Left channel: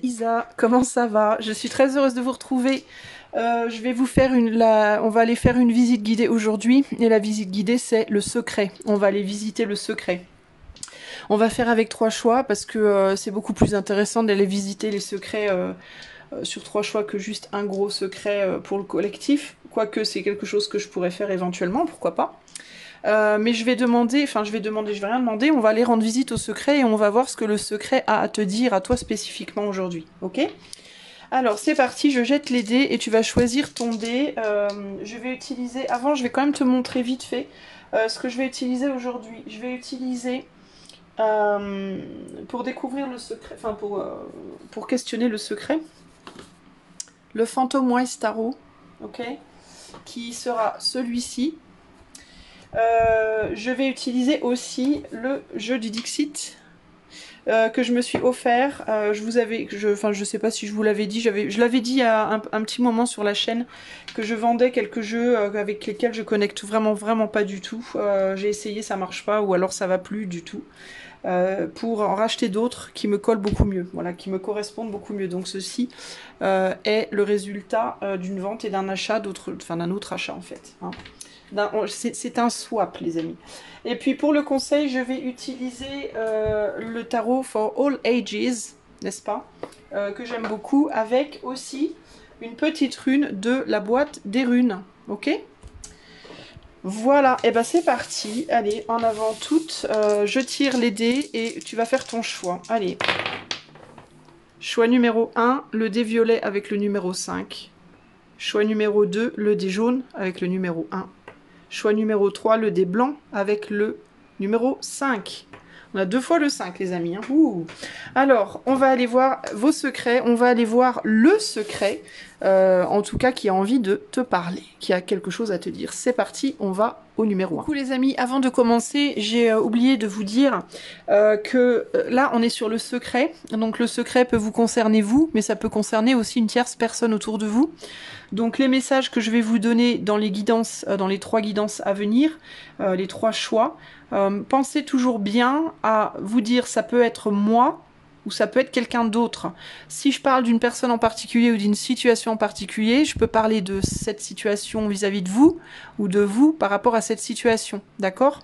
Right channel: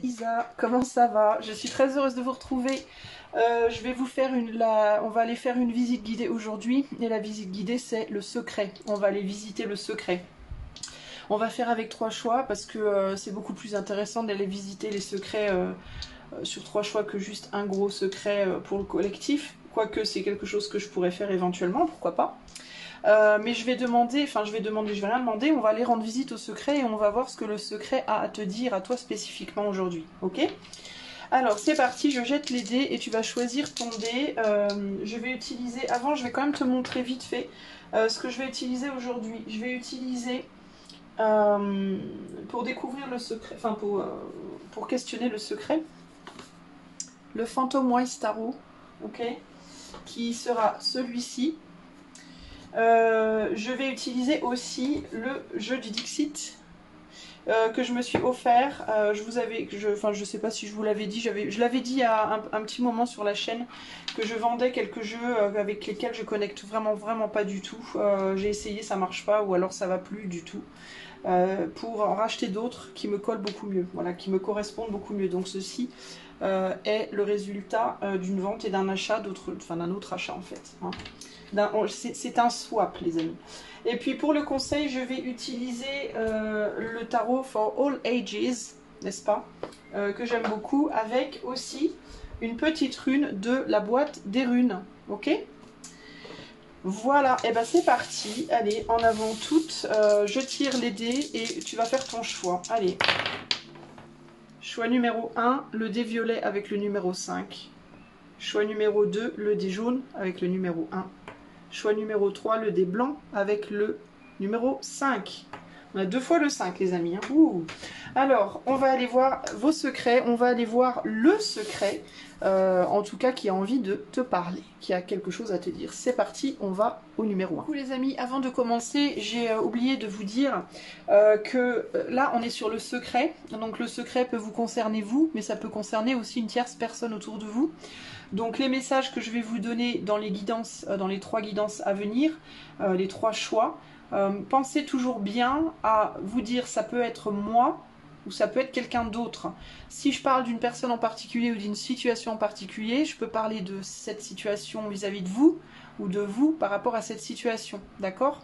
c'est Isa, comment ça va? Je suis très heureuse de vous retrouver. Je vais vous faire on va aller faire une visite guidée aujourd'hui. Et la visite guidée, c'est le secret. On va aller visiter le secret. On va faire avec 3 choix parce que c'est beaucoup plus intéressant d'aller visiter les secrets sur 3 choix que juste un gros secret pour le collectif. Quoique c'est quelque chose que je pourrais faire éventuellement, pourquoi pas. Mais je vais rien demander, on va aller rendre visite au secret et on va voir ce que le secret a à te dire à toi spécifiquement aujourd'hui, ok? Alors c'est parti, je jette les dés et tu vas choisir ton dé. Je vais utiliser, avant je vais quand même te montrer vite fait ce que je vais utiliser aujourd'hui. Je vais utiliser, pour découvrir le secret, enfin pour questionner le secret, le Phantom Wise Tarot, ok? Qui sera celui-ci. Je vais utiliser aussi le jeu du Dixit que je me suis offert. Je sais pas si je vous l'avais dit, je l'avais dit il y a un petit moment sur la chaîne que je vendais quelques jeux avec lesquels je connecte vraiment pas du tout. J'ai essayé, ça marche pas, ou alors ça va plus du tout. Pour en racheter d'autres qui me collent beaucoup mieux, voilà, qui me correspondent beaucoup mieux. Donc ceci est le résultat d'une vente et d'un achat, d'un autre achat en fait. Hein. C'est un swap les amis. Et puis pour le conseil, je vais utiliser le tarot for all ages, n'est-ce pas, que j'aime beaucoup, avec aussi une petite rune de la boîte des runes, ok? Voilà, et ben c'est parti, allez, en avant toutes, je tire les dés et tu vas faire ton choix, allez. Choix numéro 1, le dé violet avec le numéro 5. Choix numéro 2, le dé jaune avec le numéro 1. Choix numéro 3, le dé blanc avec le numéro 5. On a 2 fois le 5 les amis. Hein. Ouh. Alors, on va aller voir vos secrets. On va aller voir le secret, en tout cas qui a envie de te parler, qui a quelque chose à te dire. C'est parti, on va au numéro 1. Du coup les amis, avant de commencer, j'ai oublié de vous dire que là on est sur le secret. Donc le secret peut vous concerner vous, mais ça peut concerner aussi une tierce personne autour de vous. Donc les messages que je vais vous donner dans les guidances, dans les 3 guidances à venir, les 3 choix, pensez toujours bien à vous dire ça peut être moi ou ça peut être quelqu'un d'autre. Si je parle d'une personne en particulier ou d'une situation en particulier, je peux parler de cette situation vis-à-vis de vous ou de vous par rapport à cette situation, d'accord?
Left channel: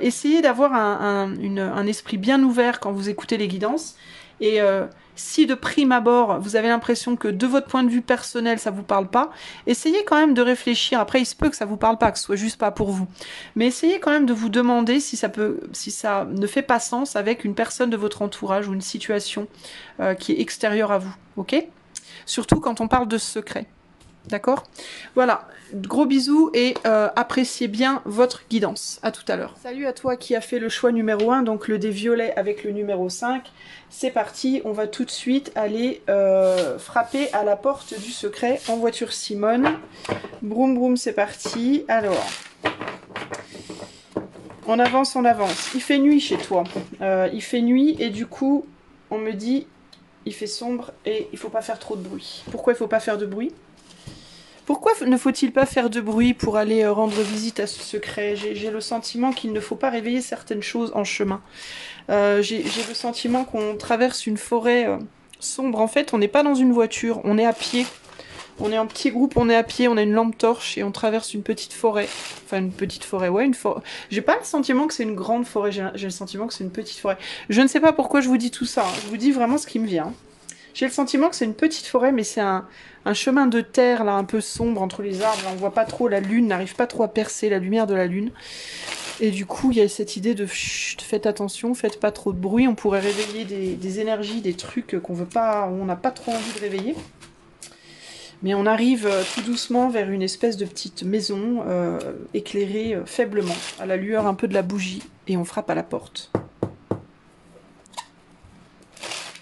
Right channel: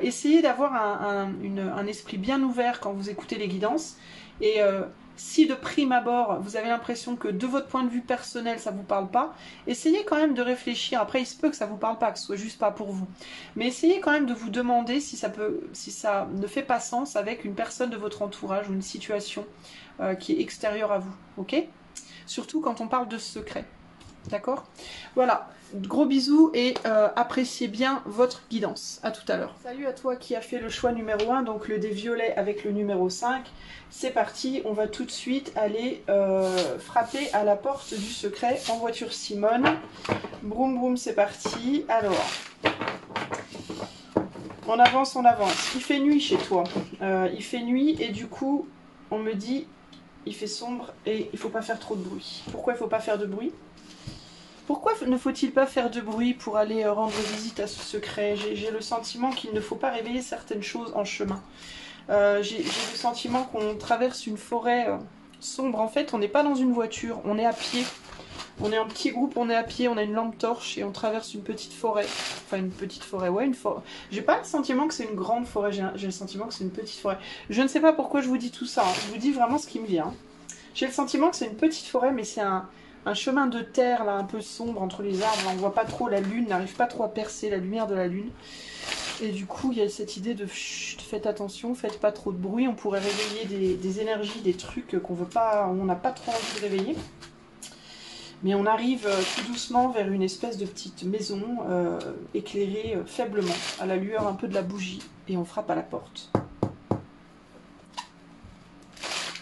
Essayez d'avoir un esprit bien ouvert quand vous écoutez les guidances et si de prime abord vous avez l'impression que de votre point de vue personnel ça vous parle pas, essayez quand même de réfléchir. Après il se peut que ça vous parle pas, que ce soit juste pas pour vous, mais essayez quand même de vous demander si ça ne fait pas sens avec une personne de votre entourage ou une situation qui est extérieure à vous, ok? Surtout quand on parle de secret, d'accord? Voilà, gros bisous et appréciez bien votre guidance. À tout à l'heure. Salut à toi qui a fait le choix numéro 1, donc le dé violet avec le numéro 5. C'est parti, on va tout de suite aller frapper à la porte du secret en voiture Simone. Broum broum, c'est parti. Alors, on avance, on avance. Il fait nuit chez toi. Il fait nuit et du coup, on me dit, il fait sombre et il faut pas faire trop de bruit. Pourquoi il faut pas faire de bruit ? Pourquoi ne faut-il pas faire de bruit pour aller rendre visite à ce secret? J'ai le sentiment qu'il ne faut pas réveiller certaines choses en chemin. J'ai le sentiment qu'on traverse une forêt sombre. En fait, on n'est pas dans une voiture, on est à pied. On est en petit groupe, on est à pied, on a une lampe torche et on traverse une petite forêt. Enfin, une petite forêt, ouais, une forêt. J'ai pas le sentiment que c'est une grande forêt, j'ai le sentiment que c'est une petite forêt. Je ne sais pas pourquoi je vous dis tout ça, hein. Je vous dis vraiment ce qui me vient. J'ai le sentiment que c'est une petite forêt, mais c'est un chemin de terre, là, un peu sombre entre les arbres. On voit pas trop, la lune n'arrive pas trop à percer la lumière de la lune. Et du coup, il y a cette idée de chut, faites attention, faites pas trop de bruit. On pourrait réveiller des énergies, des trucs qu'on veut pas, on n'a pas trop envie de réveiller. Mais on arrive tout doucement vers une espèce de petite maison éclairée faiblement, à la lueur un peu de la bougie. Et on frappe à la porte.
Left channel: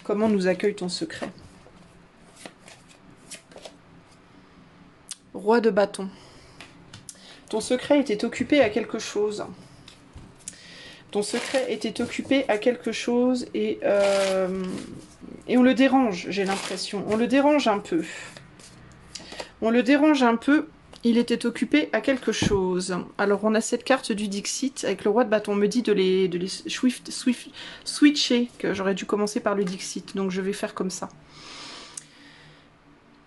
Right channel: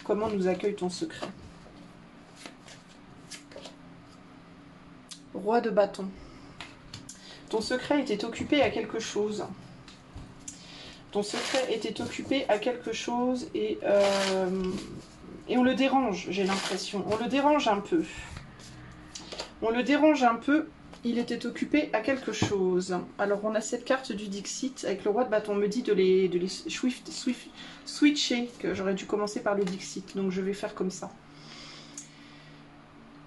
Comment nous accueille ton secret? Roi de bâton. Ton secret était occupé à quelque chose. Ton secret était occupé à quelque chose et on le dérange, j'ai l'impression. On le dérange un peu. On le dérange un peu. Il était occupé à quelque chose. Alors on a cette carte du Dixit avec le roi de bâton. On me dit de les switcher, que j'aurais dû commencer par le Dixit. Donc je vais faire comme ça.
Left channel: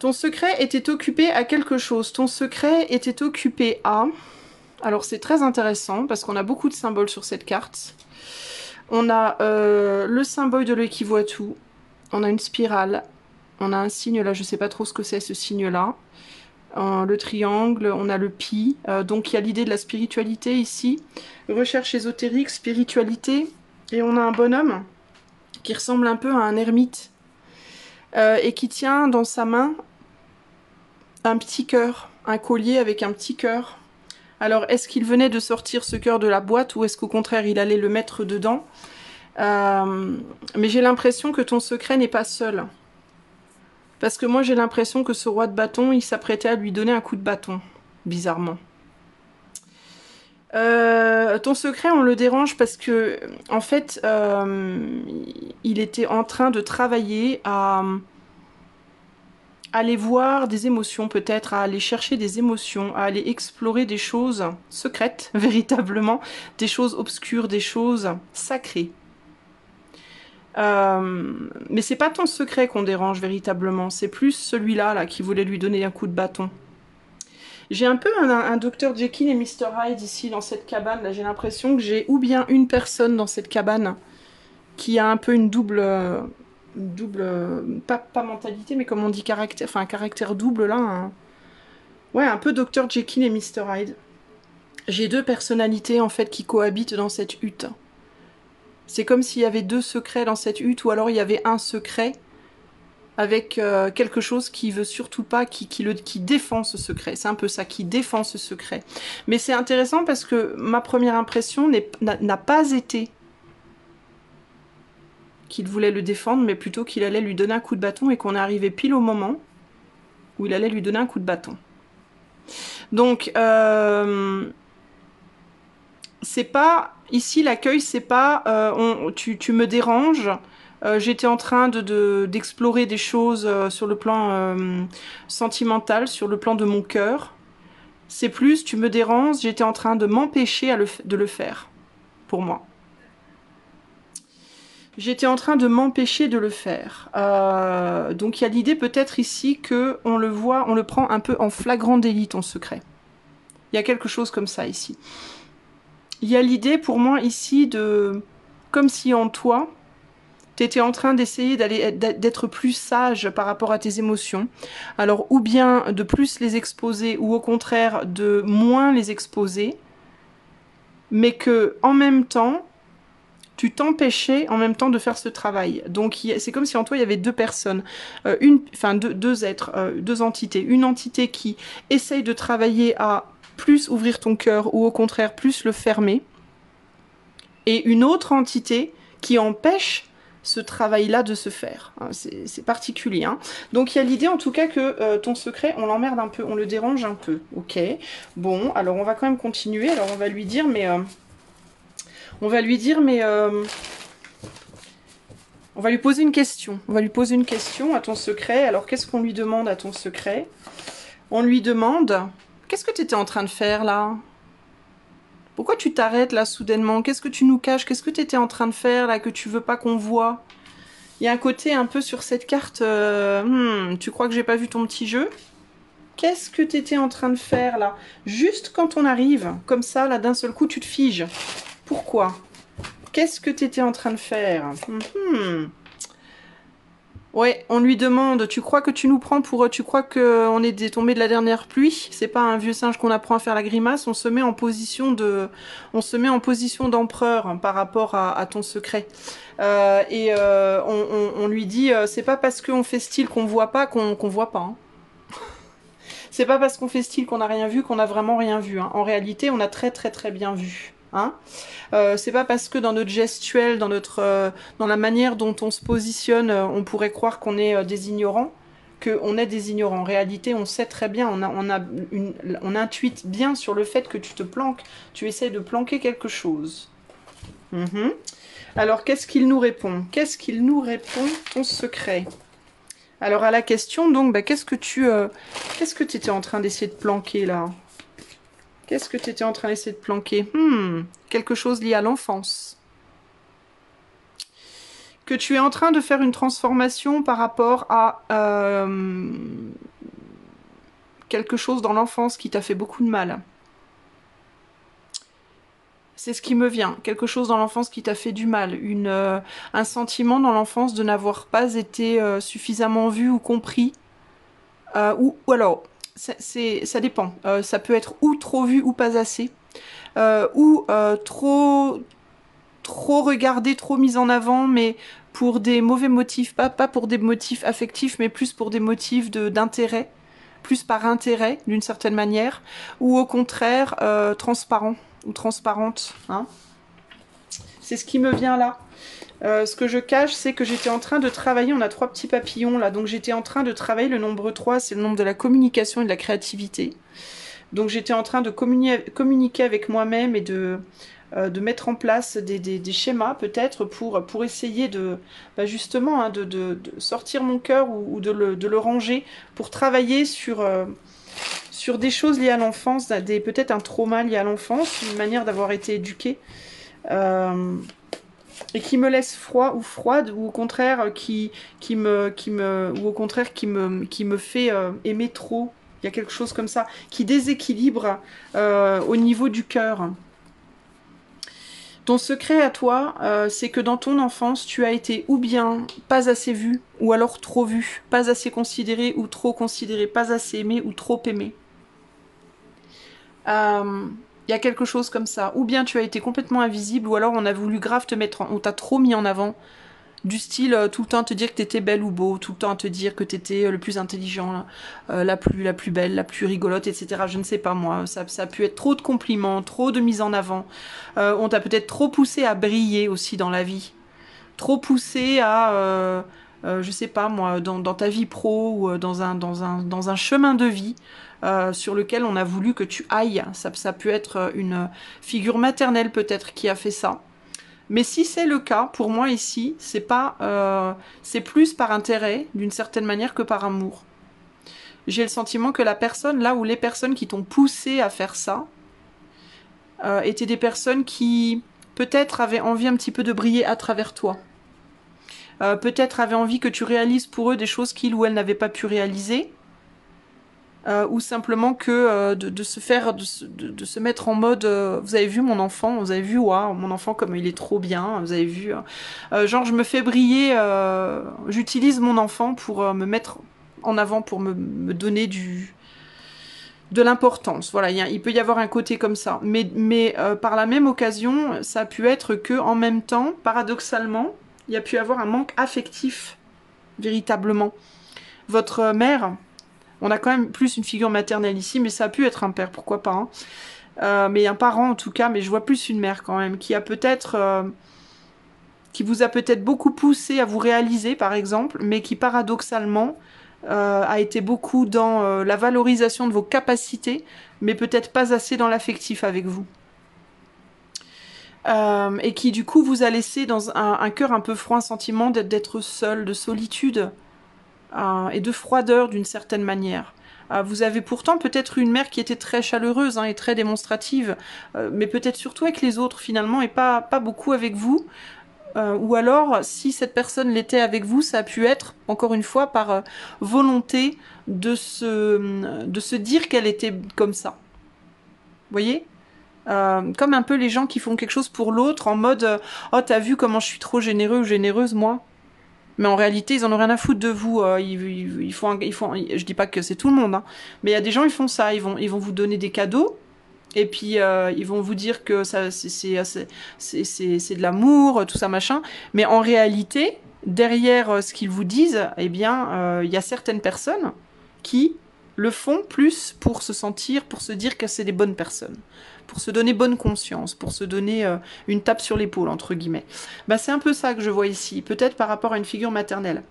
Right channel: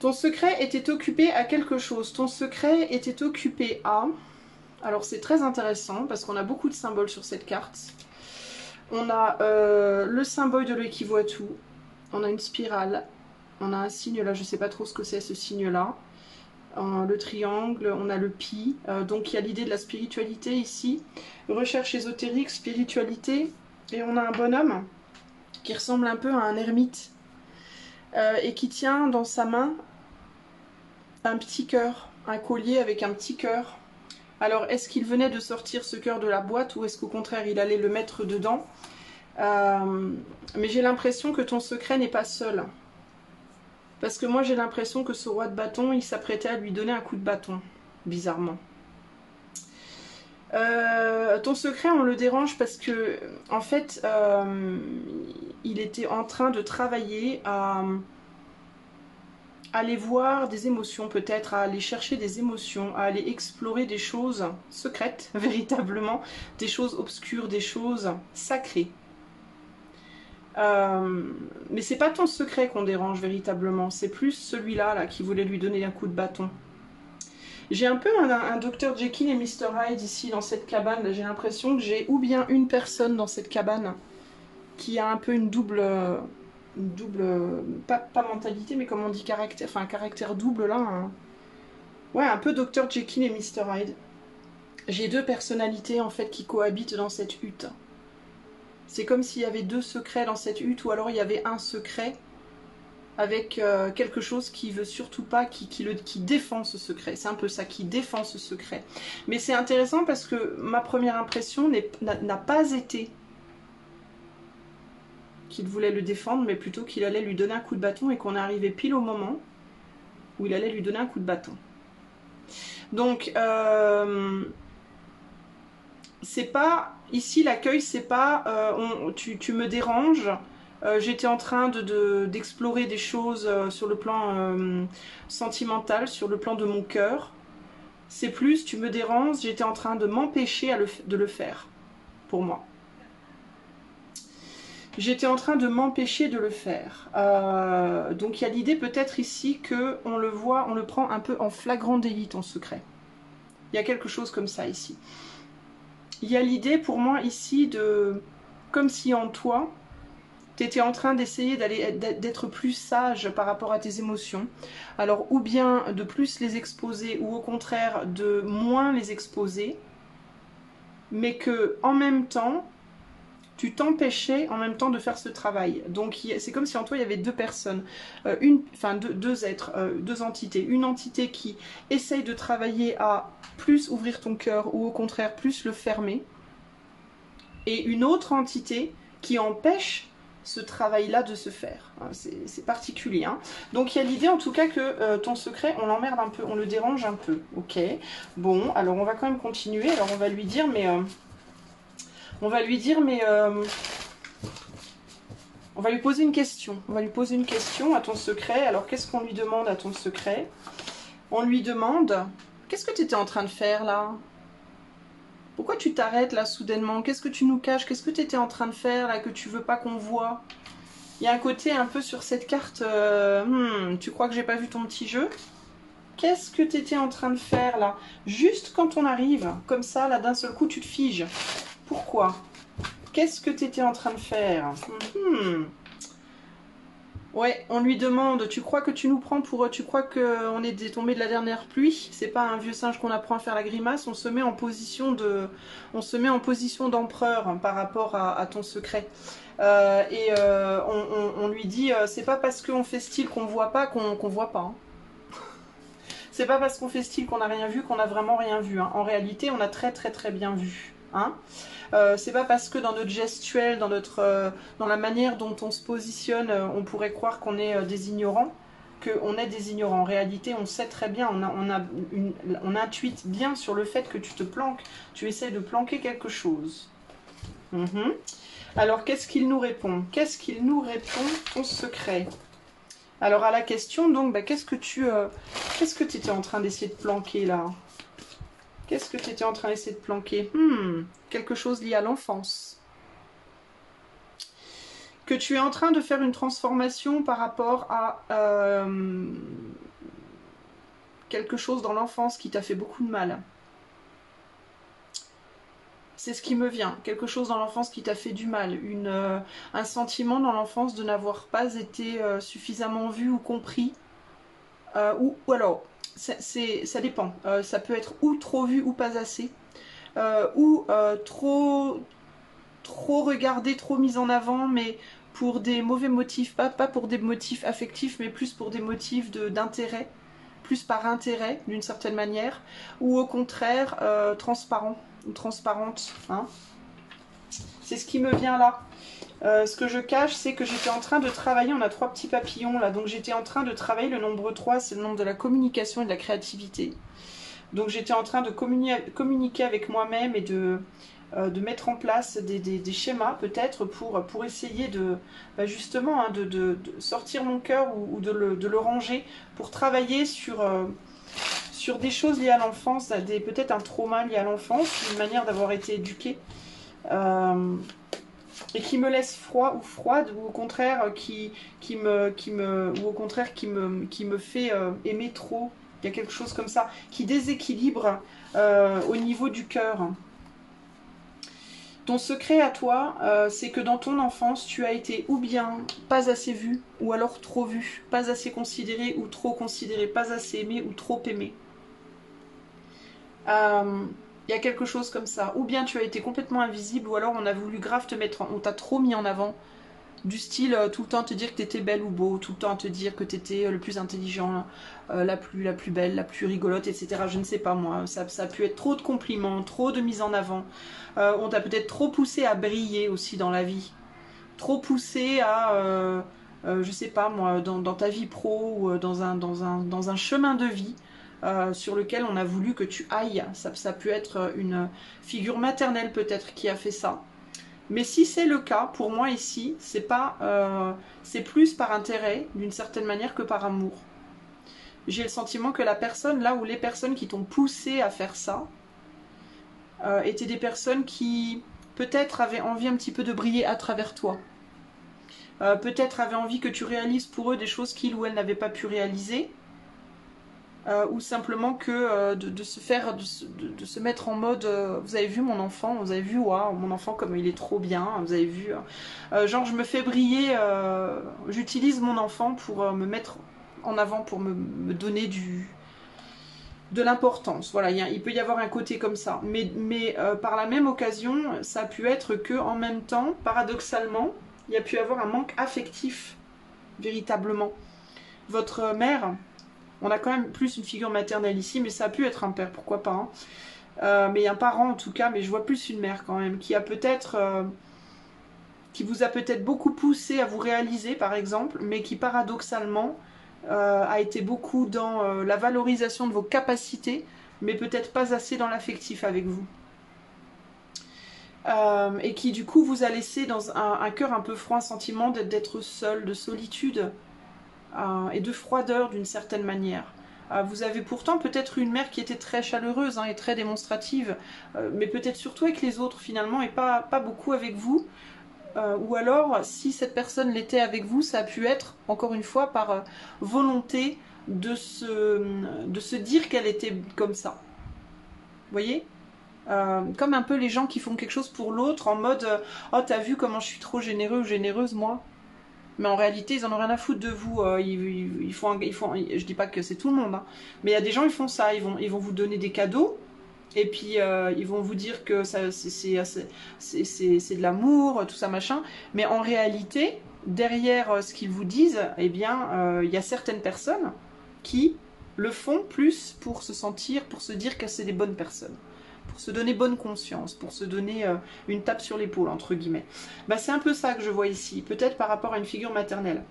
Ton secret était occupé à quelque chose. Ton secret était occupé à... Alors c'est très intéressant parce qu'on a beaucoup de symboles sur cette carte. On a le symbole de l'Ekivuatu. On a une spirale. On a un signe là, je ne sais pas trop ce que c'est ce signe-là. Le triangle, on a le pi. Donc il y a l'idée de la spiritualité ici. Recherche ésotérique, spiritualité. Et on a un bonhomme qui ressemble un peu à un ermite. Et qui tient dans sa main un petit cœur, un collier avec un petit cœur. Alors, est-ce qu'il venait de sortir ce cœur de la boîte ou est-ce qu'au contraire, il allait le mettre dedans? Mais j'ai l'impression que ton secret n'est pas seul. Parce que moi, j'ai l'impression que ce roi de bâton, il s'apprêtait à lui donner un coup de bâton, bizarrement. Ton secret, on le dérange parce que, en fait, il était en train de travailler à aller voir des émotions peut-être, à aller chercher des émotions, à aller explorer des choses secrètes, véritablement, des choses obscures, des choses sacrées. Mais c'est pas ton secret qu'on dérange véritablement, c'est plus celui-là là, qui voulait lui donner un coup de bâton. J'ai un peu un Dr Jekyll et Mr Hyde ici dans cette cabane, là j'ai l'impression que j'ai ou bien une personne dans cette cabane qui a un peu une double pas mentalité, mais comme on dit caractère, enfin un caractère double là. Ouais, un peu Dr Jekyll et Mr Hyde. J'ai deux personnalités en fait qui cohabitent dans cette hutte. C'est comme s'il y avait deux secrets dans cette hutte, ou alors il y avait un secret avec quelque chose qui veut surtout pas, qui défend ce secret. C'est un peu ça, qui défend ce secret. Mais c'est intéressant parce que ma première impression n'a pas été qu'il voulait le défendre, mais plutôt qu'il allait lui donner un coup de bâton et qu'on est arrivé pile au moment où il allait lui donner un coup de bâton. Donc, c'est pas... Ici, l'accueil, c'est pas tu me déranges, j'étais en train d'explorer des choses sur le plan sentimental, sur le plan de mon cœur. C'est plus, tu me déranges, j'étais en train de m'empêcher de le faire, pour moi. J'étais en train de m'empêcher de le faire. Donc il y a l'idée peut-être ici qu'on le voit, on le prend un peu en flagrant délit, ton secret. Il y a quelque chose comme ça ici. Il y a l'idée pour moi ici de... Comme si en toi, tu étais en train d'essayer d'être plus sage par rapport à tes émotions. Alors ou bien de plus les exposer, ou au contraire de moins les exposer. Mais que en même temps... tu t'empêchais en même temps de faire ce travail. Donc c'est comme si en toi il y avait deux personnes, deux êtres, deux entités. Une entité qui essaye de travailler à plus ouvrir ton cœur ou au contraire plus le fermer. Et une autre entité qui empêche ce travail-là de se faire. C'est particulier. Hein. Donc il y a l'idée en tout cas que ton secret, on l'emmerde un peu, on le dérange un peu. Ok. Bon, alors on va quand même continuer. Alors on va lui dire, mais... on va lui dire, mais... on va lui poser une question. On va lui poser une question à ton secret. Alors, qu'est-ce qu'on lui demande à ton secret? On lui demande... Qu'est-ce que tu étais en train de faire, là? Pourquoi tu t'arrêtes, là, soudainement? Qu'est-ce que tu nous caches? Qu'est-ce que tu étais en train de faire, là, que tu veux pas qu'on voit? Il y a un côté un peu sur cette carte... tu crois que j'ai pas vu ton petit jeu? Qu'est-ce que tu étais en train de faire, là? Juste quand on arrive, comme ça, là, d'un seul coup, tu te figes. Pourquoi? Qu'est-ce que tu étais en train de faire? Ouais, on lui demande, tu crois que tu nous prends pour... Tu crois qu'on est tombé de la dernière pluie? C'est pas un vieux singe qu'on apprend à faire la grimace, on se met en position de... On se met en position d'empereur hein, par rapport à ton secret. On lui dit, c'est pas parce qu'on fait style qu'on voit pas qu'on voit pas. Hein. C'est pas parce qu'on fait style qu'on n'a rien vu qu'on a vraiment rien vu. Hein. En réalité, on a très bien vu. Hein, c'est pas parce que dans notre gestuelle, dans la manière dont on se positionne, on pourrait croire qu'on est des ignorants, qu'on est des ignorants. En réalité, on sait très bien, on intuite bien sur le fait que tu te planques, tu essaies de planquer quelque chose. Alors, qu'est-ce qu'il nous répond? Qu'est-ce qu'il nous répond, ton secret? Alors, à la question, donc, bah, qu'est-ce que tu étais en train d'essayer de planquer, là? Qu'est-ce que tu étais en train d'essayer de planquer? Quelque chose lié à l'enfance. Que tu es en train de faire une transformation par rapport à quelque chose dans l'enfance qui t'a fait beaucoup de mal. C'est ce qui me vient, quelque chose dans l'enfance qui t'a fait du mal, un sentiment dans l'enfance de n'avoir pas été suffisamment vu ou compris, ou alors, ça dépend, ça peut être ou trop vu ou pas assez, ou trop regardé, trop mis en avant, mais pour des mauvais motifs, pas pour des motifs affectifs, mais plus pour des motifs d'intérêt, plus par intérêt d'une certaine manière, ou au contraire transparent ou transparente, hein. C'est ce qui me vient là. Ce que je cache, c'est que j'étais en train de travailler, on a 3 petits papillons là, donc j'étais en train de travailler le nombre 3, c'est le nombre de la communication et de la créativité. Donc j'étais en train de communiquer avec moi-même et de mettre en place des schémas peut-être pour essayer de justement hein, de sortir mon cœur ou de le ranger pour travailler sur des choses liées à l'enfance, peut-être un trauma lié à l'enfance, une manière d'avoir été éduquée et qui me laisse froid ou froide ou au contraire qui me fait aimer trop. Il y a quelque chose comme ça qui déséquilibre au niveau du cœur. Ton secret à toi, c'est que dans ton enfance, tu as été ou bien pas assez vu, ou alors trop vu, pas assez considéré ou trop considéré, pas assez aimé ou trop aimé. Il y a quelque chose comme ça. Ou bien tu as été complètement invisible, ou alors on a voulu grave te mettre, on t'a trop mis en avant. Du style, tout le temps te dire que t'étais belle ou beau, tout le temps te dire que t'étais le plus intelligent, la plus belle, la plus rigolote, etc. Je ne sais pas moi, ça a pu être trop de compliments, trop de mise en avant. On t'a peut-être trop poussé à briller aussi dans la vie. Trop poussé à, je sais pas moi, dans ta vie pro ou dans un chemin de vie sur lequel on a voulu que tu ailles. Ça peut être une figure maternelle peut-être qui a fait ça. Mais si c'est le cas, pour moi ici, c'est plus par intérêt, d'une certaine manière, que par amour. J'ai le sentiment que la personne, là où les personnes qui t'ont poussé à faire ça, étaient des personnes qui, peut-être, avaient envie un petit peu de briller à travers toi. Peut-être avaient envie que tu réalises pour eux des choses qu'ils ou elles n'avaient pas pu réaliser. Ou simplement que de se mettre en mode vous avez vu mon enfant, vous avez vu wow, mon enfant comme il est trop bien, vous avez vu genre je me fais briller, j'utilise mon enfant pour me mettre en avant, pour me donner de l'importance. Voilà, il peut y avoir un côté comme ça, mais par la même occasion ça a pu être que en même temps, paradoxalement, il y a pu avoir un manque affectif véritablement. Votre mère, on a quand même plus une figure maternelle ici, mais ça a pu être un père, pourquoi pas. Hein. Mais un parent en tout cas, mais je vois plus une mère quand même, qui vous a peut-être beaucoup poussé à vous réaliser par exemple, mais qui paradoxalement a été beaucoup dans la valorisation de vos capacités, mais peut-être pas assez dans l'affectif avec vous. Et qui du coup vous a laissé dans un cœur un peu froid, un sentiment d'être seul, de solitude. Et de froideur d'une certaine manière. Vous avez pourtant peut-être une mère qui était très chaleureuse hein, et très démonstrative, mais peut-être surtout avec les autres finalement et pas beaucoup avec vous. Ou alors, si cette personne l'était avec vous, ça a pu être, encore une fois, par volonté de se dire qu'elle était comme ça. Vous voyez comme un peu les gens qui font quelque chose pour l'autre en mode oh t'as vu comment je suis trop généreux ou généreuse moi. Mais en réalité, ils en ont rien à foutre de vous. Je dis pas que c'est tout le monde, hein, mais il y a des gens, ils font ça. Ils vont vous donner des cadeaux, et puis ils vont vous dire que c'est de l'amour, tout ça, machin. Mais en réalité, derrière ce qu'ils vous disent, eh bien, il y a certaines personnes qui le font plus pour se sentir, pour se dire que c'est des bonnes personnes. Pour se donner bonne conscience, pour se donner une tape sur l'épaule, entre guillemets. Bah, c'est un peu ça que je vois ici, peut-être par rapport à une figure maternelle.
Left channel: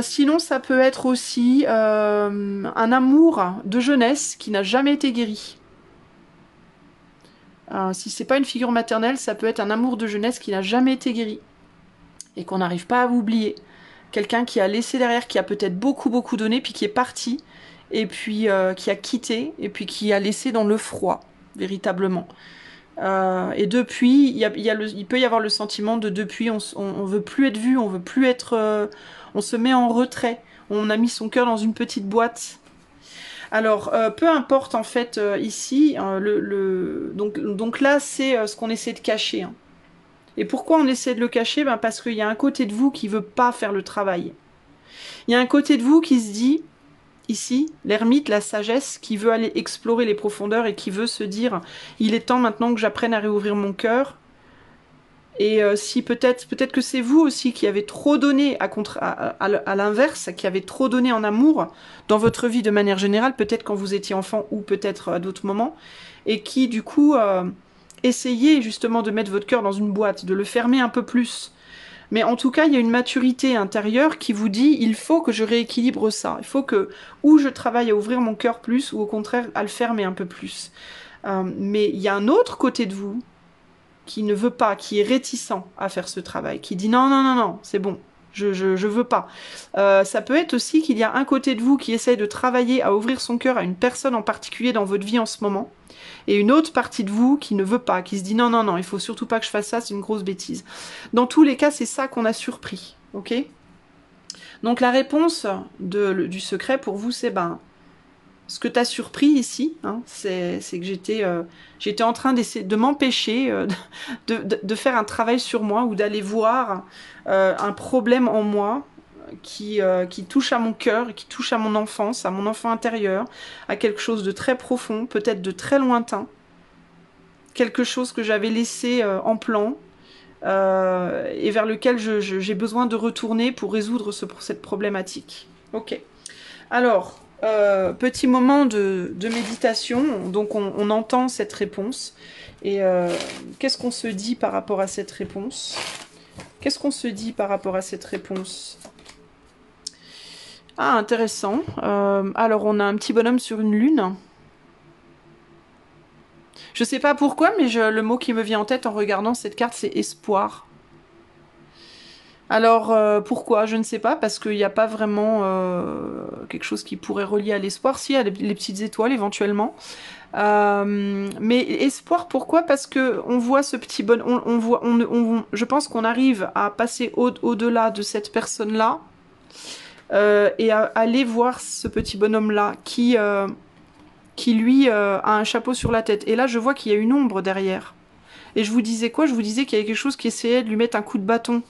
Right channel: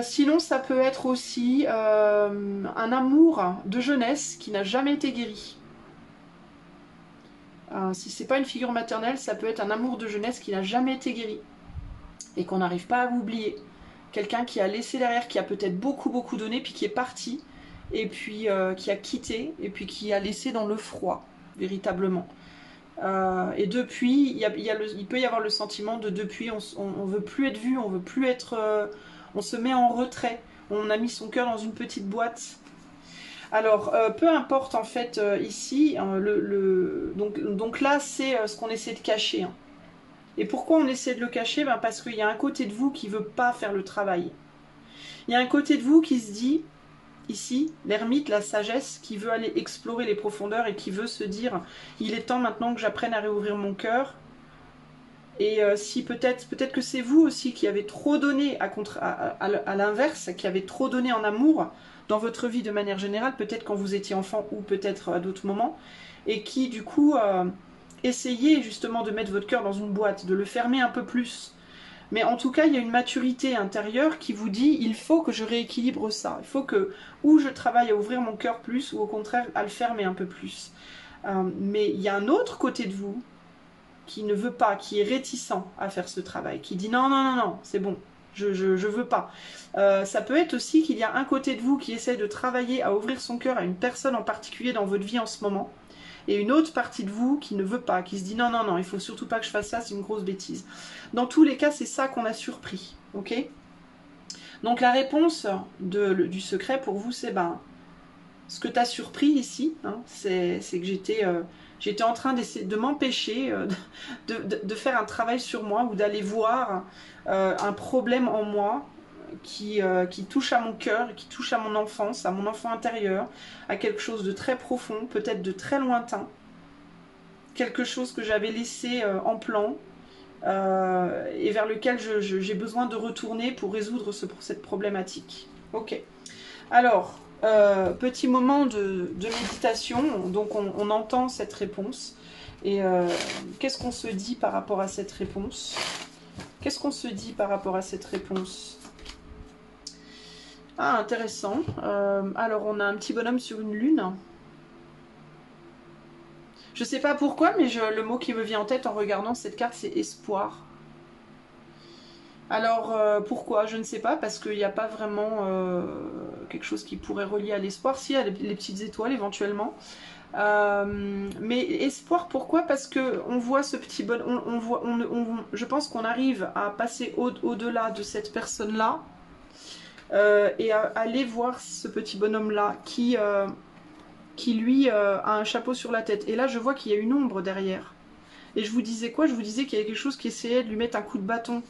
Sinon, ça peut être aussi un amour de jeunesse qui n'a jamais été guéri. Si c'est pas une figure maternelle, ça peut être un amour de jeunesse qui n'a jamais été guéri et qu'on n'arrive pas à oublier. Quelqu'un qui a laissé derrière, qui a peut-être beaucoup donné, puis qui est parti, et puis qui a quitté, et puis qui a laissé dans le froid, véritablement. Et depuis, il peut y avoir le sentiment de depuis, on veut plus être vu, on veut plus être, on se met en retrait, on a mis son cœur dans une petite boîte. Alors, peu importe en fait ici, donc là c'est ce qu'on essaie de cacher. Hein. Et pourquoi on essaie de le cacher? Ben parce qu'il y a un côté de vous qui ne veut pas faire le travail. Il y a un côté de vous qui se dit, ici, l'ermite, la sagesse, qui veut aller explorer les profondeurs et qui veut se dire, il est temps maintenant que j'apprenne à réouvrir mon cœur. Et si peut-être que c'est vous aussi qui avez trop donné à l'inverse, qui avez trop donné en amour dans votre vie de manière générale, peut-être quand vous étiez enfant ou peut-être à d'autres moments, et qui du coup essayez justement de mettre votre cœur dans une boîte, de le fermer un peu plus. Mais en tout cas, il y a une maturité intérieure qui vous dit, il faut que je rééquilibre ça. Il faut que, ou je travaille à ouvrir mon cœur plus, ou au contraire à le fermer un peu plus. Mais il y a un autre côté de vous qui ne veut pas, qui est réticent à faire ce travail, qui dit non, non, non, non, c'est bon, je veux pas. Ça peut être aussi qu'il y a un côté de vous qui essaie de travailler à ouvrir son cœur à une personne en particulier dans votre vie en ce moment, et une autre partie de vous qui ne veut pas, qui se dit non, non, non, il faut surtout pas que je fasse ça, c'est une grosse bêtise. Dans tous les cas, c'est ça qu'on a surpris, ok? Donc la réponse du secret pour vous, c'est ben, ce que tu as surpris ici, hein, c'est que j'étais en train de m'empêcher de faire un travail sur moi ou d'aller voir un problème en moi qui touche à mon cœur, qui touche à mon enfance, à mon enfant intérieur, à quelque chose de très profond, peut-être de très lointain, quelque chose que j'avais laissé en plan et vers lequel j'ai besoin de retourner pour résoudre cette problématique. Ok. Alors, petit moment de méditation, donc on entend cette réponse. Et qu'est-ce qu'on se dit par rapport à cette réponse? Qu'est-ce qu'on se dit par rapport à cette réponse? Ah, intéressant. Alors, on a un petit bonhomme sur une lune. Je sais pas pourquoi, mais le mot qui me vient en tête en regardant cette carte, c'est espoir. Alors, pourquoi? Je ne sais pas, parce qu'il n'y a pas vraiment quelque chose qui pourrait relier à l'espoir. Si, il y a les petites étoiles, éventuellement. Mais espoir, pourquoi? Parce que on voit ce petit bonhomme, je pense qu'on arrive à passer au-delà de cette personne-là et à aller voir ce petit bonhomme-là qui lui, a un chapeau sur la tête. Et là, je vois qu'il y a une ombre derrière. Et je vous disais quoi? Je vous disais qu'il y avait quelque chose qui essayait de lui mettre un coup de bâton.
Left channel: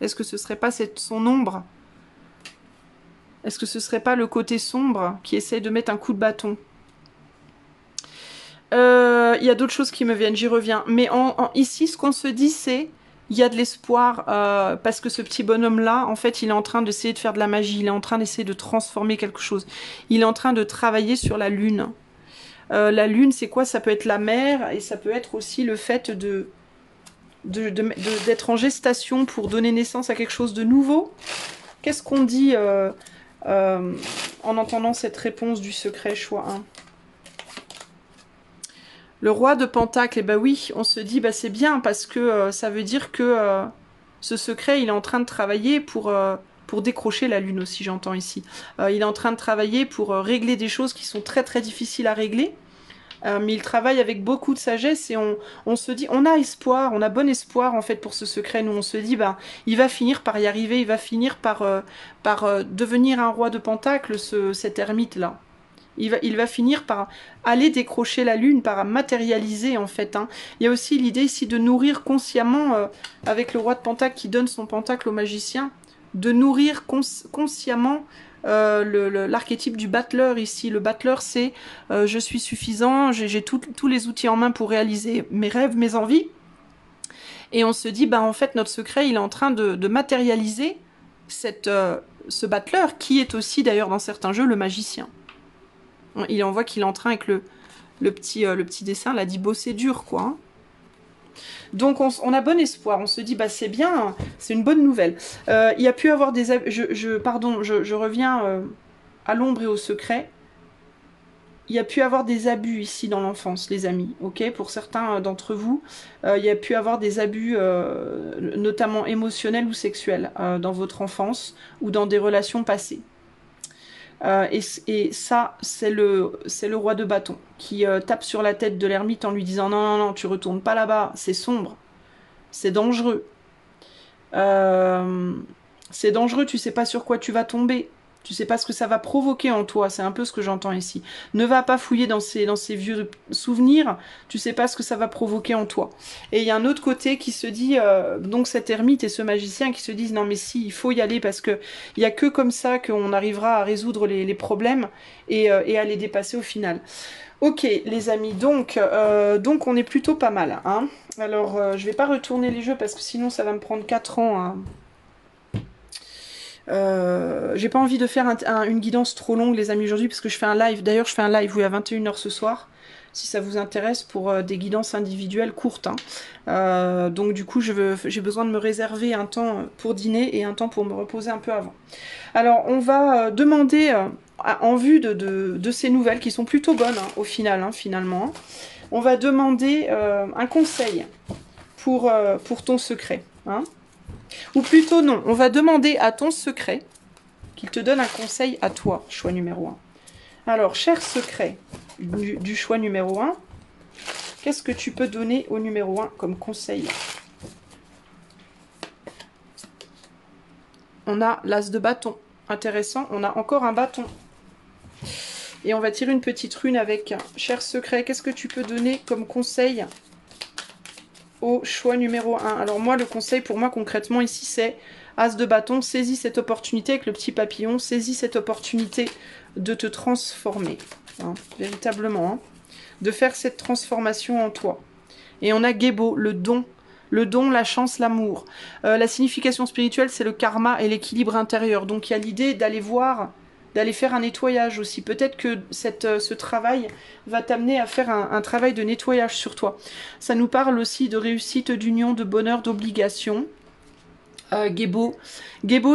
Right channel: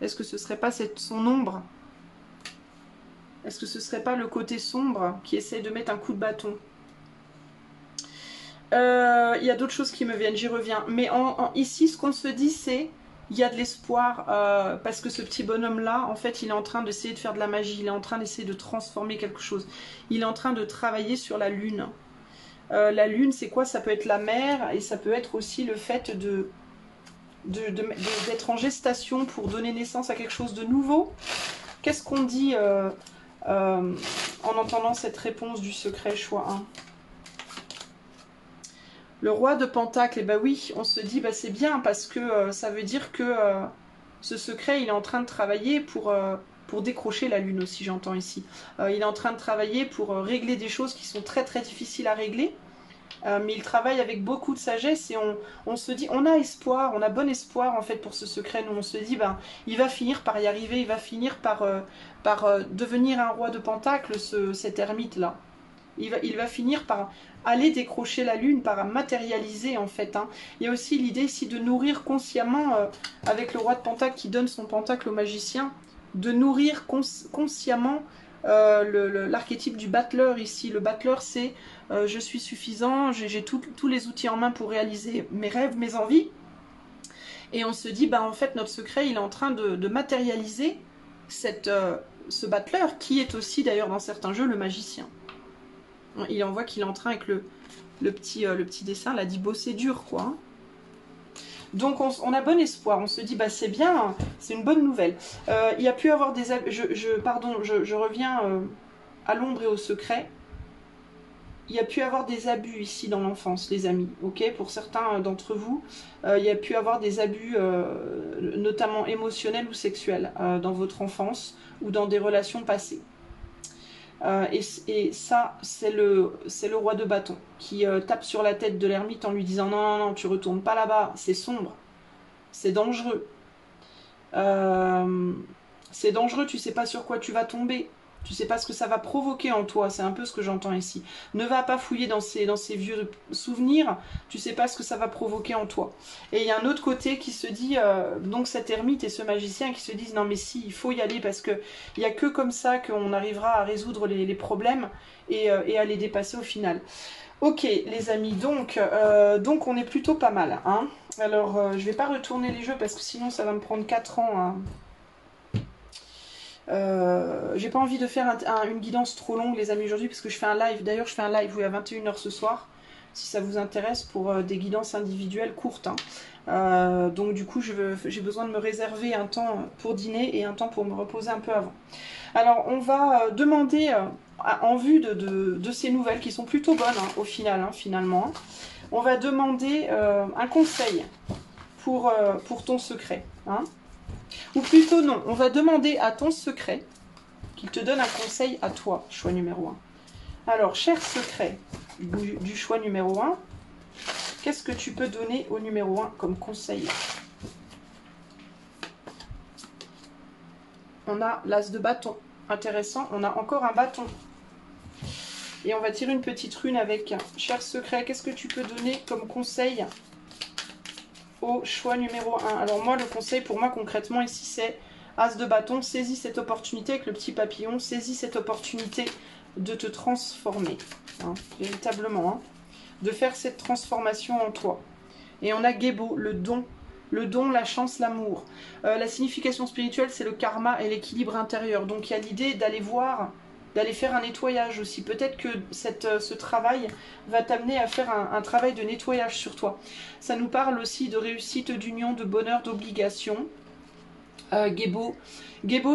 Est-ce que ce serait pas son ombre? Est-ce que ce serait pas le côté sombre qui essaie de mettre un coup de bâton? Il y a d'autres choses qui me viennent, j'y reviens. Mais ici, ce qu'on se dit, c'est il y a de l'espoir parce que ce petit bonhomme-là, en fait, il est en train d'essayer de faire de la magie. Il est en train d'essayer de transformer quelque chose. Il est en train de travailler sur la lune. La lune, c'est quoi? Ça peut être la mer et ça peut être aussi le fait d'être en gestation pour donner naissance à quelque chose de nouveau. Qu'est-ce qu'on dit en entendant cette réponse du secret choix 1? Le roi de Pentacle, eh ben oui, on se dit, bah c'est bien parce que ça veut dire que ce secret, il est en train de travailler pour décrocher la lune aussi, j'entends ici. Il est en train de travailler pour régler des choses qui sont très très difficiles à régler. Mais il travaille avec beaucoup de sagesse et on se dit, on a espoir, on a bon espoir en fait pour ce secret. Nous on se dit, ben, il va finir par y arriver, il va finir par devenir un roi de Pentacle, cet ermite-là. Il va finir par aller décrocher la lune, par matérialiser en fait. Hein. Il y a aussi l'idée ici de nourrir consciemment, avec le roi de Pentacle qui donne son pentacle au magicien, de nourrir consciemment l'archétype du battleur ici. Le battleur, c'est je suis suffisant, j'ai tous les outils en main pour réaliser mes rêves, mes envies. Et on se dit, bah, en fait, notre secret, il est en train de matérialiser ce battleur, qui est aussi d'ailleurs dans certains jeux le magicien. On voit qu'il est en train avec le petit dessin, là, dit bosser dur, quoi. Hein. Donc on a bon espoir, on se dit bah c'est bien, c'est une bonne nouvelle. Il y a pu avoir des... je reviens à l'ombre et au secret. Il y a pu avoir des abus ici dans l'enfance, les amis, ok? Pour certains d'entre vous, il y a pu avoir des abus, notamment émotionnels ou sexuels, dans votre enfance ou dans des relations passées. Et ça, c'est le roi de bâton qui tape sur la tête de l'ermite en lui disant non, non, non, tu retournes pas là-bas, c'est sombre, c'est dangereux. C'est dangereux, tu sais pas sur quoi tu vas tomber. Tu sais pas ce que ça va provoquer en toi, c'est un peu ce que j'entends ici. Ne va pas fouiller dans ces vieux souvenirs, tu sais pas ce que ça va provoquer en toi. Et il y a un autre côté qui se dit, donc cet ermite et ce magicien qui se disent, non mais si, il faut y aller parce que il n'y a que comme ça qu'on arrivera à résoudre les problèmes et à les dépasser au final. Ok les amis, donc on est plutôt pas mal. Hein. Alors je vais pas retourner les jeux parce que sinon ça va me prendre 4 ans. Hein. J'ai pas envie de faire une guidance trop longue les amis aujourd'hui parce que je fais un live. D'ailleurs je fais un live oui, à 21 h ce soir. Si ça vous intéresse pour des guidances individuelles courtes. Hein. Donc du coup j'ai besoin de me réserver un temps pour dîner et un temps pour me reposer un peu avant. Alors on va demander en vue de ces nouvelles qui sont plutôt bonnes hein, au final finalement. On va demander un conseil pour ton secret. Hein. Ou plutôt non, on va demander à ton secret qu'il te donne un conseil à toi, choix numéro 1. Alors, cher secret du choix numéro 1, qu'est-ce que tu peux donner au numéro 1 comme conseil? On a l'as de bâton. Intéressant, on a encore un bâton. Et on va tirer une petite rune avec cher secret, qu'est-ce que tu peux donner comme conseil au choix numéro 1. Alors moi, le conseil pour moi concrètement ici, c'est as de bâton, saisis cette opportunité avec le petit papillon, saisis cette opportunité de te transformer, hein, véritablement, hein, de faire cette transformation en toi. Et on a Gebo, le don, la chance, l'amour. La signification spirituelle, c'est le karma et l'équilibre intérieur. Donc il y a l'idée d'aller voir, d'aller faire un nettoyage aussi. Peut-être que ce travail va t'amener à faire un travail de nettoyage sur toi. Ça nous parle aussi de réussite, d'union, de bonheur, d'obligation. Gebo,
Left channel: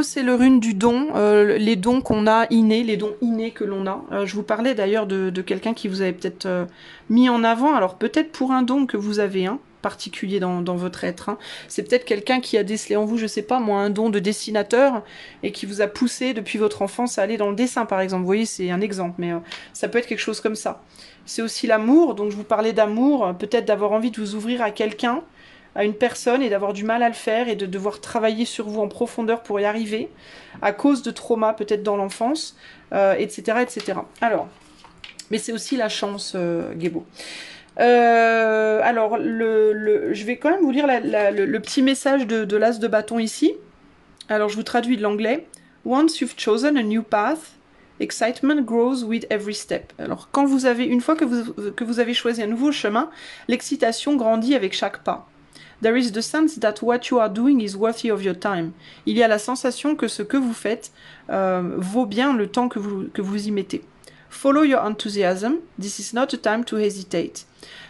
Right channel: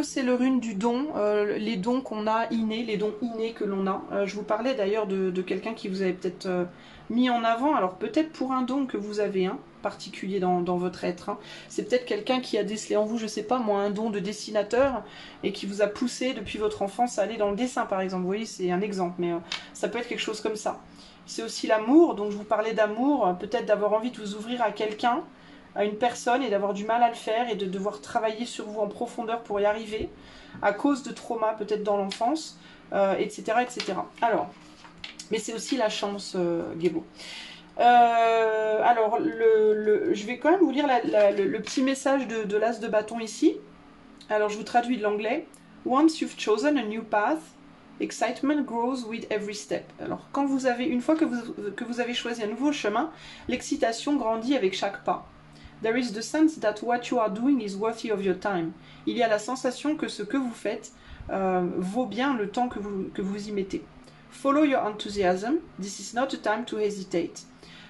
c'est le rune du don, les dons qu'on a innés, les dons innés que l'on a. Je vous parlais d'ailleurs de quelqu'un qui vous avait peut-être mis en avant, alors peut-être pour un don que vous avez un particulier dans votre être. Hein. C'est peut-être quelqu'un qui a décelé en vous, je sais pas moi, un don de dessinateur et qui vous a poussé depuis votre enfance à aller dans le dessin par exemple. Vous voyez, c'est un exemple, mais ça peut être quelque chose comme ça. C'est aussi l'amour, donc je vous parlais d'amour, peut-être d'avoir envie de vous ouvrir à quelqu'un, à une personne et d'avoir du mal à le faire et de devoir travailler sur vous en profondeur pour y arriver à cause de traumas peut-être dans l'enfance, etc., etc. Alors, mais c'est aussi la chance, Gebo. Alors, je vais quand même vous lire le petit message de l'as de bâton ici. Alors, je vous traduis de l'anglais. Once you've chosen a new path, excitement grows with every step. Alors, quand vous avez, une fois que vous avez choisi un nouveau chemin, l'excitation grandit avec chaque pas. There is the sense that what you are doing is worthy of your time. Il y a la sensation que ce que vous faites vaut bien le temps que vous y mettez. Follow your enthusiasm. This is not a time to hesitate.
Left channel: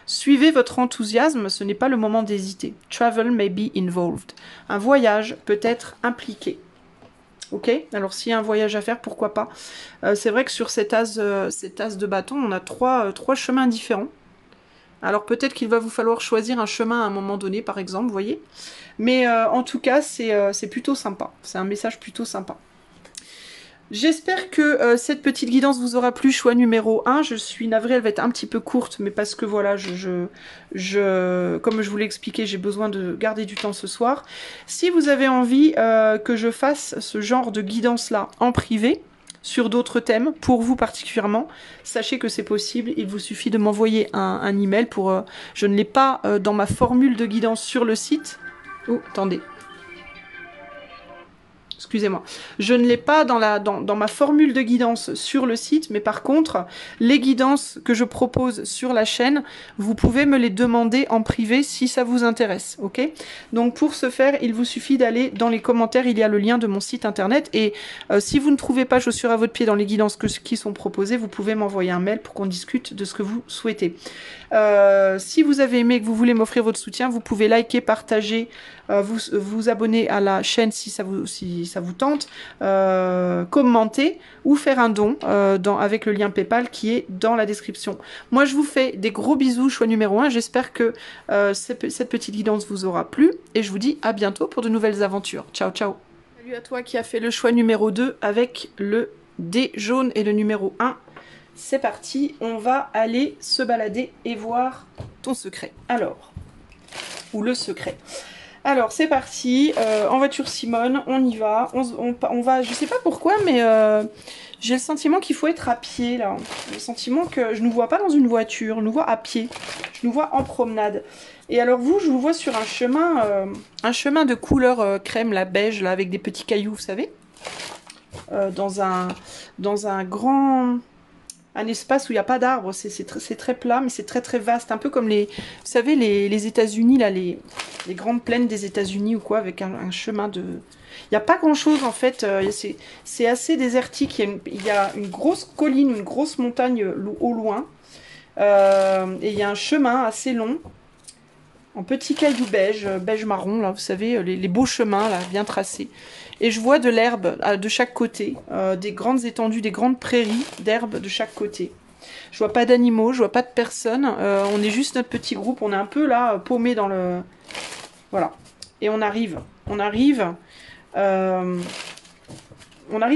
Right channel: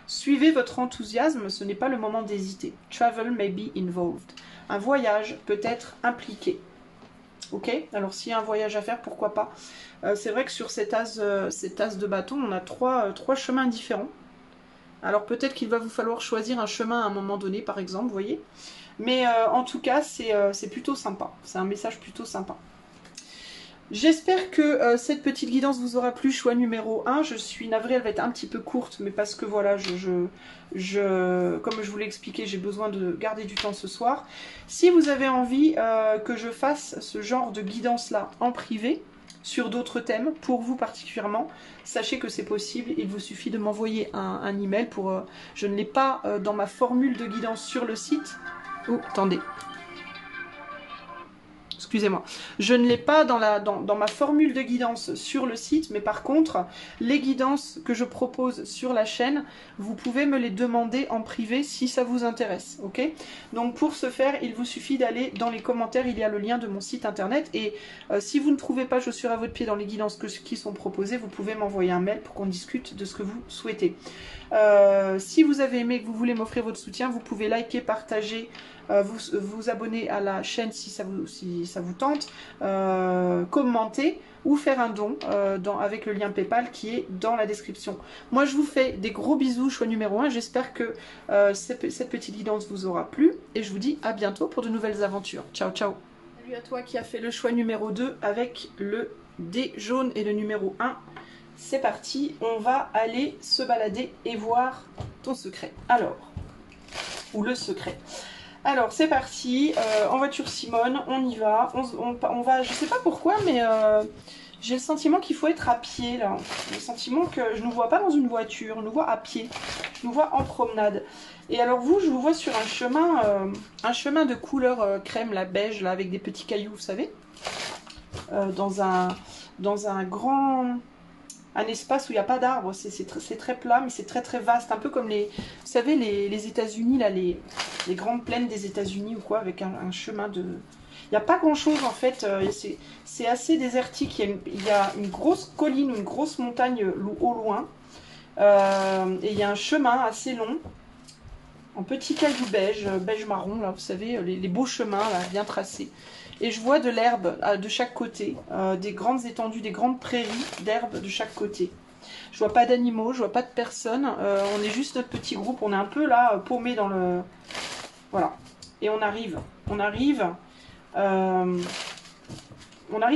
Suivez votre enthousiasme, ce n'est pas le moment d'hésiter. Travel may be involved. Un voyage peut être impliqué. Ok, alors s'il y a un voyage à faire, pourquoi pas. C'est vrai que sur cet as de bâton, on a trois chemins différents. Alors peut-être qu'il va vous falloir choisir un chemin à un moment donné, par exemple, vous voyez. Mais en tout cas, c'est plutôt sympa. C'est un message plutôt sympa. J'espère que cette petite guidance vous aura plu, choix numéro 1. Je suis navrée, elle va être un petit peu courte, mais parce que voilà, comme je vous l'ai expliqué, j'ai besoin de garder du temps ce soir. Si vous avez envie que je fasse ce genre de guidance-là en privé, sur d'autres thèmes, pour vous particulièrement, sachez que c'est possible, il vous suffit de m'envoyer un email pour... je ne l'ai pas dans ma formule de guidance sur le site. Oh, attendez. Excusez-moi, je ne l'ai pas dans ma formule de guidance sur le site, mais par contre, les guidances que je propose sur la chaîne, vous pouvez me les demander en privé si ça vous intéresse, ok? Donc pour ce faire, il vous suffit d'aller dans les commentaires, il y a le lien de mon site internet, et si vous ne trouvez pas chaussures à votre pied dans les guidances qui sont proposées, vous pouvez m'envoyer un mail pour qu'on discute de ce que vous souhaitez. Si vous avez aimé et que vous voulez m'offrir votre soutien, vous pouvez liker, partager, vous abonner à la chaîne si ça vous tente, commenter ou faire un don avec le lien PayPal qui est dans la description. Moi je vous fais des gros bisous, choix numéro 1, j'espère que cette petite guidance vous aura plu et je vous dis à bientôt pour de nouvelles aventures. Ciao ciao. Salut à toi qui a fait le choix numéro 2 avec le dé jaune et le numéro 1. C'est parti, on va aller se balader et voir ton secret. Alors, ou le secret. Alors, c'est parti. En voiture Simone, on y va. On va, je sais pas pourquoi, mais j'ai le sentiment qu'il faut être à pied, là. Le sentiment que je ne nous vois pas dans une voiture, je nous vois à pied. Je nous vois en promenade. Et alors vous, je vous vois sur un chemin de couleur crème, la beige, là, avec des petits cailloux, vous savez. Dans un grand... Un espace où il n'y a pas d'arbres, c'est très plat, mais c'est très vaste, un peu comme vous savez, les États-Unis, là, les grandes plaines des États-Unis ou quoi, avec un chemin de... Il n'y a pas grand-chose en fait, c'est assez désertique, il y a une grosse colline, une grosse montagne au loin, et il y a un chemin assez long, en petits cailloux beige marron, là, vous savez, les beaux chemins, là, bien tracés. Et je vois de l'herbe de chaque côté, des grandes étendues, des grandes prairies d'herbe de chaque côté. Je vois pas d'animaux, je vois pas de personnes. On est juste notre petit groupe, on est un peu là, paumé dans le... Voilà. Et on arrive. On arrive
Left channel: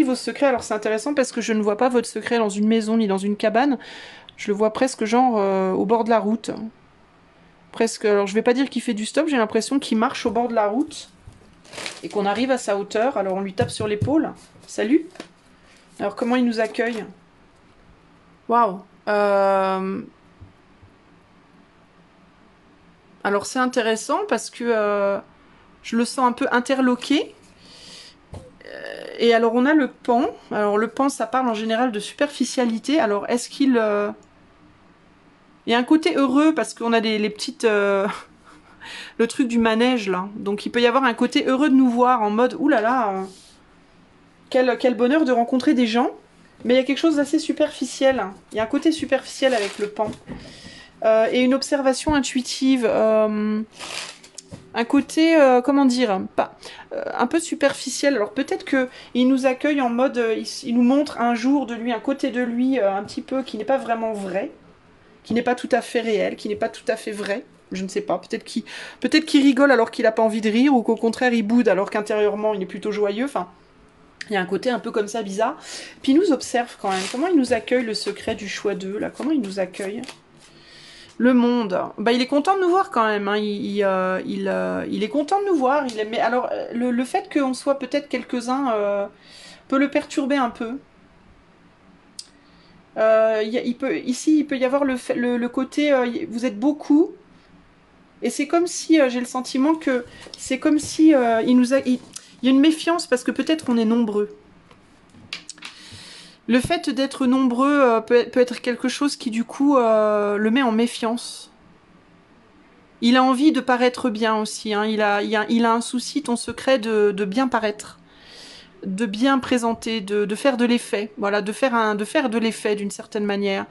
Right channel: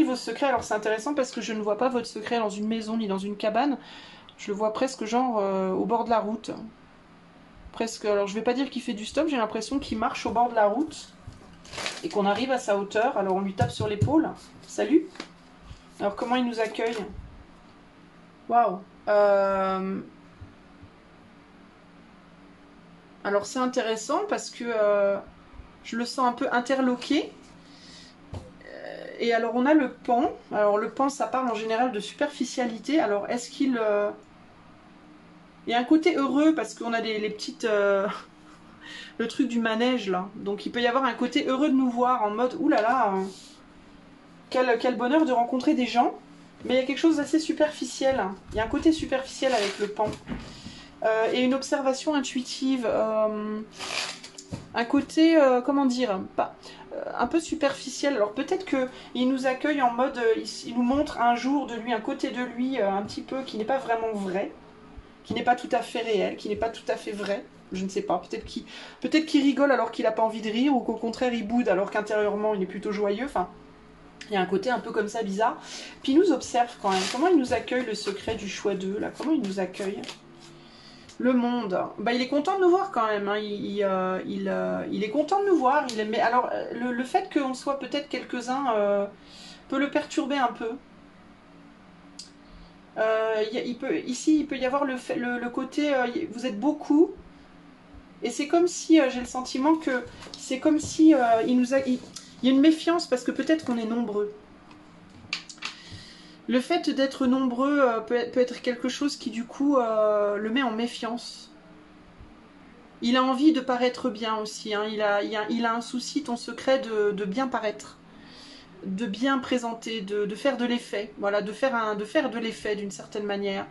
au secret. Alors c'est intéressant parce que je ne vois pas votre secret dans une maison ni dans une cabane. Je le vois presque genre au bord de la route. Presque, alors je vais pas dire qu'il fait du stop, j'ai l'impression qu'il marche au bord de la route. Et qu'on arrive à sa hauteur, alors on lui tape sur l'épaule. Salut. Alors comment il nous accueille? Waouh. Alors c'est intéressant parce que je le sens un peu interloqué. Et alors on a le pan. Alors le pan, ça parle en général de superficialité. Alors est-ce qu'il... Il y a un côté heureux parce qu'on a les petites... le truc du manège là. Donc il peut y avoir un côté heureux de nous voir en mode oulala, quel bonheur de rencontrer des gens. Mais il y a quelque chose d'assez superficiel. Il y a un côté superficiel avec le pan. Et une observation intuitive. Un côté, comment dire, pas, un peu superficiel. Alors peut-être qu'il nous accueille en mode, il nous montre un jour de lui, un côté de lui un petit peu qui n'est pas vraiment vrai, qui n'est pas tout à fait réel, qui n'est pas tout à fait vrai. Je ne sais pas, peut-être qu'il rigole alors qu'il n'a pas envie de rire, ou qu'au contraire il boude alors qu'intérieurement il est plutôt joyeux. Enfin, il y a un côté un peu comme ça bizarre. Puis il nous observe quand même. Comment il nous accueille, le secret du choix d'eux, là? Comment il nous accueille? Le monde. Bah, il est content de nous voir quand même. Hein. Il est content de nous voir. Mais alors, le fait qu'on soit peut-être quelques-uns peut le perturber un peu. Ici, il peut y avoir le côté... vous êtes beaucoup. Et c'est comme si, j'ai le sentiment que... C'est comme si il y a une méfiance parce que peut-être qu'on est nombreux. Le fait d'être nombreux peut être quelque chose qui, du coup, le met en méfiance. Il a envie de paraître bien aussi. Hein. Il a un souci, ton secret, de bien paraître. De bien présenter, de faire de l'effet. Voilà, de faire de l'effet d'une certaine manière.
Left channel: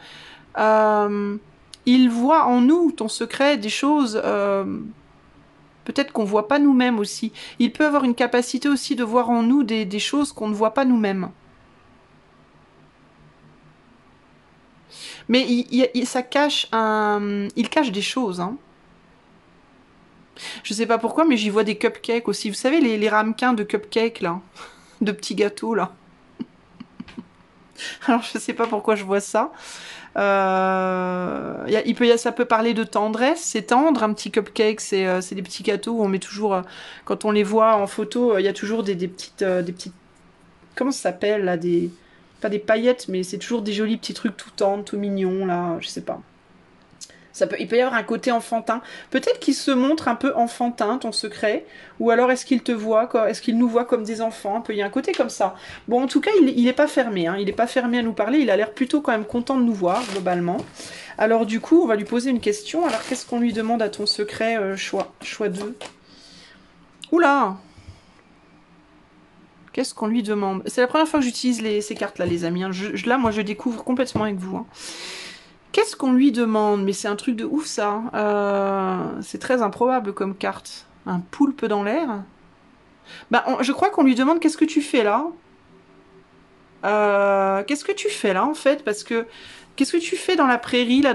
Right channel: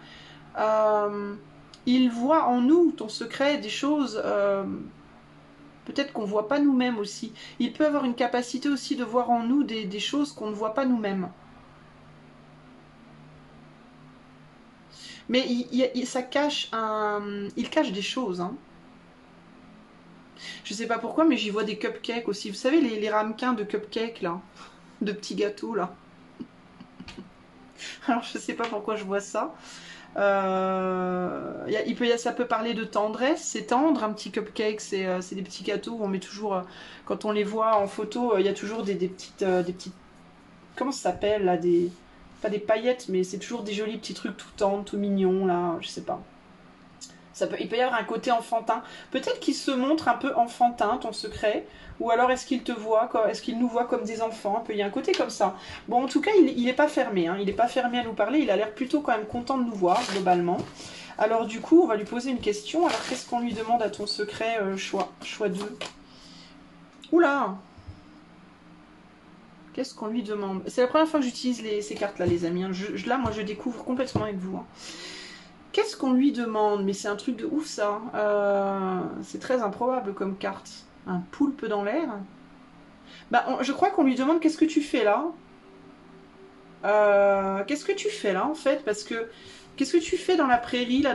Il voit en nous, ton secret, des choses... peut-être qu'on ne voit pas nous-mêmes aussi. Il peut avoir une capacité aussi de voir en nous des choses qu'on ne voit pas nous-mêmes. Mais ça cache il cache des choses. Hein. Je sais pas pourquoi, mais j'y vois des cupcakes aussi. Vous savez, les ramequins de cupcakes, là. De petits gâteaux, là. Alors, je sais pas pourquoi je vois ça. Ça peut parler de tendresse. C'est tendre, un petit cupcake. C'est des petits gâteaux où on met toujours... quand on les voit en photo, il y a toujours des petites... comment ça s'appelle, là, pas des paillettes, mais c'est toujours des jolis petits trucs tout tendres, tout mignons, là, je sais pas. Il peut y avoir un côté enfantin. Peut-être qu'il se montre un peu enfantin, ton secret, ou alors est-ce qu'il te voit, est-ce qu'il nous voit comme des enfants? Il y a un côté comme ça. Bon, en tout cas, il n'est pas fermé, hein. Il n'est pas fermé à nous parler, il a l'air plutôt quand même content de nous voir, globalement. Alors du coup, on va lui poser une question. Alors, qu'est-ce qu'on lui demande à ton secret choix 2? Oula! Qu'est-ce qu'on lui demande? C'est la première fois que j'utilise ces cartes-là, les amis. Hein. Là, moi, je découvre complètement avec vous. Hein. Qu'est-ce qu'on lui demande? Mais c'est un truc de ouf, ça. C'est très improbable comme carte. Un poulpe dans l'air. Bah, je crois qu'on lui demande qu'est-ce que tu fais là? Qu'est-ce que tu fais là, en fait? Parce que qu'est-ce que tu fais dans la prairie, là,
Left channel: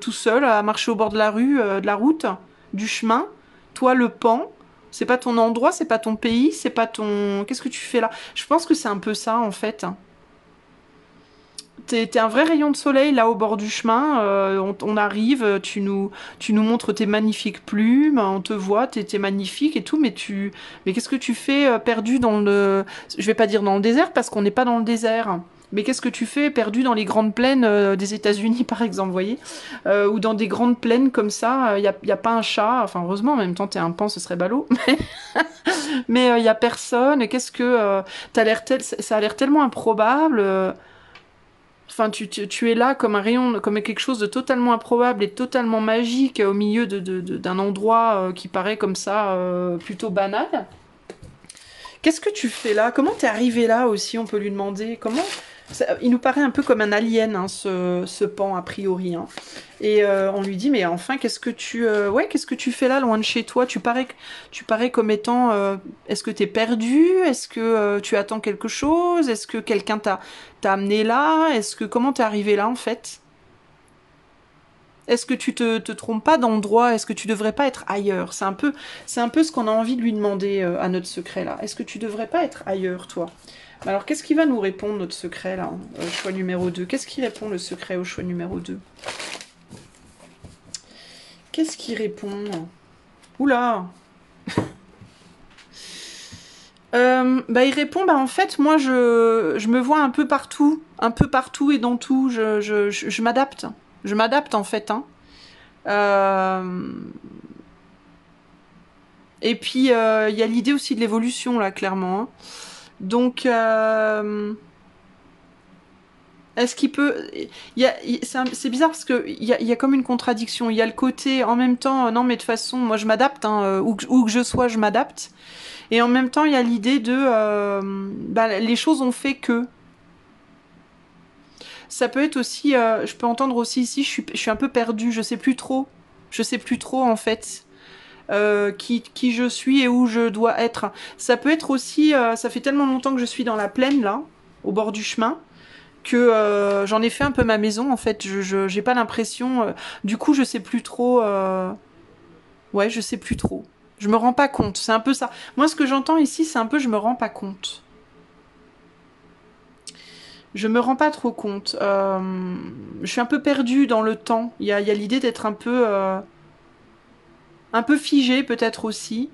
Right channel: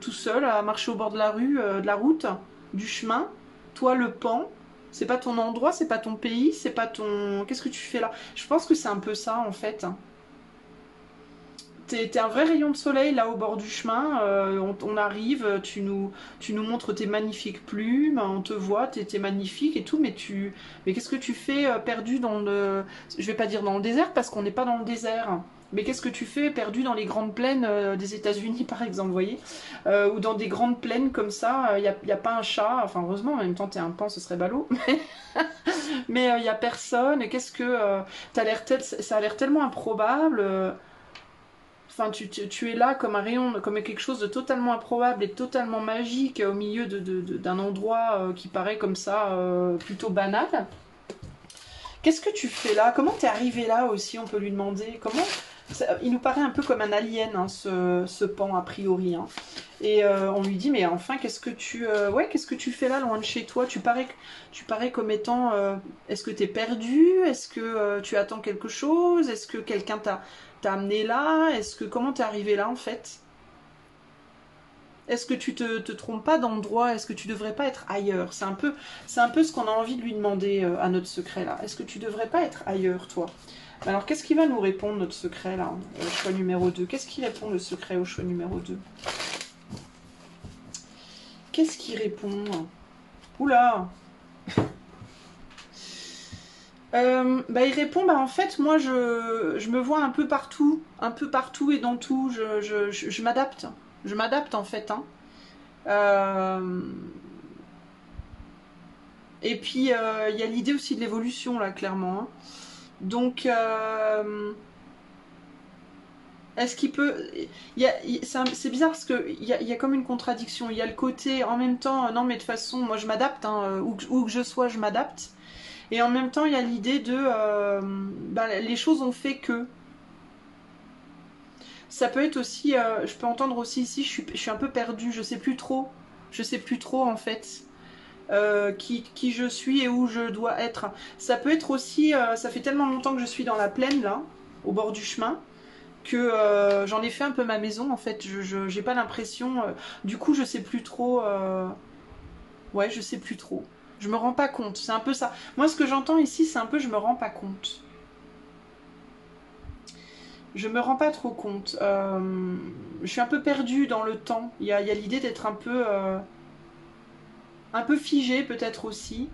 tout seul, à marcher au bord de la rue, de la route, du chemin? Toi, le pan. C'est pas ton endroit, c'est pas ton pays, c'est pas ton... Qu'est-ce que tu fais là? Je pense que c'est un peu ça, en fait. t'es un vrai rayon de soleil là au bord du chemin. On arrive, tu nous montres tes magnifiques plumes, on te voit, t'es magnifique et tout, mais qu'est-ce que tu fais perdu dans le, je vais pas dire dans le désert parce qu'on n'est pas dans le désert. Mais qu'est-ce que tu fais perdu dans les grandes plaines des États-Unis par exemple, vous voyez, ou dans des grandes plaines comme ça, y a pas un chat. Enfin heureusement, en même temps t'es un pan, ce serait ballot. Mais il y a personne. Et qu'est-ce que ça a l'air tellement improbable. Enfin, tu es là comme un rayon, comme quelque chose de totalement improbable et totalement magique au milieu d'un endroit qui paraît comme ça plutôt banal. Qu'est-ce que tu fais là? Comment t'es arrivé là aussi? On peut lui demander. Il nous paraît un peu comme un alien, hein, ce pan a priori. Hein. Et on lui dit mais enfin qu'est-ce que tu fais là loin de chez toi? Tu parais comme étant est-ce que t'es perdu? Est-ce que tu attends quelque chose? Est-ce que quelqu'un t'a amené là? Comment t'es arrivé là en fait? Est-ce que tu te trompes pas d'endroit? Est-ce que tu devrais pas être ailleurs? C'est un peu ce qu'on a envie de lui demander à notre secret là. Est-ce que tu devrais pas être ailleurs toi? Alors qu'est-ce qui va nous répondre notre secret là? Choix numéro 2. Qu'est-ce qui répond le secret au choix numéro 2? Qu'est-ce qui répond? Oula. Il répond, en fait, moi, je me vois un peu partout et dans tout, je m'adapte. Je m'adapte, en fait. Hein. Et puis, il y a l'idée aussi de l'évolution, là, clairement. Hein. Donc, est-ce qu'il peut... C'est bizarre parce qu'il y a comme une contradiction. Il y a le côté, en même temps, non, mais de toute façon, moi, je m'adapte. Hein, où que je sois, je m'adapte. Et en même temps, il y a l'idée de... les choses ont fait que... Ça peut être aussi... je peux entendre aussi ici, je suis un peu perdue, je sais plus trop. Je sais plus trop, en fait, qui je suis et où je dois être. Ça peut être aussi... ça fait tellement longtemps que je suis dans la plaine, là, au bord du chemin, que j'en ai fait un peu ma maison, en fait. J'ai pas l'impression... du coup, je sais plus trop... ouais, je sais plus trop. Je me rends pas compte, c'est un peu ça. Moi, ce que j'entends ici, c'est un peu je me rends pas compte. Je me rends pas trop compte. Je suis un peu perdue dans le temps. Il y a l'idée d'être un peu figée, peut-être aussi.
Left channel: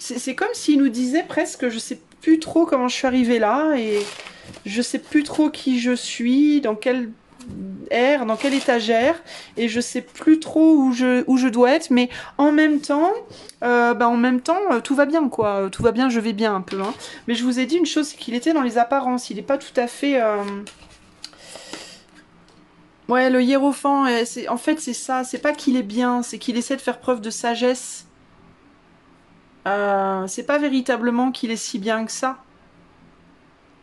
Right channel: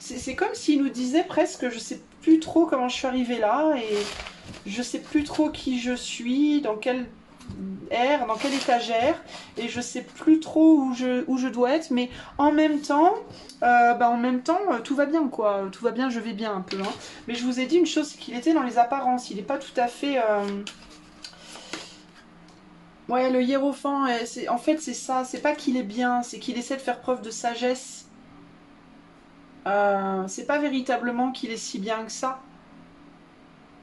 C'est comme s'il nous disait presque, je sais plus trop comment je suis arrivée là, et je sais plus trop qui je suis, dans quelle ère, dans quelle étagère, et je sais plus trop où je dois être, mais en même temps, tout va bien, quoi. Tout va bien, je vais bien un peu. Hein. Mais je vous ai dit une chose, c'est qu'il était dans les apparences, il n'est pas tout à fait... Ouais, le hiérophant, en fait, c'est ça, c'est pas qu'il est bien, c'est qu'il essaie de faire preuve de sagesse. C'est pas véritablement qu'il est si bien que ça.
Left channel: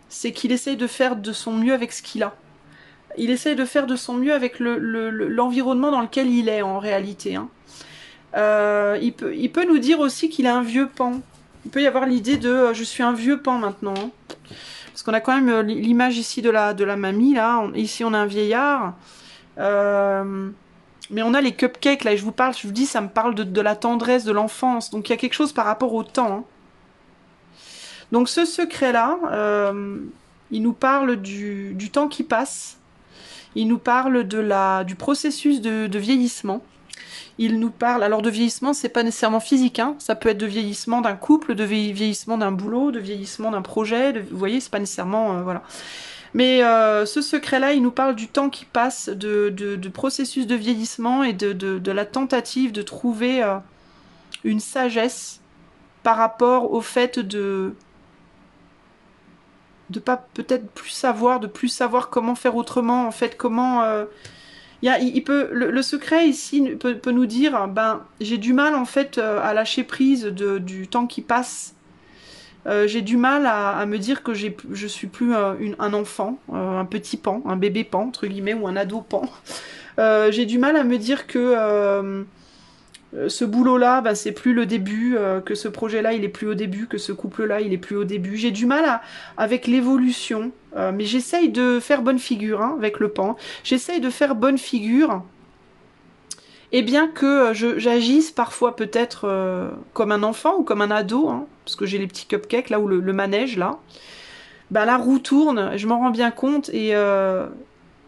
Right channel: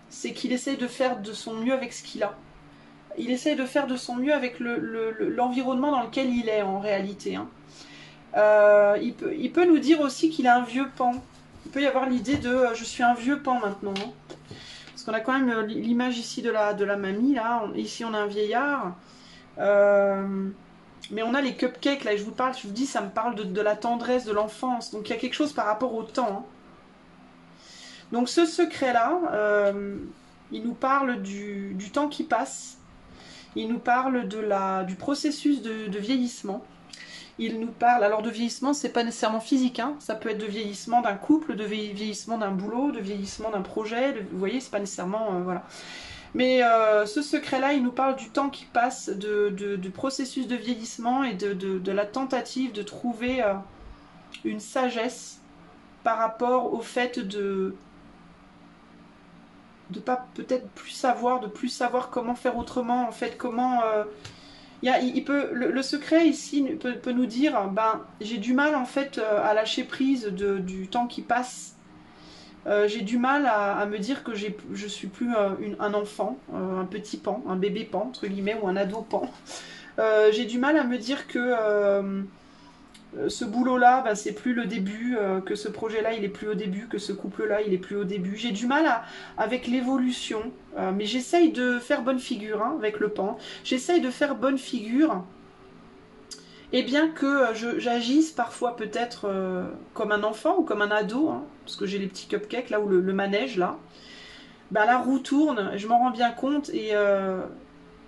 C'est qu'il essaye de faire de son mieux avec ce qu'il a. Il essaye de faire de son mieux avec l'environnement dans lequel il est en réalité. Hein. Il peut nous dire aussi qu'il a un vieux pan. Il peut y avoir l'idée de je suis un vieux pan maintenant. Hein. Parce qu'on a quand même l'image ici de la mamie. Là. Ici on a un vieillard. Mais on a les cupcakes là. Et je vous dis, ça me parle de la tendresse de l'enfance. Donc il y a quelque chose par rapport au temps. Hein. Donc ce secret-là, il nous parle du temps qui passe. Il nous parle du processus de vieillissement. Il nous parle, alors de vieillissement, c'est pas nécessairement physique, hein. Ça peut être de vieillissement d'un couple, de vieillissement d'un boulot, de vieillissement d'un projet, vous voyez, c'est pas nécessairement, voilà. Mais ce secret-là, il nous parle du temps qui passe, de processus de vieillissement et de la tentative de trouver une sagesse par rapport au fait de pas peut-être de plus savoir comment faire autrement, en fait, comment... le secret ici peut nous dire, j'ai du mal en fait à lâcher prise du temps qui passe. J'ai du mal à me dire que je suis plus un enfant, un petit pan, un bébé pan, entre guillemets, ou un ado pan. J'ai du mal à me dire que ce boulot-là, c'est plus le début, que ce projet-là, il est plus au début, que ce couple-là, il est plus au début. J'ai du mal avec l'évolution, mais j'essaye de faire bonne figure hein, avec le pan. J'essaye de faire bonne figure, et bien que j'agisse parfois peut-être comme un enfant ou comme un ado, hein, parce que j'ai les petits cupcakes là, ou le manège là. ben, la roue tourne, je m'en rends bien compte et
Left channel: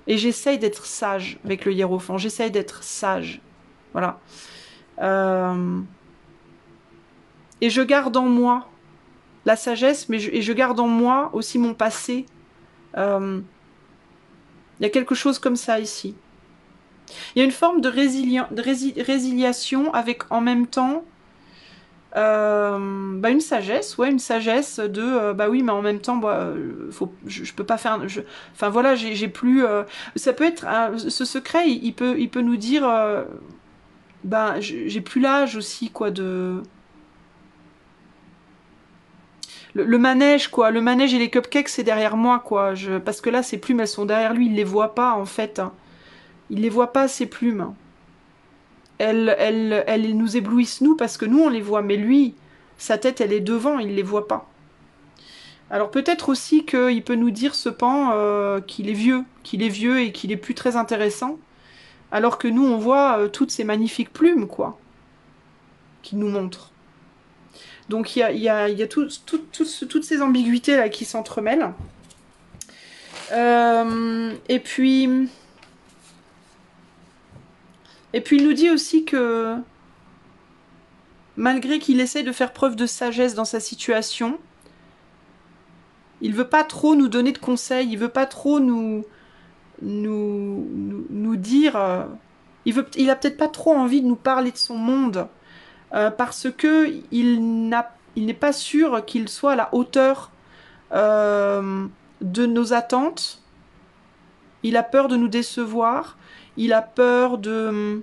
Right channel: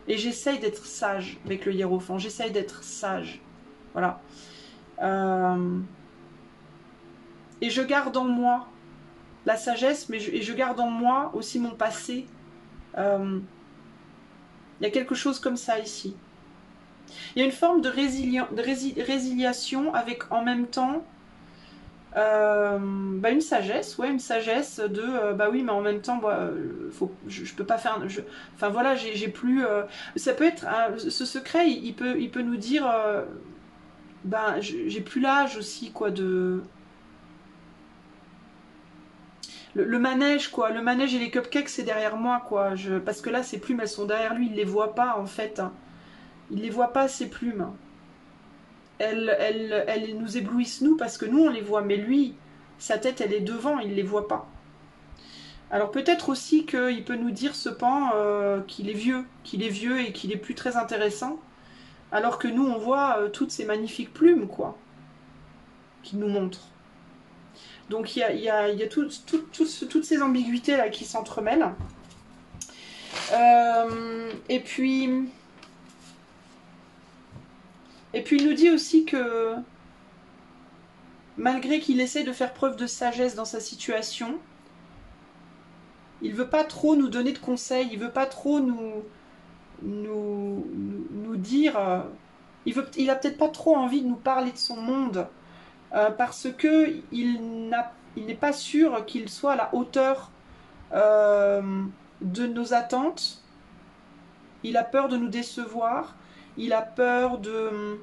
j'essaye d'être sage avec le hiérophant, j'essaye d'être sage. Voilà. Et je garde en moi la sagesse, et je garde en moi aussi mon passé. Il y a quelque chose comme ça ici. Il y a une forme de résiliation avec en même temps bah une sagesse, ouais, une sagesse de bah oui, mais en même temps, bah, je peux pas faire. Enfin voilà, j'ai plus. Ça peut être ce secret, il peut nous dire, bah j'ai plus l'âge aussi quoi de le manège quoi, le manège et les cupcakes c'est derrière moi quoi. Parce que là ces plumes elles sont derrière lui, il les voit pas en fait. Il les voit pas ces plumes. Elles nous éblouissent nous parce que nous on les voit, mais lui, sa tête elle est devant, il les voit pas. Alors peut-être aussi qu'il peut nous dire ce pan qu'il est vieux et qu'il est plus très intéressant, alors que nous on voit toutes ces magnifiques plumes quoi, qu'il nous montre. Donc il y a toutes ces ambiguïtés là qui s'entremêlent. Et puis il nous dit aussi que malgré qu'il essaie de faire preuve de sagesse dans sa situation, il veut pas trop nous donner de conseils, il veut pas trop nous dire. Il a peut-être pas trop envie de nous parler de son monde parce que il n'est pas sûr qu'il soit à la hauteur de nos attentes. Il a peur de nous décevoir. Il a peur de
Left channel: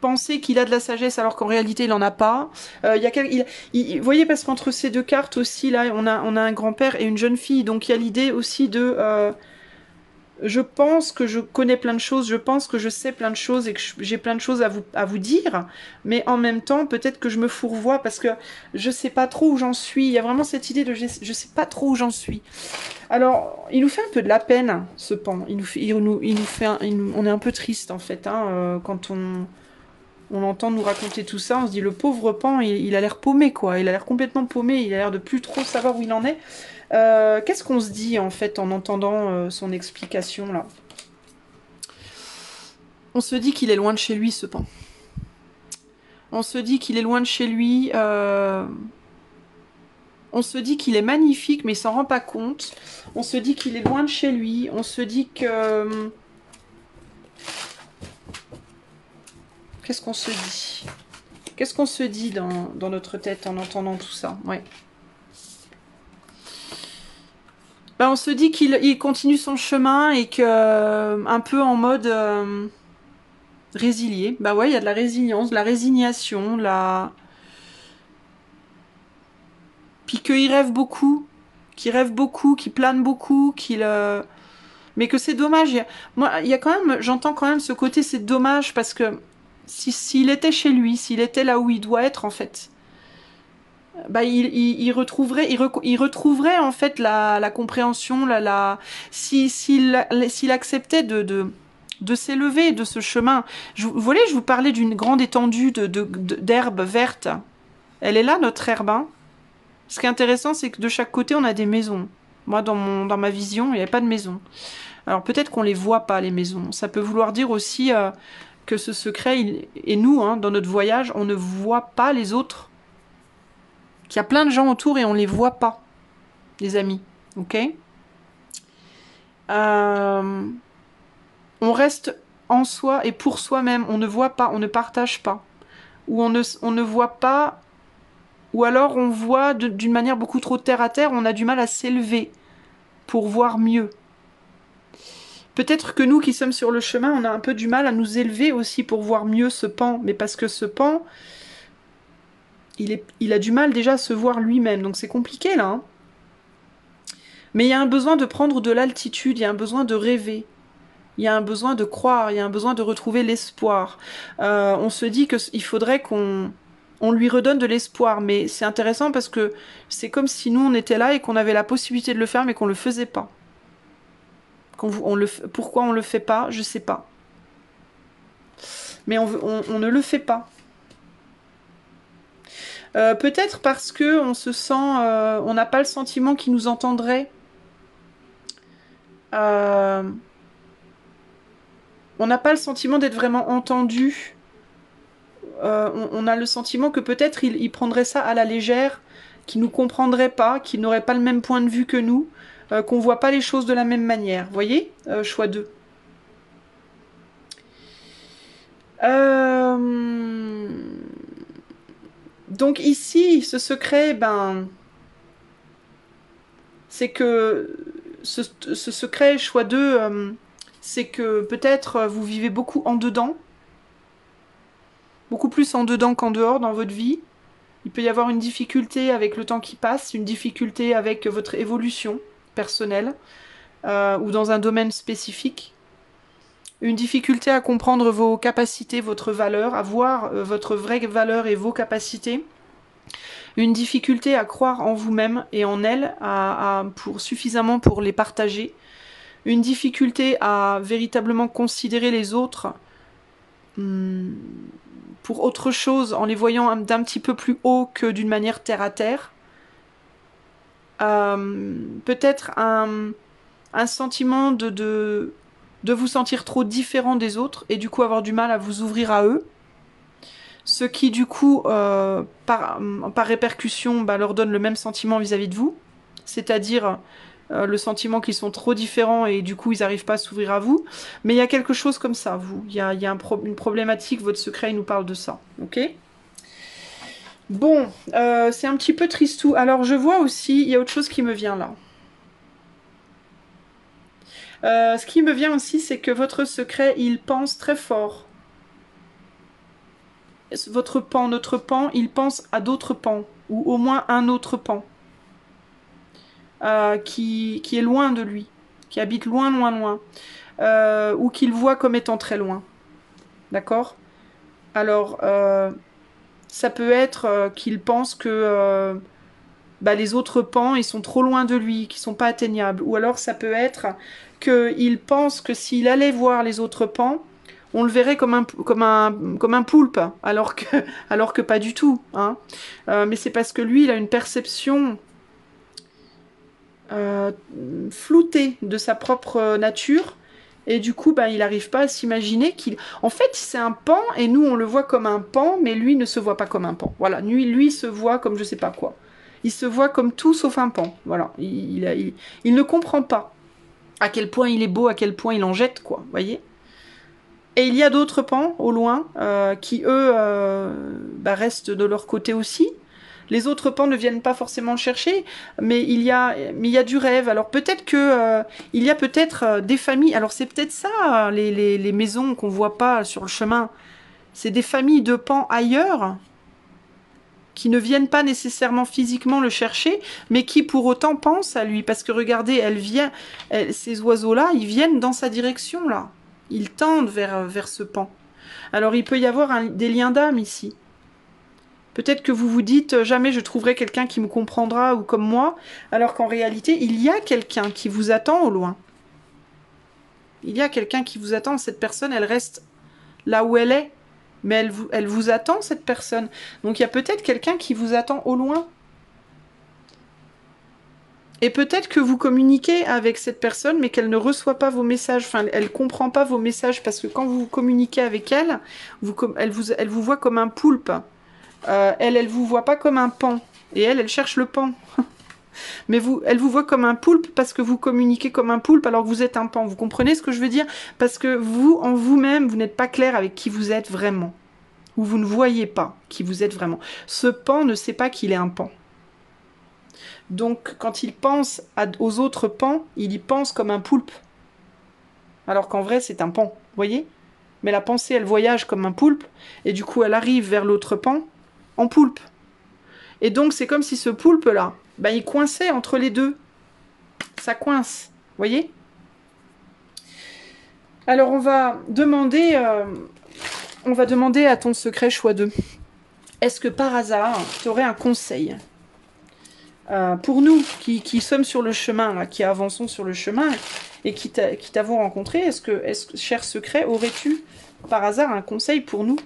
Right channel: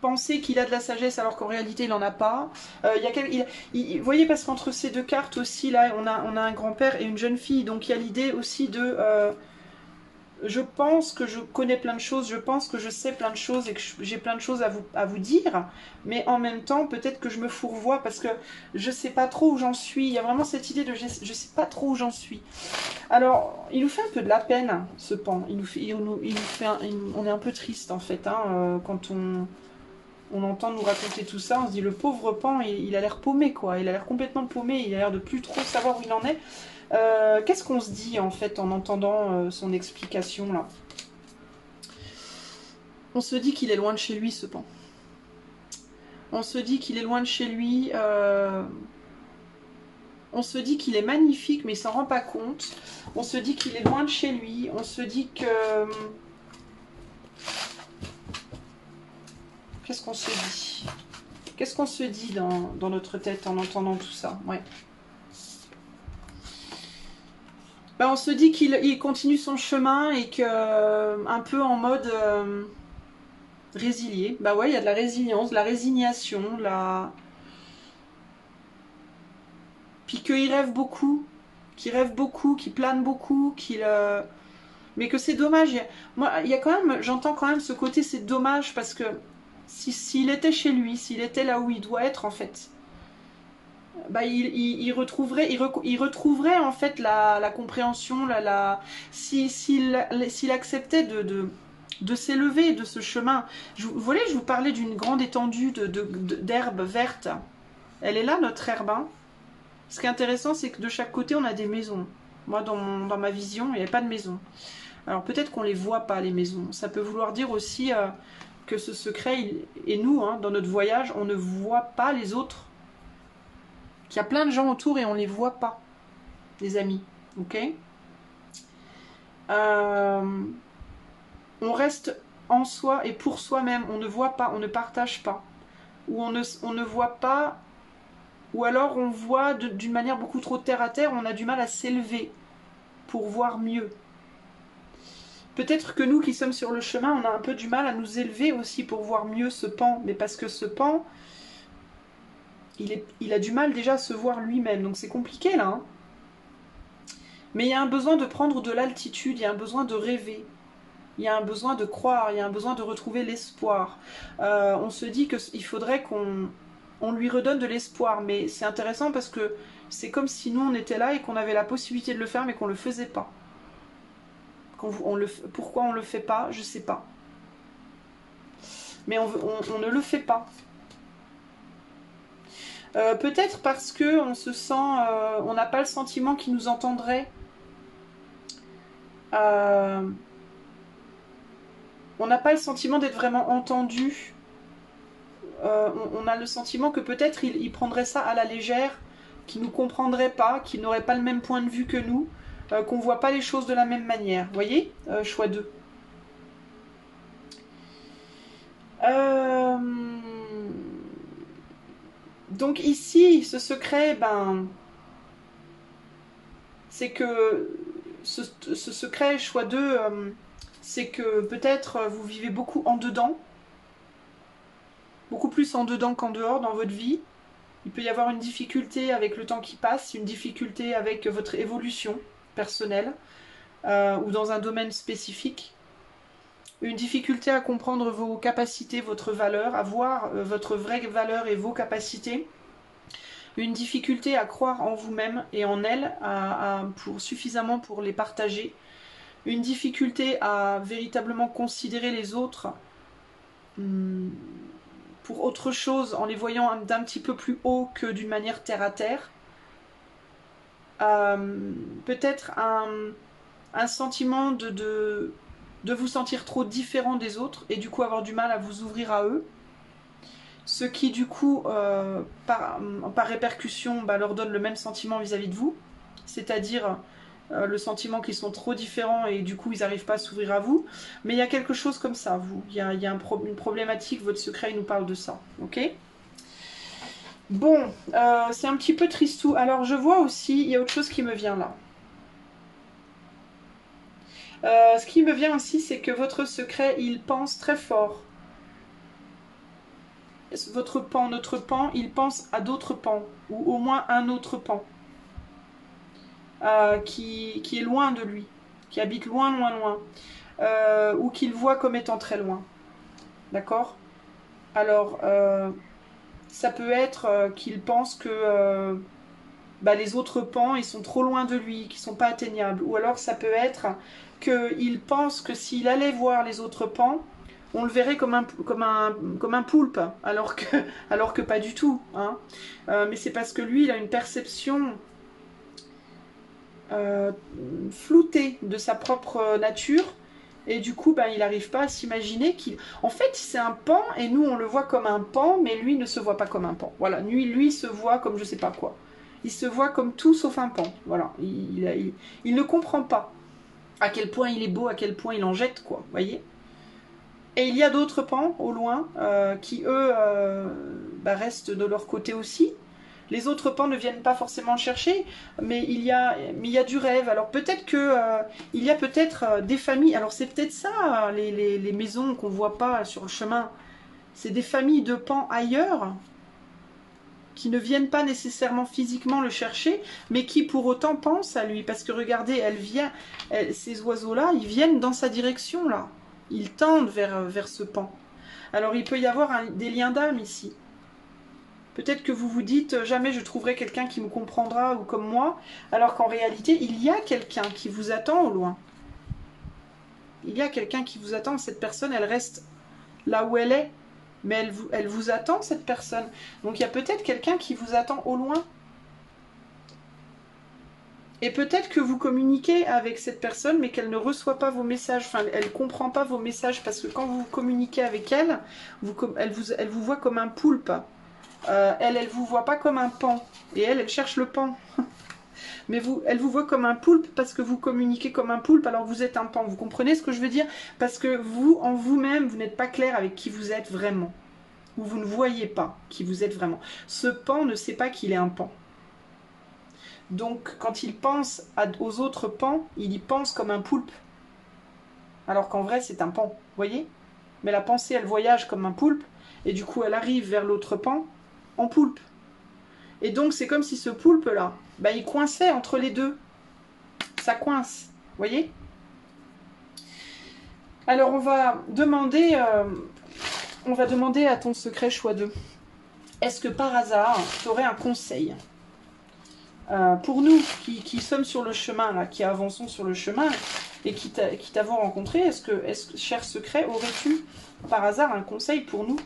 penser qu'il a de la sagesse alors qu'en réalité il n'en a pas. Vous voyez, parce qu'entre ces deux cartes aussi, là, on a un grand-père et une jeune fille. Donc il y a l'idée aussi de... je pense que je connais plein de choses, je pense que je sais plein de choses et que j'ai plein de choses à vous dire, mais en même temps, peut-être que je me fourvoie parce que je sais pas trop où j'en suis. Il y a vraiment cette idée de je sais pas trop où j'en suis. Alors, il nous fait un peu de la peine, ce pan. Il nous fait on est un peu triste en fait, hein, quand on entend nous raconter tout ça, on se dit le pauvre pan, il a l'air paumé quoi, il a l'air complètement paumé, il a l'air de plus trop savoir où il en est. Qu'est-ce qu'on se dit en fait en entendant son explication là? On se dit qu'il est loin de chez lui ce pan. On se dit qu'il est loin de chez lui. On se dit qu'il est magnifique mais il s'en rend pas compte. On se dit qu'il est loin de chez lui. On se dit que... Qu'est-ce qu'on se dit? Qu'est-ce qu'on se dit dans notre tête en entendant tout ça? Ouais. Ben, on se dit qu'il continue son chemin et que un peu en mode résilié. Bah ouais, il y a de la résilience, de la résignation, puis qu'il rêve beaucoup, qu'il plane beaucoup, mais que c'est dommage. Moi, il y a quand même, j'entends quand même ce côté, c'est dommage parce que s'il était chez lui, s'il était là où il doit être en fait, bah, il retrouverait en fait la compréhension, s'il acceptait de s'élever de ce chemin. Vous voyez, je vous parlais d'une grande étendue d'herbe verte. Elle est là, notre herbe. Hein. Ce qui est intéressant, c'est que de chaque côté, on a des maisons. Moi, dans ma vision, il n'y avait pas de maison. Alors peut-être qu'on ne les voit pas, les maisons. Ça peut vouloir dire aussi que ce secret, et nous, hein, dans notre voyage, on ne voit pas les autres. Qu'il y a plein de gens autour et on ne les voit pas, les amis. Ok ? On reste en soi et pour soi-même. On ne voit pas, on ne partage pas. Ou on ne voit pas, ou alors on voit d'une manière beaucoup trop terre à terre, on a du mal à s'élever pour voir mieux. Peut-être que nous qui sommes sur le chemin, on a un peu du mal à nous élever aussi pour voir mieux ce pan. Mais parce que ce pan, il a du mal déjà à se voir lui-même. Donc c'est compliqué là. Hein. Mais il y a un besoin de prendre de l'altitude, il y a un besoin de rêver. Il y a un besoin de croire, il y a un besoin de retrouver l'espoir. On se dit qu'il faudrait qu'on lui redonne de l'espoir. Mais c'est intéressant parce que c'est comme si nous on était là et qu'on avait la possibilité de le faire mais qu'on ne le faisait pas. Pourquoi on ne le fait pas, je ne sais pas. Mais on ne le fait pas. Peut-être parce que on se sent, on n'a pas le sentiment qu'il nous entendrait. On n'a pas le sentiment d'être vraiment entendu. On a le sentiment que peut-être il prendrait ça à la légère, qu'il nous comprendrait pas, qu'il n'aurait pas le même point de vue que nous, qu'on voit pas les choses de la même manière. Vous voyez, choix 2. Donc ici, ce secret, ben, c'est que ce secret, choix 2, c'est que peut-être vous vivez beaucoup en dedans, beaucoup plus en dedans qu'en dehors dans votre vie. Il peut y avoir une difficulté avec le temps qui passe, une difficulté avec votre évolution personnelle ou dans un domaine spécifique. Une difficulté à comprendre vos capacités, votre valeur, à voir votre vraie valeur et vos capacités. Une difficulté à croire en vous-même et en elle, suffisamment pour les partager. Une difficulté à véritablement considérer les autres pour autre chose, en les voyant d'un petit peu plus haut que d'une manière terre à terre. Peut-être un sentiment de vous sentir trop différent des autres et du coup avoir du mal à vous ouvrir à eux. Ce qui du coup, par répercussion, leur donne le même sentiment vis-à-vis de vous. C'est-à-dire le sentiment qu'ils sont trop différents et du coup ils n'arrivent pas à s'ouvrir à vous. Mais il y a quelque chose comme ça, vous. Il y a une problématique, votre secret il nous parle de ça. Ok ? Bon, c'est un petit peu tristou. Alors je vois aussi, il y a autre chose qui me vient là. Ce qui me vient aussi, c'est que votre secret, il pense très fort. Votre pan, notre pan, il pense à d'autres pans, ou au moins un autre pan, qui est loin de lui, qui habite loin, loin, loin, ou qu'il voit comme étant très loin. D'accord ? Alors, ça peut être qu'il pense que les autres pans, ils sont trop loin de lui, qu'ils ne sont pas atteignables. Ou alors, ça peut être qu'il pense que s'il allait voir les autres pans, on le verrait comme un poulpe, alors que pas du tout. Hein. Mais c'est parce que lui, il a une perception floutée de sa propre nature, et du coup, il n'arrive pas à s'imaginer qu'il... En fait, c'est un pan, et nous, on le voit comme un pan, mais lui ne se voit pas comme un pan. Voilà, lui se voit comme je sais pas quoi. Il se voit comme tout sauf un pan. Voilà, il ne comprend pas à quel point il est beau, à quel point il en jette, quoi, vous voyez ? Et il y a d'autres pans, au loin, qui, eux, restent de leur côté aussi. Les autres pans ne viennent pas forcément chercher, mais il y a du rêve. Alors peut-être que il y a peut-être des familles. Alors c'est peut-être ça, les maisons qu'on voit pas sur le chemin. C'est des familles de pans ailleurs, qui ne viennent pas nécessairement physiquement le chercher, mais qui pour autant pensent à lui. Parce que regardez, ces oiseaux-là, ils viennent dans sa direction, là. Ils tendent vers ce pan. Alors il peut y avoir des liens d'âme ici. Peut-être que vous vous dites, jamais je trouverai quelqu'un qui me comprendra ou comme moi, alors qu'en réalité, il y a quelqu'un qui vous attend au loin. Il y a quelqu'un qui vous attend, cette personne, elle reste là où elle est, mais elle vous attend, cette personne. Donc il y a peut-être quelqu'un qui vous attend au loin. Et peut-être que vous communiquez avec cette personne, mais qu'elle ne reçoit pas vos messages. Enfin, elle ne comprend pas vos messages, parce que quand vous communiquez avec elle, elle vous voit comme un poulpe. Elle vous voit pas comme un pan. Et elle cherche le pan. Mais elle vous voit comme un poulpe parce que vous communiquez comme un poulpe alors que vous êtes un pan. Vous comprenez ce que je veux dire? Parce que vous, en vous-même, vous n'êtes pas clair avec qui vous êtes vraiment. Ou vous ne voyez pas qui vous êtes vraiment. Ce pan ne sait pas qu'il est un pan. Donc, quand il pense aux autres pans, il y pense comme un poulpe. Alors qu'en vrai, c'est un pan. Vous voyez? Mais la pensée, elle voyage comme un poulpe. Et du coup, elle arrive vers l'autre pan en poulpe. Et donc, c'est comme si ce poulpe-là, il coinçait entre les deux. Ça coince. Vous voyez? Alors, on va demander à ton secret choix 2. Est-ce que par hasard, tu aurais un conseil pour nous qui sommes sur le chemin, là, qui avançons sur le chemin et qui t'avons rencontré, est-ce que, cher secret, aurais-tu par hasard un conseil pour nous?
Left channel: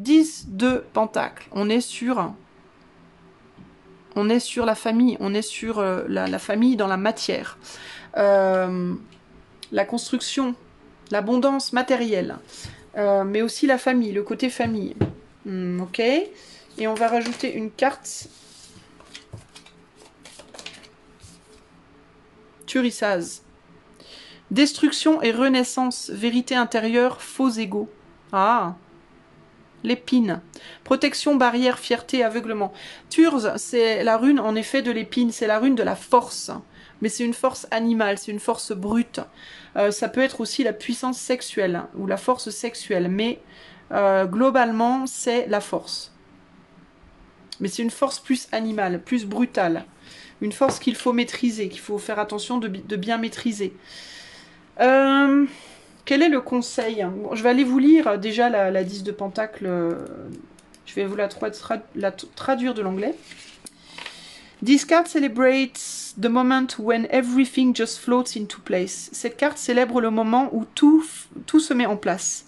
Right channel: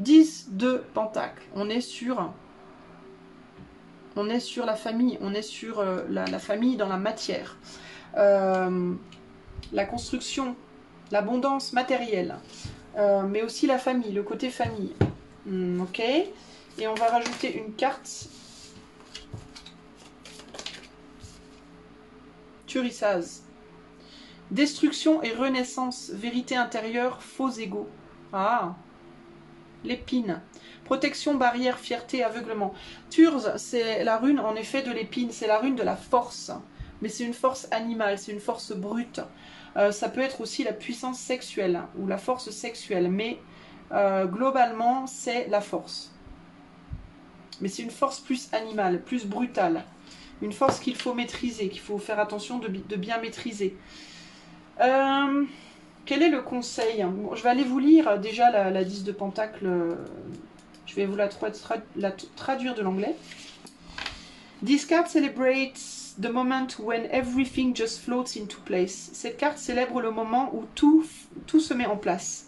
10 de Pentacle. On est sur la famille, on est sur la famille dans la matière. La construction, l'abondance matérielle, mais aussi la famille, le côté famille. Ok. Et on va rajouter une carte. Turissaz. Destruction et renaissance, vérité intérieure, faux égaux. Ah, l'épine. Protection, barrière, fierté, aveuglement. Turz, c'est la rune en effet de l'épine, c'est la rune de la force. Mais c'est une force animale, c'est une force brute. Ça peut être aussi la puissance sexuelle ou la force sexuelle, mais globalement, c'est la force. Mais c'est une force plus animale, plus brutale. Une force qu'il faut maîtriser, qu'il faut faire attention de bien maîtriser. Quel est le conseil? Bon, je vais aller vous lire déjà la 10 de Pentacle. Je vais vous la traduire de l'anglais. This card celebrates the moment when everything just floats into place. Cette carte célèbre le moment où tout se met en place.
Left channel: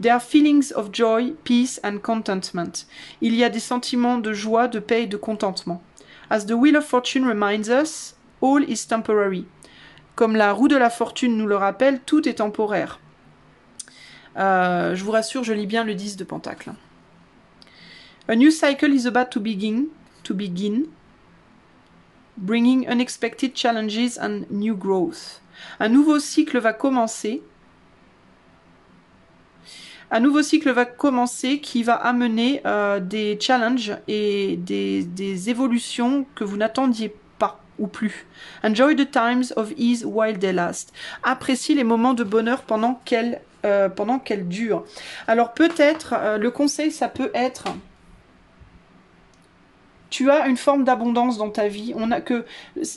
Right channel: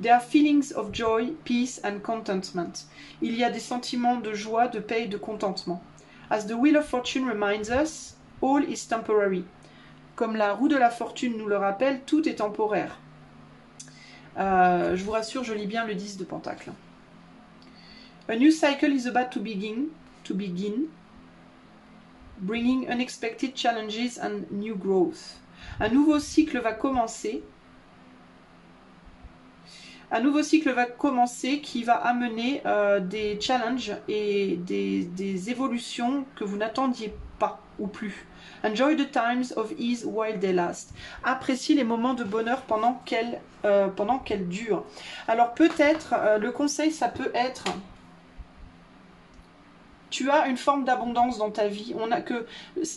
There are feelings of joy, peace and contentment. Il y a des sentiments de joie, de paix et de contentement. As the wheel of fortune reminds us, all is temporary. Comme la roue de la fortune nous le rappelle, tout est temporaire. Je vous rassure, je lis bien le 10 de Pentacle. A new cycle is about to begin, bringing unexpected challenges and new growth. Un nouveau cycle va commencer. Un nouveau cycle va commencer qui va amener des challenges et des évolutions que vous n'attendiez pas ou plus. Enjoy the times of ease while they last. Appréciez les moments de bonheur pendant qu'elles durent. Alors peut-être, le conseil, ça peut être... Tu as une forme d'abondance dans ta vie.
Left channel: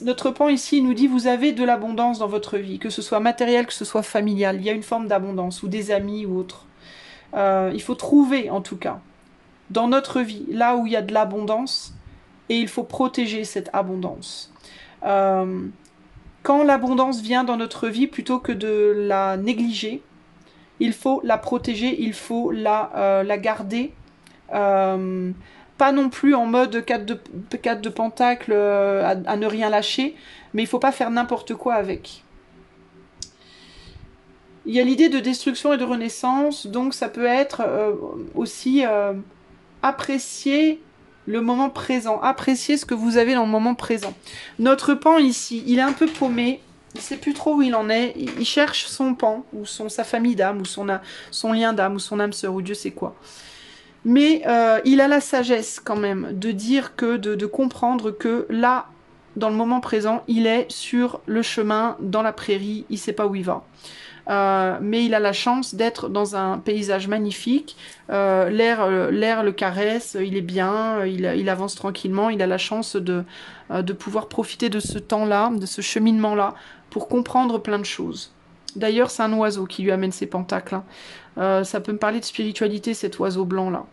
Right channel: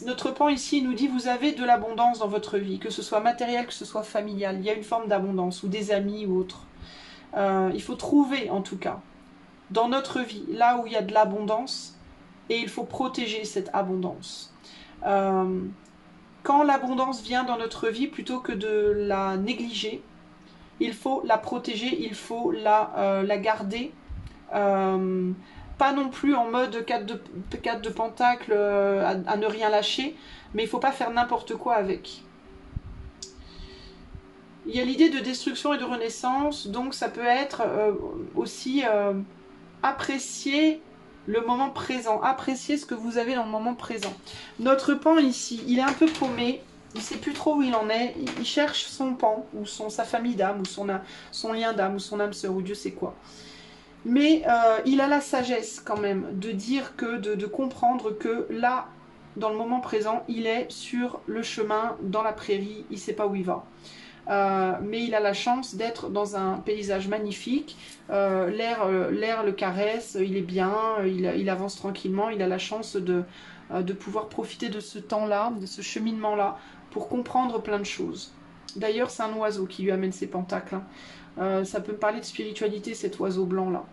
Notre pan ici nous dit vous avez de l'abondance dans votre vie, que ce soit matériel, que ce soit familial. Il y a une forme d'abondance, ou des amis ou autre. Il faut trouver en tout cas dans notre vie là où il y a de l'abondance et il faut protéger cette abondance. Quand l'abondance vient dans notre vie, plutôt que de la négliger, il faut la protéger, il faut la garder. Pas non plus en mode 4 de Pentacle à ne rien lâcher, mais il ne faut pas faire n'importe quoi avec. Il y a l'idée de destruction et de renaissance, donc ça peut être aussi apprécier le moment présent, apprécier ce que vous avez dans le moment présent. Notre pan ici, il est un peu paumé, il ne sait plus trop où il en est, il cherche son pan, ou sa famille d'âme, ou son lien d'âme, ou son âme sœur, ou Dieu sait quoi. Mais il a la sagesse quand même de dire que, de comprendre que là, dans le moment présent, il est sur le chemin, dans la prairie, il ne sait pas où il va. Mais il a la chance d'être dans un paysage magnifique, l'air le caresse, il est bien, il avance tranquillement, il a la chance de pouvoir profiter de ce temps-là, de ce cheminement-là, pour comprendre plein de choses. D'ailleurs, c'est un oiseau qui lui amène ses pentacles. Hein. Ça peut me parler de spiritualité, cet oiseau blanc-là.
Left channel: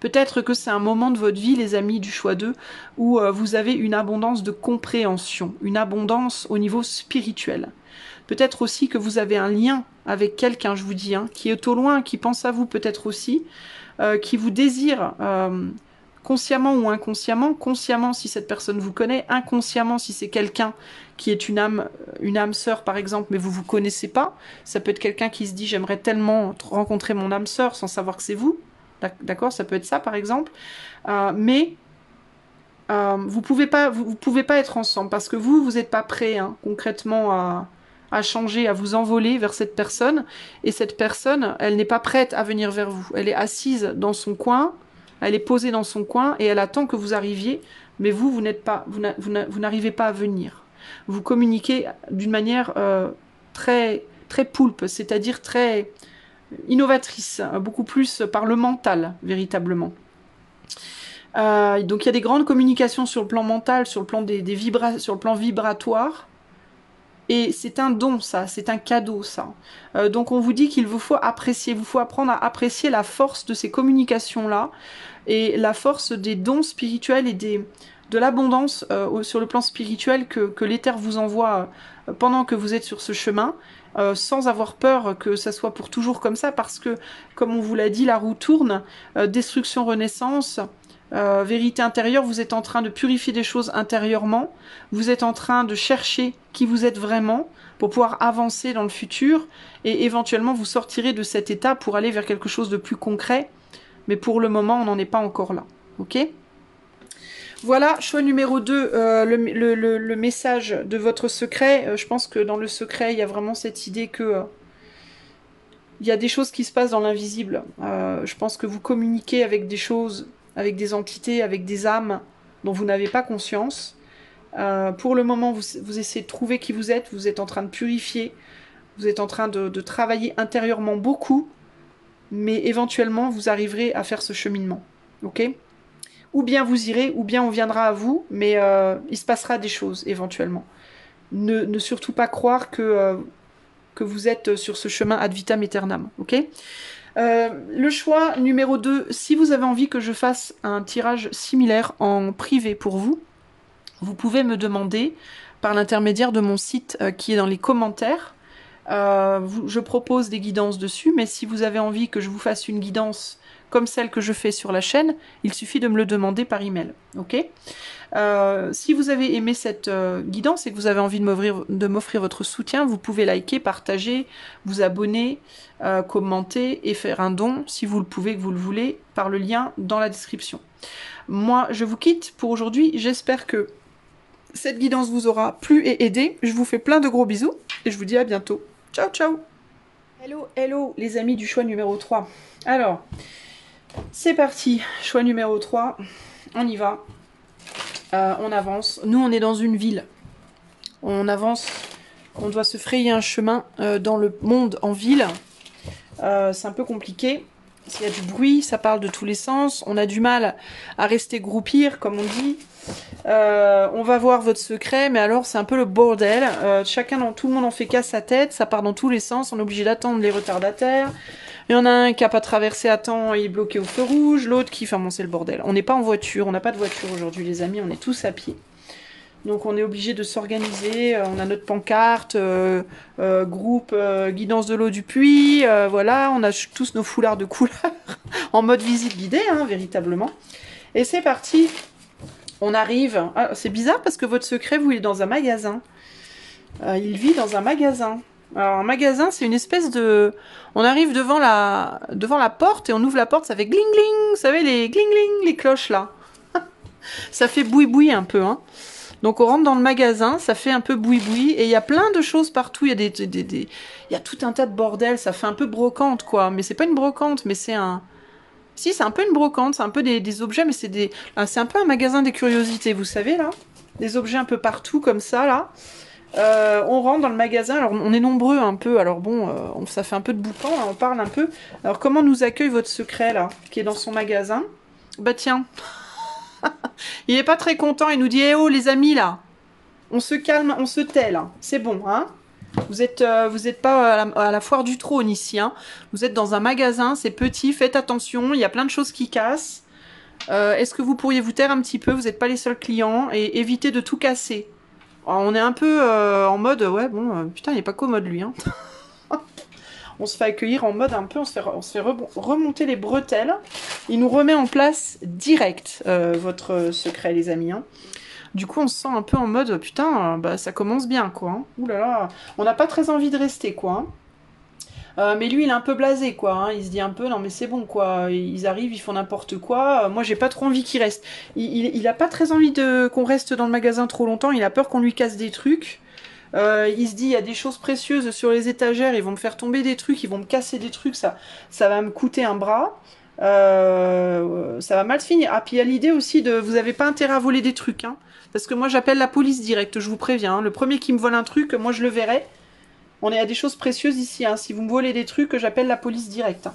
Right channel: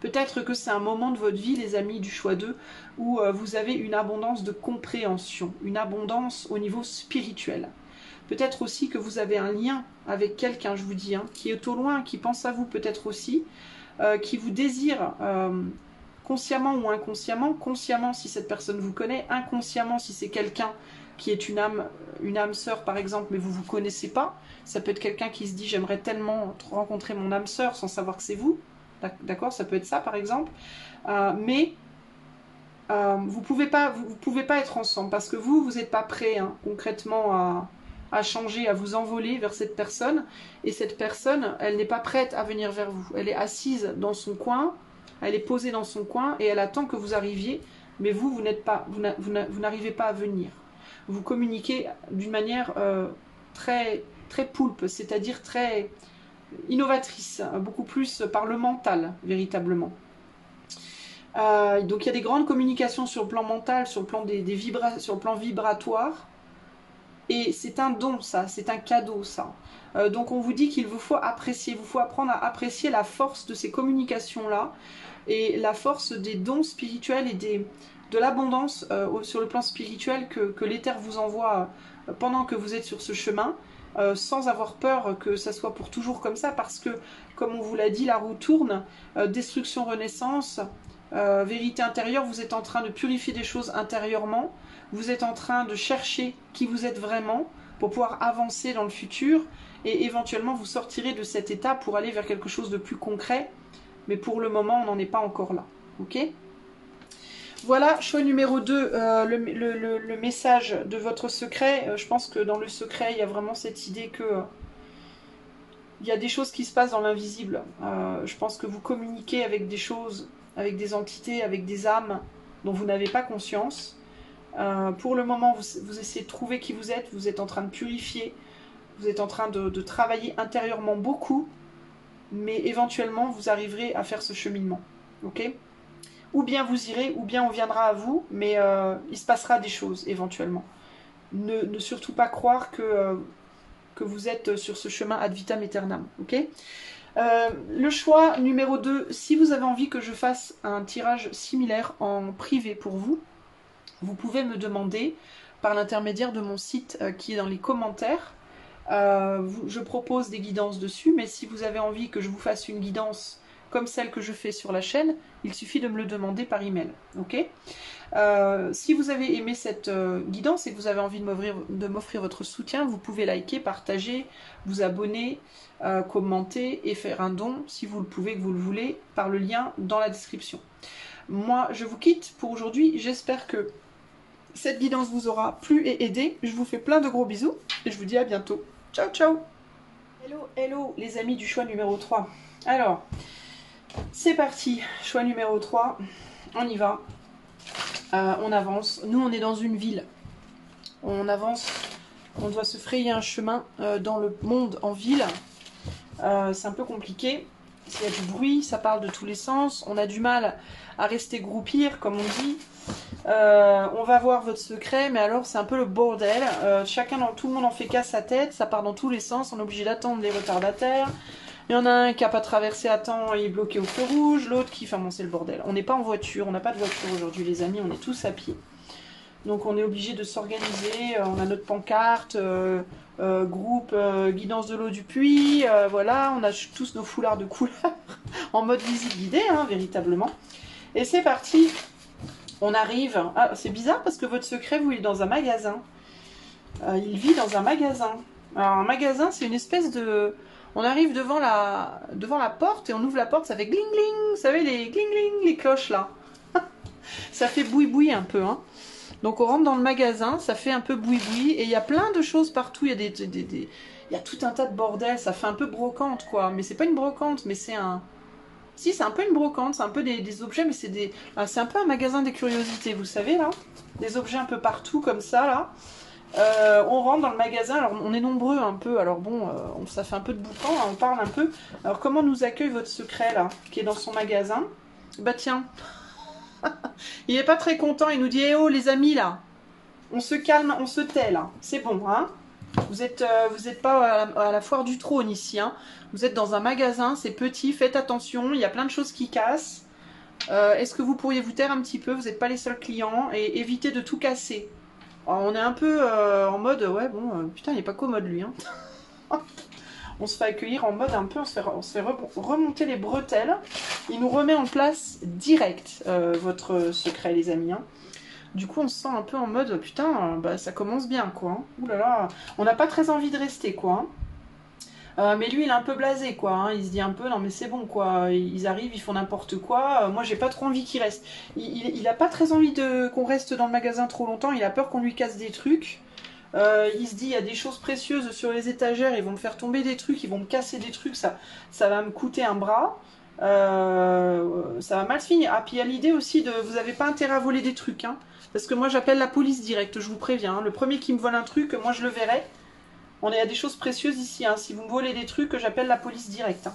Peut-être que c'est un moment de votre vie, les amis du choix 2, où vous avez une abondance de compréhension, une abondance au niveau spirituel. Peut-être aussi que vous avez un lien avec quelqu'un, je vous dis, hein, qui est au loin, qui pense à vous peut-être aussi, qui vous désire consciemment ou inconsciemment. Consciemment si cette personne vous connaît, inconsciemment si c'est quelqu'un qui est une âme sœur par exemple, mais vous ne vous connaissez pas. Ça peut être quelqu'un qui se dit j'aimerais tellement rencontrer mon âme sœur sans savoir que c'est vous. D'accord, ça peut être ça par exemple. Mais vous pouvez pas être ensemble parce que vous n'êtes pas prêt hein, concrètement à changer, à vous envoler vers cette personne. Et cette personne, elle n'est pas prête à venir vers vous. Elle est assise dans son coin, elle est posée dans son coin et elle attend que vous arriviez. Mais vous n'arrivez pas à venir. Vous communiquez d'une manière très, très poulpe, c'est-à-dire très innovatrice, beaucoup plus par le mental, véritablement. Donc il y a des grandes communications sur le plan mental, sur le plan sur le plan vibratoire. Et c'est un don, ça, c'est un cadeau, ça. Donc on vous dit qu'il vous faut apprécier, il vous faut apprendre à apprécier la force de ces communications-là et la force des dons spirituels et de l'abondance sur le plan spirituel que l'éther vous envoie pendant que vous êtes sur ce chemin, sans avoir peur que ça soit pour toujours comme ça, parce que, comme on vous l'a dit, la roue tourne, destruction, renaissance, vérité intérieure, vous êtes en train de purifier des choses intérieurement, vous êtes en train de chercher qui vous êtes vraiment pour pouvoir avancer dans le futur, et éventuellement vous sortirez de cet état pour aller vers quelque chose de plus concret, mais pour le moment on n'en est pas encore là, ok? Voilà, choix numéro 2, le message de votre secret. Je pense que dans le secret, il y a vraiment cette idée que il y a des choses qui se passent dans l'invisible. Je pense que vous communiquez avec des choses, avec des entités, avec des âmes dont vous n'avez pas conscience. Pour le moment, vous essayez de trouver qui vous êtes en train de purifier, vous êtes en train de travailler intérieurement beaucoup, mais éventuellement, vous arriverez à faire ce cheminement. Ok ? Ou bien vous irez, ou bien on viendra à vous, mais il se passera des choses éventuellement. Ne surtout pas croire que vous êtes sur ce chemin ad vitam aeternam, ok? Le choix numéro 2, si vous avez envie que je fasse un tirage similaire en privé pour vous, vous pouvez me demander par l'intermédiaire de mon site qui est dans les commentaires. Je propose des guidances dessus, mais si vous avez envie que je vous fasse une guidance comme celle que je fais sur la chaîne, il suffit de me le demander par email, ok? Si vous avez aimé cette guidance et que vous avez envie de m'offrir votre soutien, vous pouvez liker, partager, vous abonner, commenter et faire un don si vous le pouvez, que vous le voulez, par le lien dans la description. Moi, je vous quitte pour aujourd'hui. J'espère que cette guidance vous aura plu et aidé. Je vous fais plein de gros bisous et je vous dis à bientôt. Ciao, ciao! Hello, hello les amis du choix numéro 3. Alors, c'est parti, choix numéro 3, on y va, on avance. Nous on est dans une ville, on avance, on doit se frayer un chemin dans le monde en ville, c'est un peu compliqué, il y a du bruit, ça parle de tous les sens, on a du mal à rester groupir comme on dit. On va voir votre secret, mais alors c'est un peu le bordel, tout le monde en fait qu'à sa tête, ça part dans tous les sens, on est obligé d'attendre les retardataires. Il y en a un qui n'a pas traversé à temps, il est bloqué au feu rouge, l'autre qui... Enfin bon, c'est le bordel. On n'est pas en voiture, on n'a pas de voiture aujourd'hui les amis, on est tous à pied. Donc on est obligé de s'organiser, on a notre pancarte, groupe guidance de l'eau du puits, voilà, on a tous nos foulards de couleur, en mode visite guidée, hein, véritablement. Et c'est parti, on arrive... Ah, c'est bizarre parce que votre secret, vous, il est dans un magasin. Il vit dans un magasin. Alors un magasin, c'est une espèce de... On arrive devant la porte et on ouvre la porte, ça fait gling gling, vous savez les gling gling, les cloches là. Ça fait boui boui un peu, hein. Donc on rentre dans le magasin, ça fait un peu boui boui et il y a plein de choses partout, il y a tout un tas de bordel, ça fait un peu brocante quoi, mais c'est pas une brocante, mais c'est un... Si, c'est un peu une brocante, c'est un peu des objets, mais c'est un peu un magasin des curiosités, vous savez là. Des objets un peu partout comme ça là. On rentre dans le magasin, alors on est nombreux un peu, alors bon, ça fait un peu de boucan, hein, on parle un peu. Alors comment nous accueille votre secret là, qui est dans son magasin? Bah tiens, il est pas très content, il nous dit, eh oh les amis là, on se calme, on se tait là, c'est bon, hein. Vous êtes pas à la foire du trône ici, hein. Vous êtes dans un magasin, c'est petit, faites attention, il y a plein de choses qui cassent. Est-ce que vous pourriez vous taire un petit peu, vous n'êtes pas les seuls clients, et éviter de tout casser. Alors, on est un peu en mode, ouais, bon, putain, il n'est pas commode lui. Hein. On se fait accueillir en mode un peu, on se fait remonter les bretelles. Il nous remet en place direct votre secret, les amis. Hein. Du coup, on se sent un peu en mode, putain, bah, ça commence bien, quoi. Hein. Ouh là là, on n'a pas très envie de rester, quoi. Mais lui, il est un peu blasé, quoi. Hein. Il se dit un peu, non mais c'est bon, quoi. Ils arrivent, ils font n'importe quoi. Moi, j'ai pas trop envie qu'ils restent. Il a pas très envie qu'on reste dans le magasin trop longtemps. Il a peur qu'on lui casse des trucs. Il se dit, il y a des choses précieuses sur les étagères. Ils vont me faire tomber des trucs, ils vont me casser des trucs. Ça va me coûter un bras. Ça va mal se finir. Ah, puis il y a l'idée aussi de, vous avez pas intérêt à voler des trucs. Hein. Parce que moi, j'appelle la police direct, je vous préviens. Hein. Le premier qui me vole un truc, moi, je le verrai. On est à des choses précieuses ici, hein. Si vous me volez des trucs, j'appelle la police directe. Hein.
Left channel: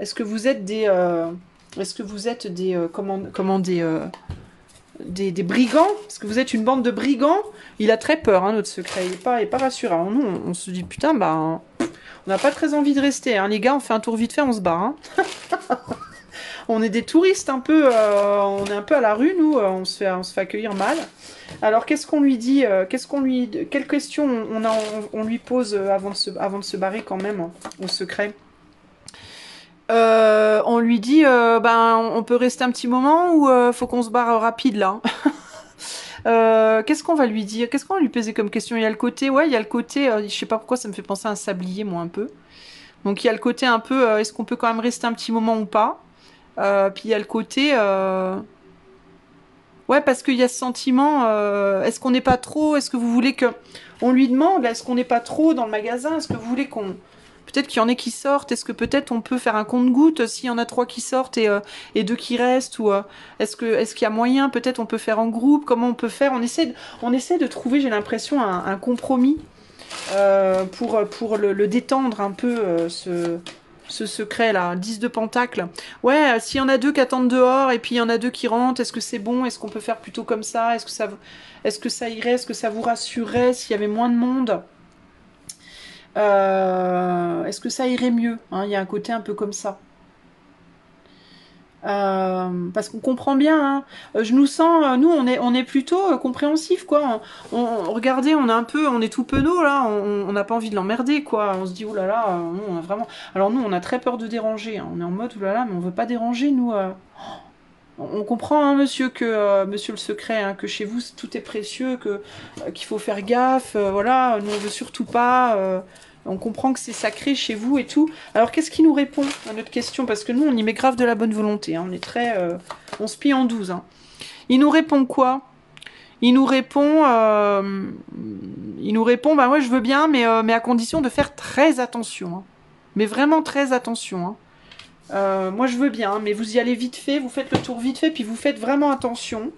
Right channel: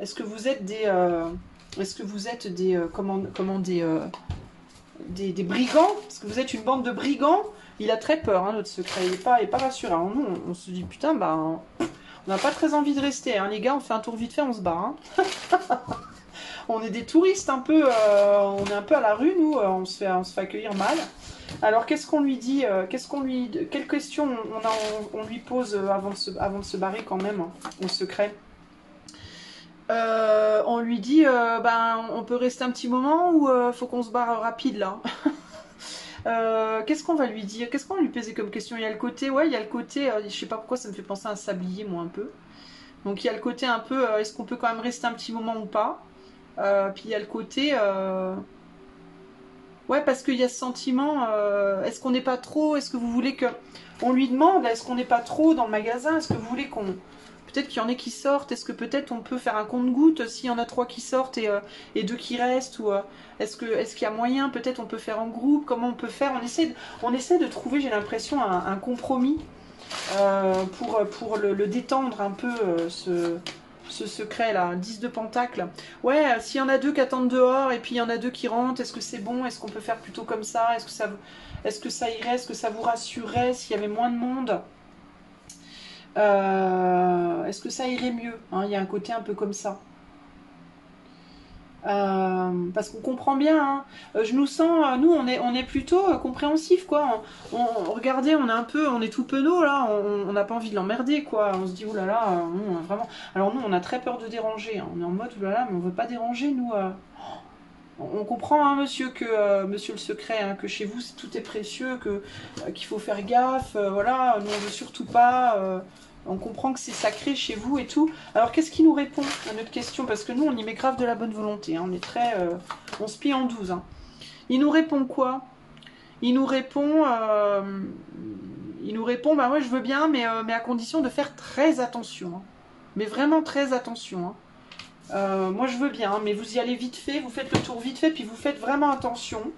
Est-ce que vous êtes des... des brigands? Est-ce que vous êtes une bande de brigands? Il a très peur, hein, notre secret. Il est pas rassurant. Nous, on se dit, putain, bah... on n'a pas très envie de rester, hein. Les gars, on fait un tour vite fait, on se barre. Hein. On est des touristes un peu, on est un peu à la rue, nous, on se fait accueillir mal. Alors, qu'est-ce qu'on lui dit, quelles questions on lui pose avant de se barrer quand même, hein, au secret? On lui dit, ben, on peut rester un petit moment ou faut qu'on se barre rapide là? Qu'est-ce qu'on va lui dire? Qu'est-ce qu'on va lui poser comme question? Il y a le côté, ouais, il y a le côté, je sais pas pourquoi ça me fait penser à un sablier, moi, un peu. Donc il y a le côté un peu, est-ce qu'on peut quand même rester un petit moment ou pas? Puis il y a le côté, ouais, parce qu'il y a ce sentiment, est-ce qu'on n'est pas trop, est-ce que vous voulez que... On lui demande, est-ce qu'on n'est pas trop dans le magasin? Est-ce que vous voulez qu'on... Peut-être qu'il y en ait qui sortent, est-ce que peut-être on peut faire un compte-gouttes s'il y en a 3 qui sortent et 2 qui restent? Ou est-ce qu'il y a moyen, peut-être on peut faire en groupe? Comment on peut faire? On essaie de trouver, j'ai l'impression, un compromis pour le détendre un peu, ce secret là, 10 de pentacle. Ouais, s'il y en a 2 qui attendent dehors et puis il y en a 2 qui rentrent, est-ce que c'est bon? Est-ce qu'on peut faire plutôt comme ça? Est-ce que ça irait? Est-ce que ça vous rassurerait s'il y avait moins de monde? Est-ce que ça irait mieux, hein? Il y a un côté un peu comme ça. Parce qu'on comprend bien, hein. Je nous sens, nous on est plutôt compréhensif quoi. Regardez, on est tout penaud là, on n'a pas envie de l'emmerder quoi. On se dit oh là là, nous, on a vraiment. Alors nous on a très peur de déranger, hein. On est en mode oh là là, mais on veut pas déranger nous. On comprend hein, monsieur monsieur le secret, hein, que chez vous tout est précieux, qu'il faut faire gaffe, voilà. Nous on veut surtout pas. On comprend que c'est sacré chez vous et tout. Alors, qu'est-ce qu'il nous répond à notre question? Parce que nous, on y met grave de la bonne volonté. Hein. On est très... on se plie en 12. Hein. Il nous répond quoi? Il nous répond... bah ouais, je veux bien, mais à condition de faire très attention. Hein. Mais vraiment très attention. Hein. Moi, je veux bien, mais vous y allez vite fait. Vous faites le tour vite fait, puis vous faites vraiment attention.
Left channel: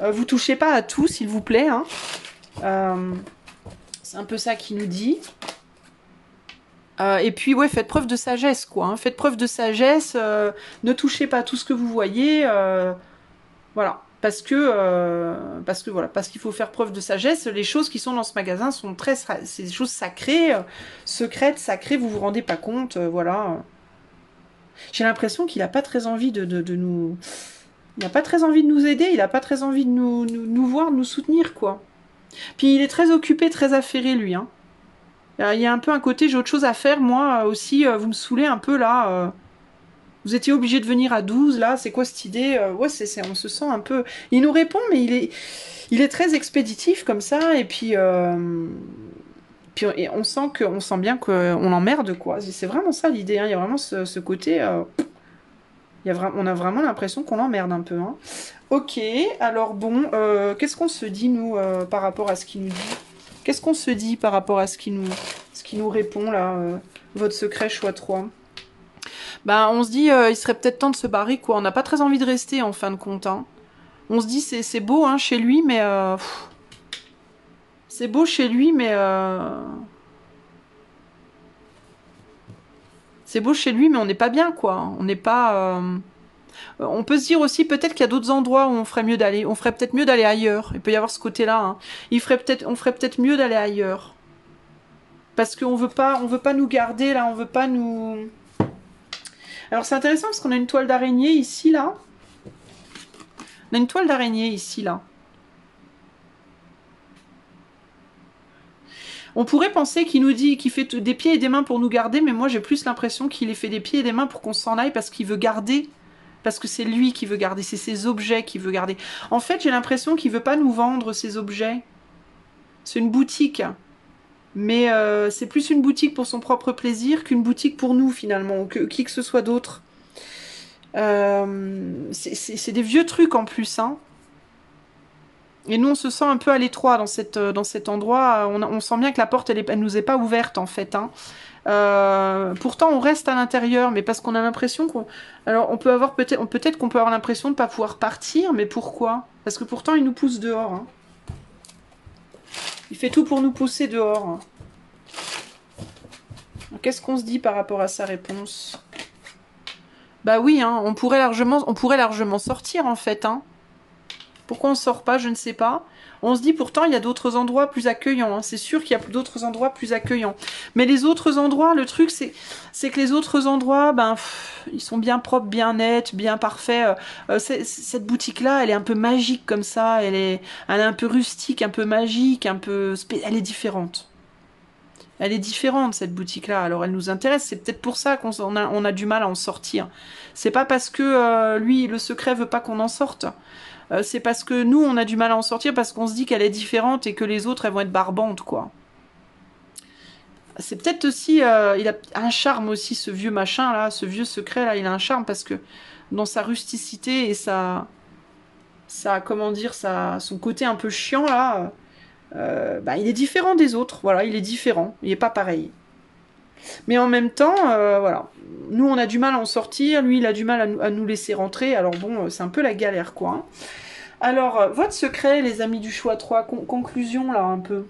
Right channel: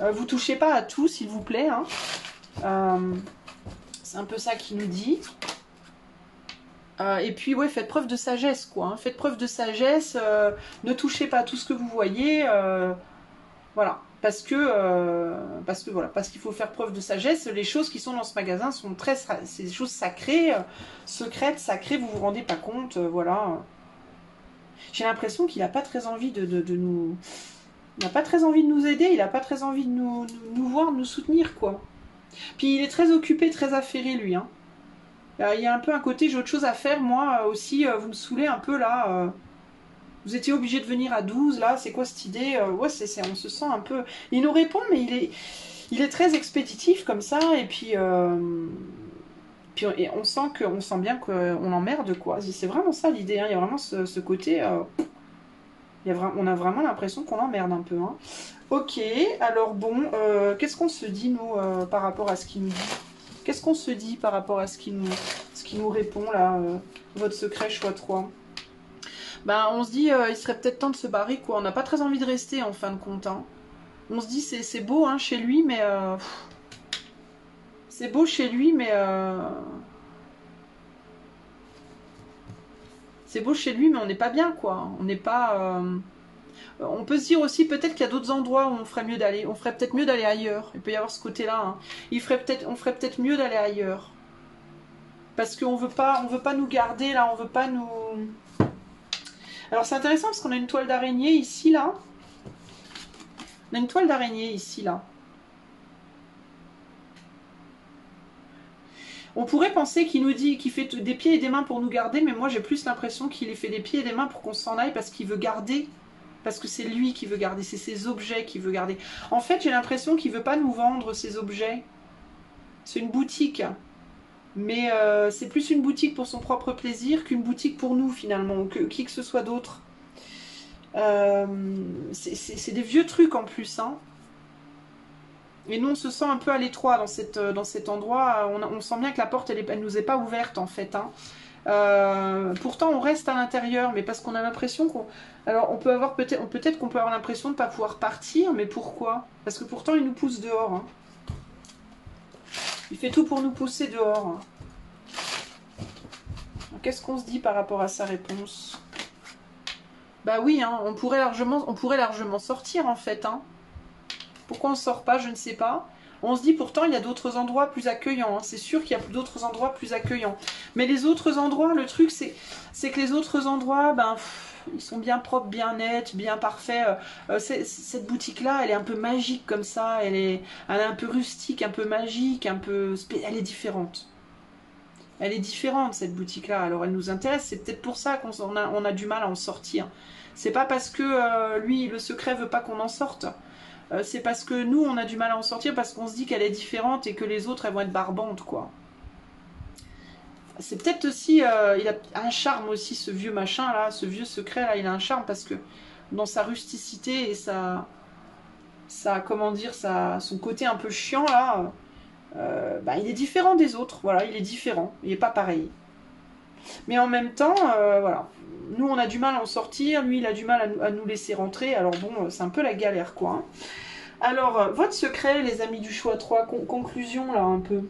Vous touchez pas à tout, s'il vous plaît. Hein. C'est un peu ça qu'il nous dit. Et puis, ouais, faites preuve de sagesse, quoi. Hein. Faites preuve de sagesse. Ne touchez pas à tout ce que vous voyez. Voilà. Parce qu'il faut faire preuve de sagesse. Les choses qui sont dans ce magasin sont c'est des choses sacrées, secrètes, sacrées. Vous vous rendez pas compte, voilà. J'ai l'impression qu'il n'a pas très envie de nous... Il n'a pas très envie de nous aider. Il n'a pas très envie de nous voir, de nous soutenir, quoi. Puis il est très occupé, très affairé, lui. Hein. Il y a un peu un côté, j'ai autre chose à faire, moi aussi. Vous me saoulez un peu, là. Vous étiez obligé de venir à 12, là. C'est quoi cette idée? Ouais, on se sent un peu... Il nous répond, mais il est très expéditif, comme ça. Et puis on sent bien qu'on l'emmerde, quoi. C'est vraiment ça, l'idée. Hein. Il y a vraiment ce côté... on a vraiment l'impression qu'on l'emmerde un peu. Hein. Ok, alors bon, qu'est-ce qu'on se dit, nous, par rapport à ce qu'il nous dit? Qu'est-ce qu'on se dit par rapport à ce qu'il nous répond, là, votre secret choix 3? Ben, on se dit, il serait peut-être temps de se barrer, quoi. On n'a pas très envie de rester, en fin de compte. Hein. On se dit, c'est beau, hein, chez lui, mais... c'est beau chez lui, mais... c'est beau chez lui, mais on n'est pas bien, quoi. On n'est pas... On peut se dire aussi peut-être qu'il y a d'autres endroits où on ferait mieux d'aller. On ferait peut-être mieux d'aller ailleurs. Il peut y avoir ce côté-là. Hein. On ferait peut-être mieux d'aller ailleurs. Parce qu'on veut pas nous garder là. On veut pas nous. Alors c'est intéressant parce qu'on a une toile d'araignée ici là. On a une toile d'araignée ici là. On pourrait penser qu'il nous dit qu'il fait des pieds et des mains pour nous garder, mais moi j'ai plus l'impression qu'il fait des pieds et des mains pour qu'on s'en aille parce qu'il veut garder. Parce que c'est lui qui veut garder, c'est ses objets qu'il veut garder. En fait, j'ai l'impression qu'il ne veut pas nous vendre ses objets. C'est une boutique. Mais c'est plus une boutique pour son propre plaisir qu'une boutique pour nous, finalement, ou qui que ce soit d'autre. C'est des vieux trucs, en plus. Hein. Et nous, on se sent un peu à l'étroit dans cet endroit. On sent bien que la porte, elle nous est pas ouverte, en fait. Hein. Pourtant on reste à l'intérieur, mais parce qu'on a l'impression qu'on... Alors on peut avoir peut-être qu'on peut avoir l'impression de ne pas pouvoir partir, mais pourquoi? Parce que pourtant il nous pousse dehors. Hein. Il fait tout pour nous pousser dehors. Hein. Qu'est-ce qu'on se dit par rapport à sa réponse? Bah oui, hein, on pourrait largement sortir en fait. Hein. Pourquoi on sort pas, je ne sais pas. On se dit pourtant il y a d'autres endroits plus accueillants, hein. C'est sûr qu'il y a d'autres endroits plus accueillants. Mais les autres endroits, le truc c'est que les autres endroits, ben, ils sont bien propres, bien nets, bien parfaits. Cette boutique-là, elle est un peu magique comme ça, elle est un peu rustique, un peu magique, elle est différente. Elle est différente cette boutique-là, alors elle nous intéresse, c'est peut-être pour ça on a du mal à en sortir. C'est pas parce que lui, le secret veut pas qu'on en sorte. C'est parce que nous, on a du mal à en sortir parce qu'on se dit qu'elle est différente et que les autres, elles vont être barbantes, quoi. C'est peut-être aussi, il a un charme aussi, ce vieux machin là, ce vieux secret là, il a un charme parce que dans sa rusticité et comment dire, son côté un peu chiant là, bah, il est différent des autres, voilà, il est différent, il est pas pareil. Mais en même temps, voilà, nous on a du mal à en sortir, lui il a du mal à nous laisser rentrer, alors bon, c'est un peu la galère quoi. Hein. Alors, votre secret, les amis du choix 3, conclusion là un peu.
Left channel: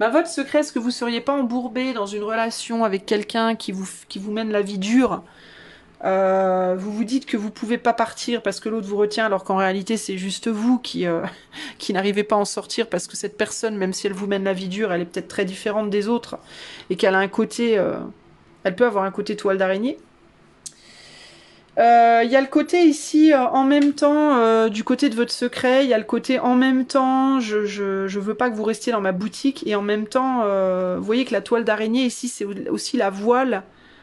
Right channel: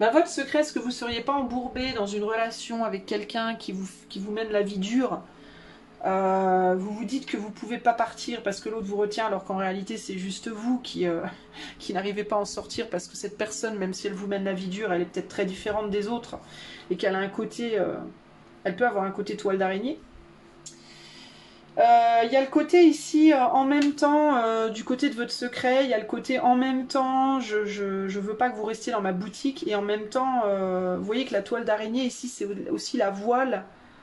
Bah, votre secret, est-ce que vous ne seriez pas embourbé dans une relation avec quelqu'un qui vous mène la vie dure? Vous vous dites que vous ne pouvez pas partir parce que l'autre vous retient, alors qu'en réalité c'est juste vous qui n'arrivez pas à en sortir parce que cette personne, même si elle vous mène la vie dure, elle est peut-être très différente des autres et qu'elle a un côté, elle peut avoir un côté toile d'araignée. Il y a le côté ici, en même temps, du côté de votre secret, il y a le côté en même temps, je veux pas que vous restiez dans ma boutique, et en même temps, vous voyez que la toile d'araignée ici, c'est aussi la voile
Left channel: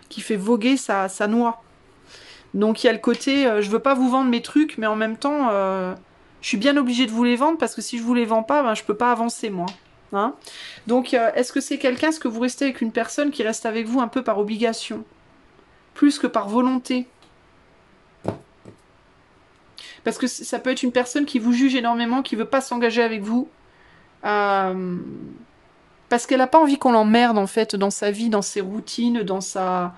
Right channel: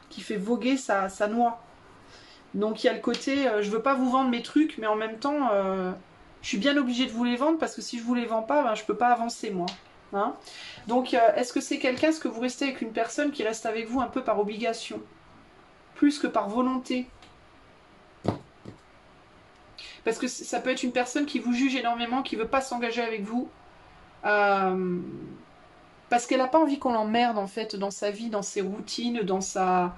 qui fait voguer sa noix. Donc il y a le côté, je veux pas vous vendre mes trucs, mais en même temps, je suis bien obligée de vous les vendre, parce que si je vous les vends pas, ben, je peux pas avancer moi. Hein. Donc est-ce que c'est quelqu'un, est-ce que vous restez avec une personne qui reste avec vous un peu par obligation, plus que par volonté? Parce que ça peut être une personne qui vous juge énormément, qui veut pas s'engager avec vous. Parce qu'elle n'a pas envie qu'on l'emmerde, en fait, dans sa vie, dans ses routines, dans sa...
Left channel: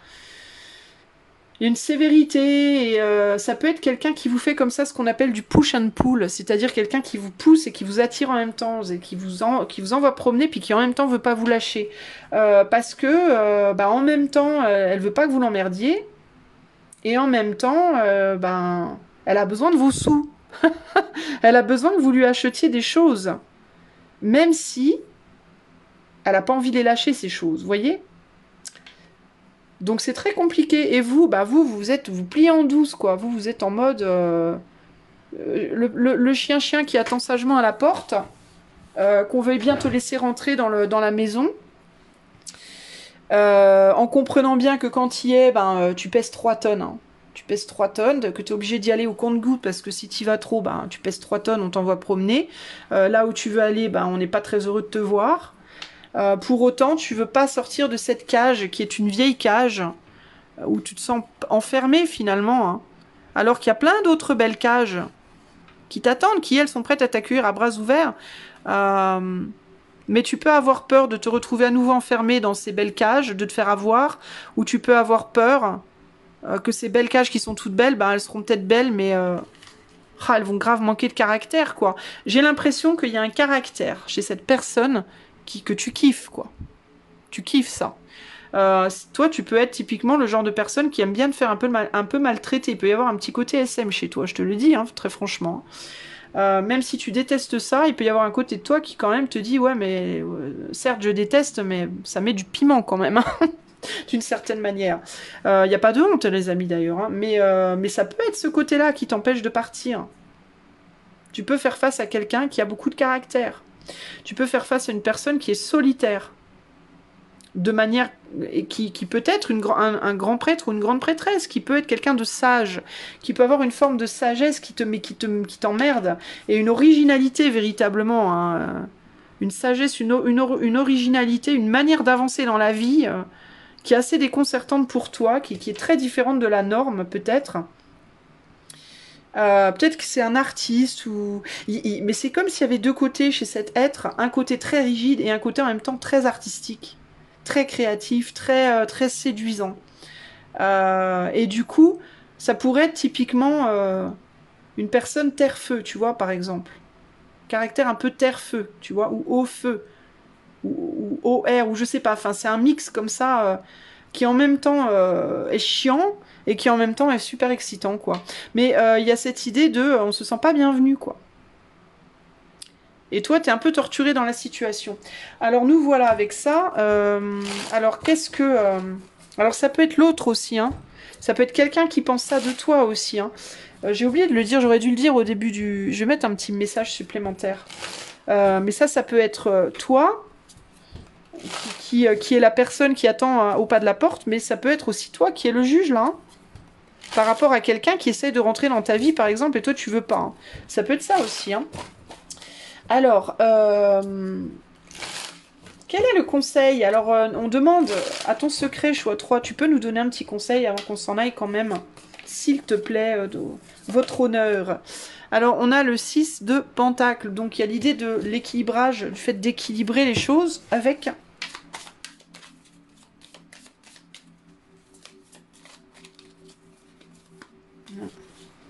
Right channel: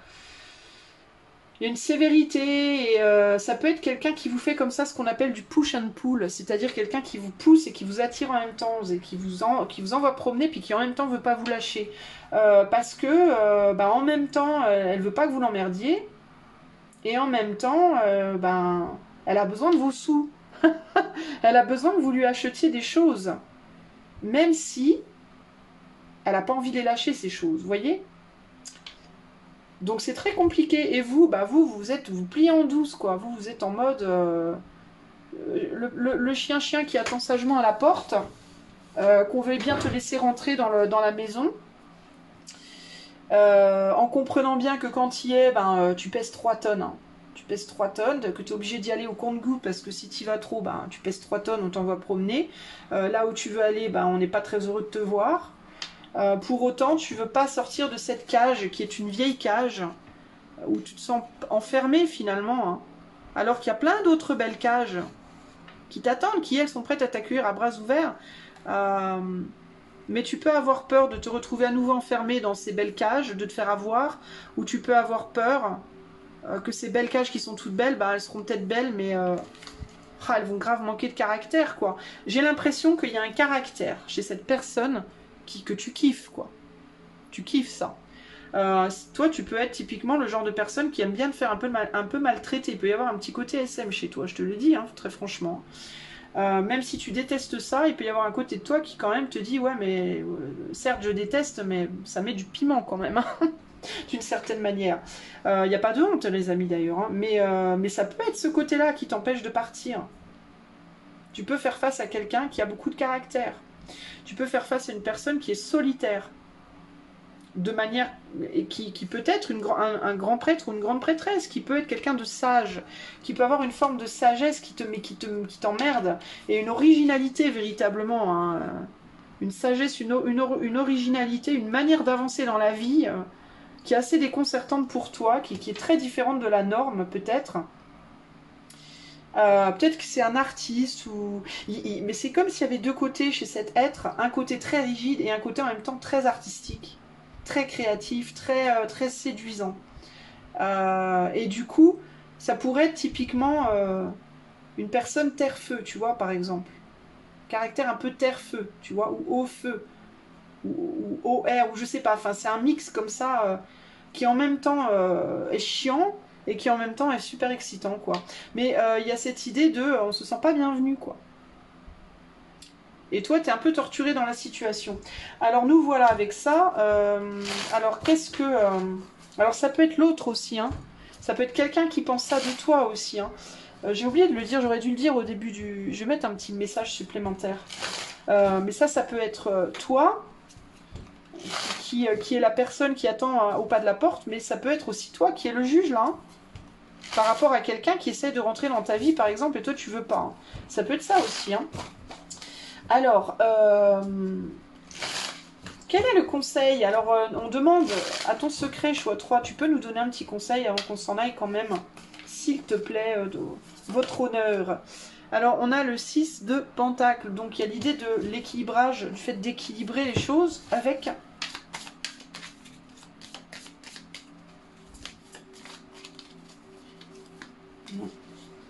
Il y a une sévérité, et ça peut être quelqu'un qui vous fait comme ça ce qu'on appelle du push and pull, c'est-à-dire quelqu'un qui vous pousse et qui vous attire en même temps, et qui vous envoie promener, puis qui en même temps veut pas vous lâcher. Parce que, bah, en même temps, elle veut pas que vous l'emmerdiez, et en même temps, ben, elle a besoin de vos sous. Elle a besoin que vous lui achetiez des choses. Même si elle n'a pas envie de les lâcher, ces choses. Vous voyez? Donc c'est très compliqué. Et vous, bah vous pliez en douce, quoi. Vous êtes en mode... le chien qui attend sagement à la porte, qu'on veuille bien te laisser rentrer dans la maison, en comprenant bien que quand tu y es, ben, tu pèses 3 tonnes. Hein. Tu pèses 3 tonnes, que tu es obligé d'y aller au compte-gouttes parce que si tu y vas trop, ben, tu pèses 3 tonnes, on t'envoie promener. Là où tu veux aller, ben, on n'est pas très heureux de te voir. Pour autant, tu veux pas sortir de cette cage qui est une vieille cage où tu te sens enfermé finalement. Hein. Alors qu'il y a plein d'autres belles cages qui t'attendent, qui elles sont prêtes à t'accueillir à bras ouverts. Mais tu peux avoir peur de te retrouver à nouveau enfermé dans ces belles cages, de te faire avoir, ou tu peux avoir peur que ces belles cages qui sont toutes belles, ben, elles seront peut-être belles, mais elles vont grave manquer de caractère, quoi. J'ai l'impression qu'il y a un caractère chez cette personne que tu kiffes, quoi. Tu kiffes ça. Toi, tu peux être typiquement le genre de personne qui aime bien te faire un peu maltraiter. Il peut y avoir un petit côté SM chez toi, je te le dis, hein, très franchement. Même si tu détestes ça, il peut y avoir un côté de toi qui quand même te dit « Ouais, mais certes, je déteste, mais ça met du piment quand même. Hein. » D'une certaine manière. Il n'y a pas de honte, les amis, d'ailleurs. Hein, mais ça peut être ce côté-là qui t'empêche de partir. Tu peux faire face à quelqu'un qui a beaucoup de caractère. Tu peux faire face à une personne qui est solitaire. De manière... Et qui peut être un grand prêtre ou une grande prêtresse, qui peut être quelqu'un de sage, qui peut avoir une forme de sagesse qui t'emmerde, et une originalité véritablement. Hein, une sagesse, une originalité, une manière d'avancer dans la vie... qui est assez déconcertante pour toi, qui est très différente de la norme, peut-être. Peut-être que c'est un artiste, mais c'est comme s'il y avait deux côtés chez cet être, un côté très rigide et un côté en même temps très artistique, très créatif, très séduisant. Et du coup, ça pourrait être typiquement une personne terre-feu, tu vois, par exemple. Caractère un peu terre-feu, tu vois, ou eau-feu. Ou OR, ou je sais pas, enfin c'est un mix comme ça qui en même temps est chiant et qui en même temps est super excitant quoi. Mais il y a cette idée de on se sent pas bienvenu quoi. Et toi, tu es un peu torturé dans la situation. Alors, nous voilà avec ça. Alors, qu'est-ce que... alors, ça peut être l'autre aussi, hein. Ça peut être quelqu'un qui pense ça de toi aussi, hein. J'ai oublié de le dire, j'aurais dû le dire au début du... Je vais mettre un petit message supplémentaire. Mais ça peut être toi, qui est la personne qui attend au pas de la porte, mais ça peut être aussi toi qui es le juge, là, hein, par rapport à quelqu'un qui essaie de rentrer dans ta vie, par exemple, et toi, tu veux pas. Hein. Ça peut être ça aussi, hein. Alors, quel est le conseil? Alors, on demande à ton secret, choix 3, tu peux nous donner un petit conseil avant qu'on s'en aille quand même, s'il te plaît, de votre honneur. Alors, on a le 6 de Pentacle, donc il y a l'idée de l'équilibrage, le fait d'équilibrer les choses avec...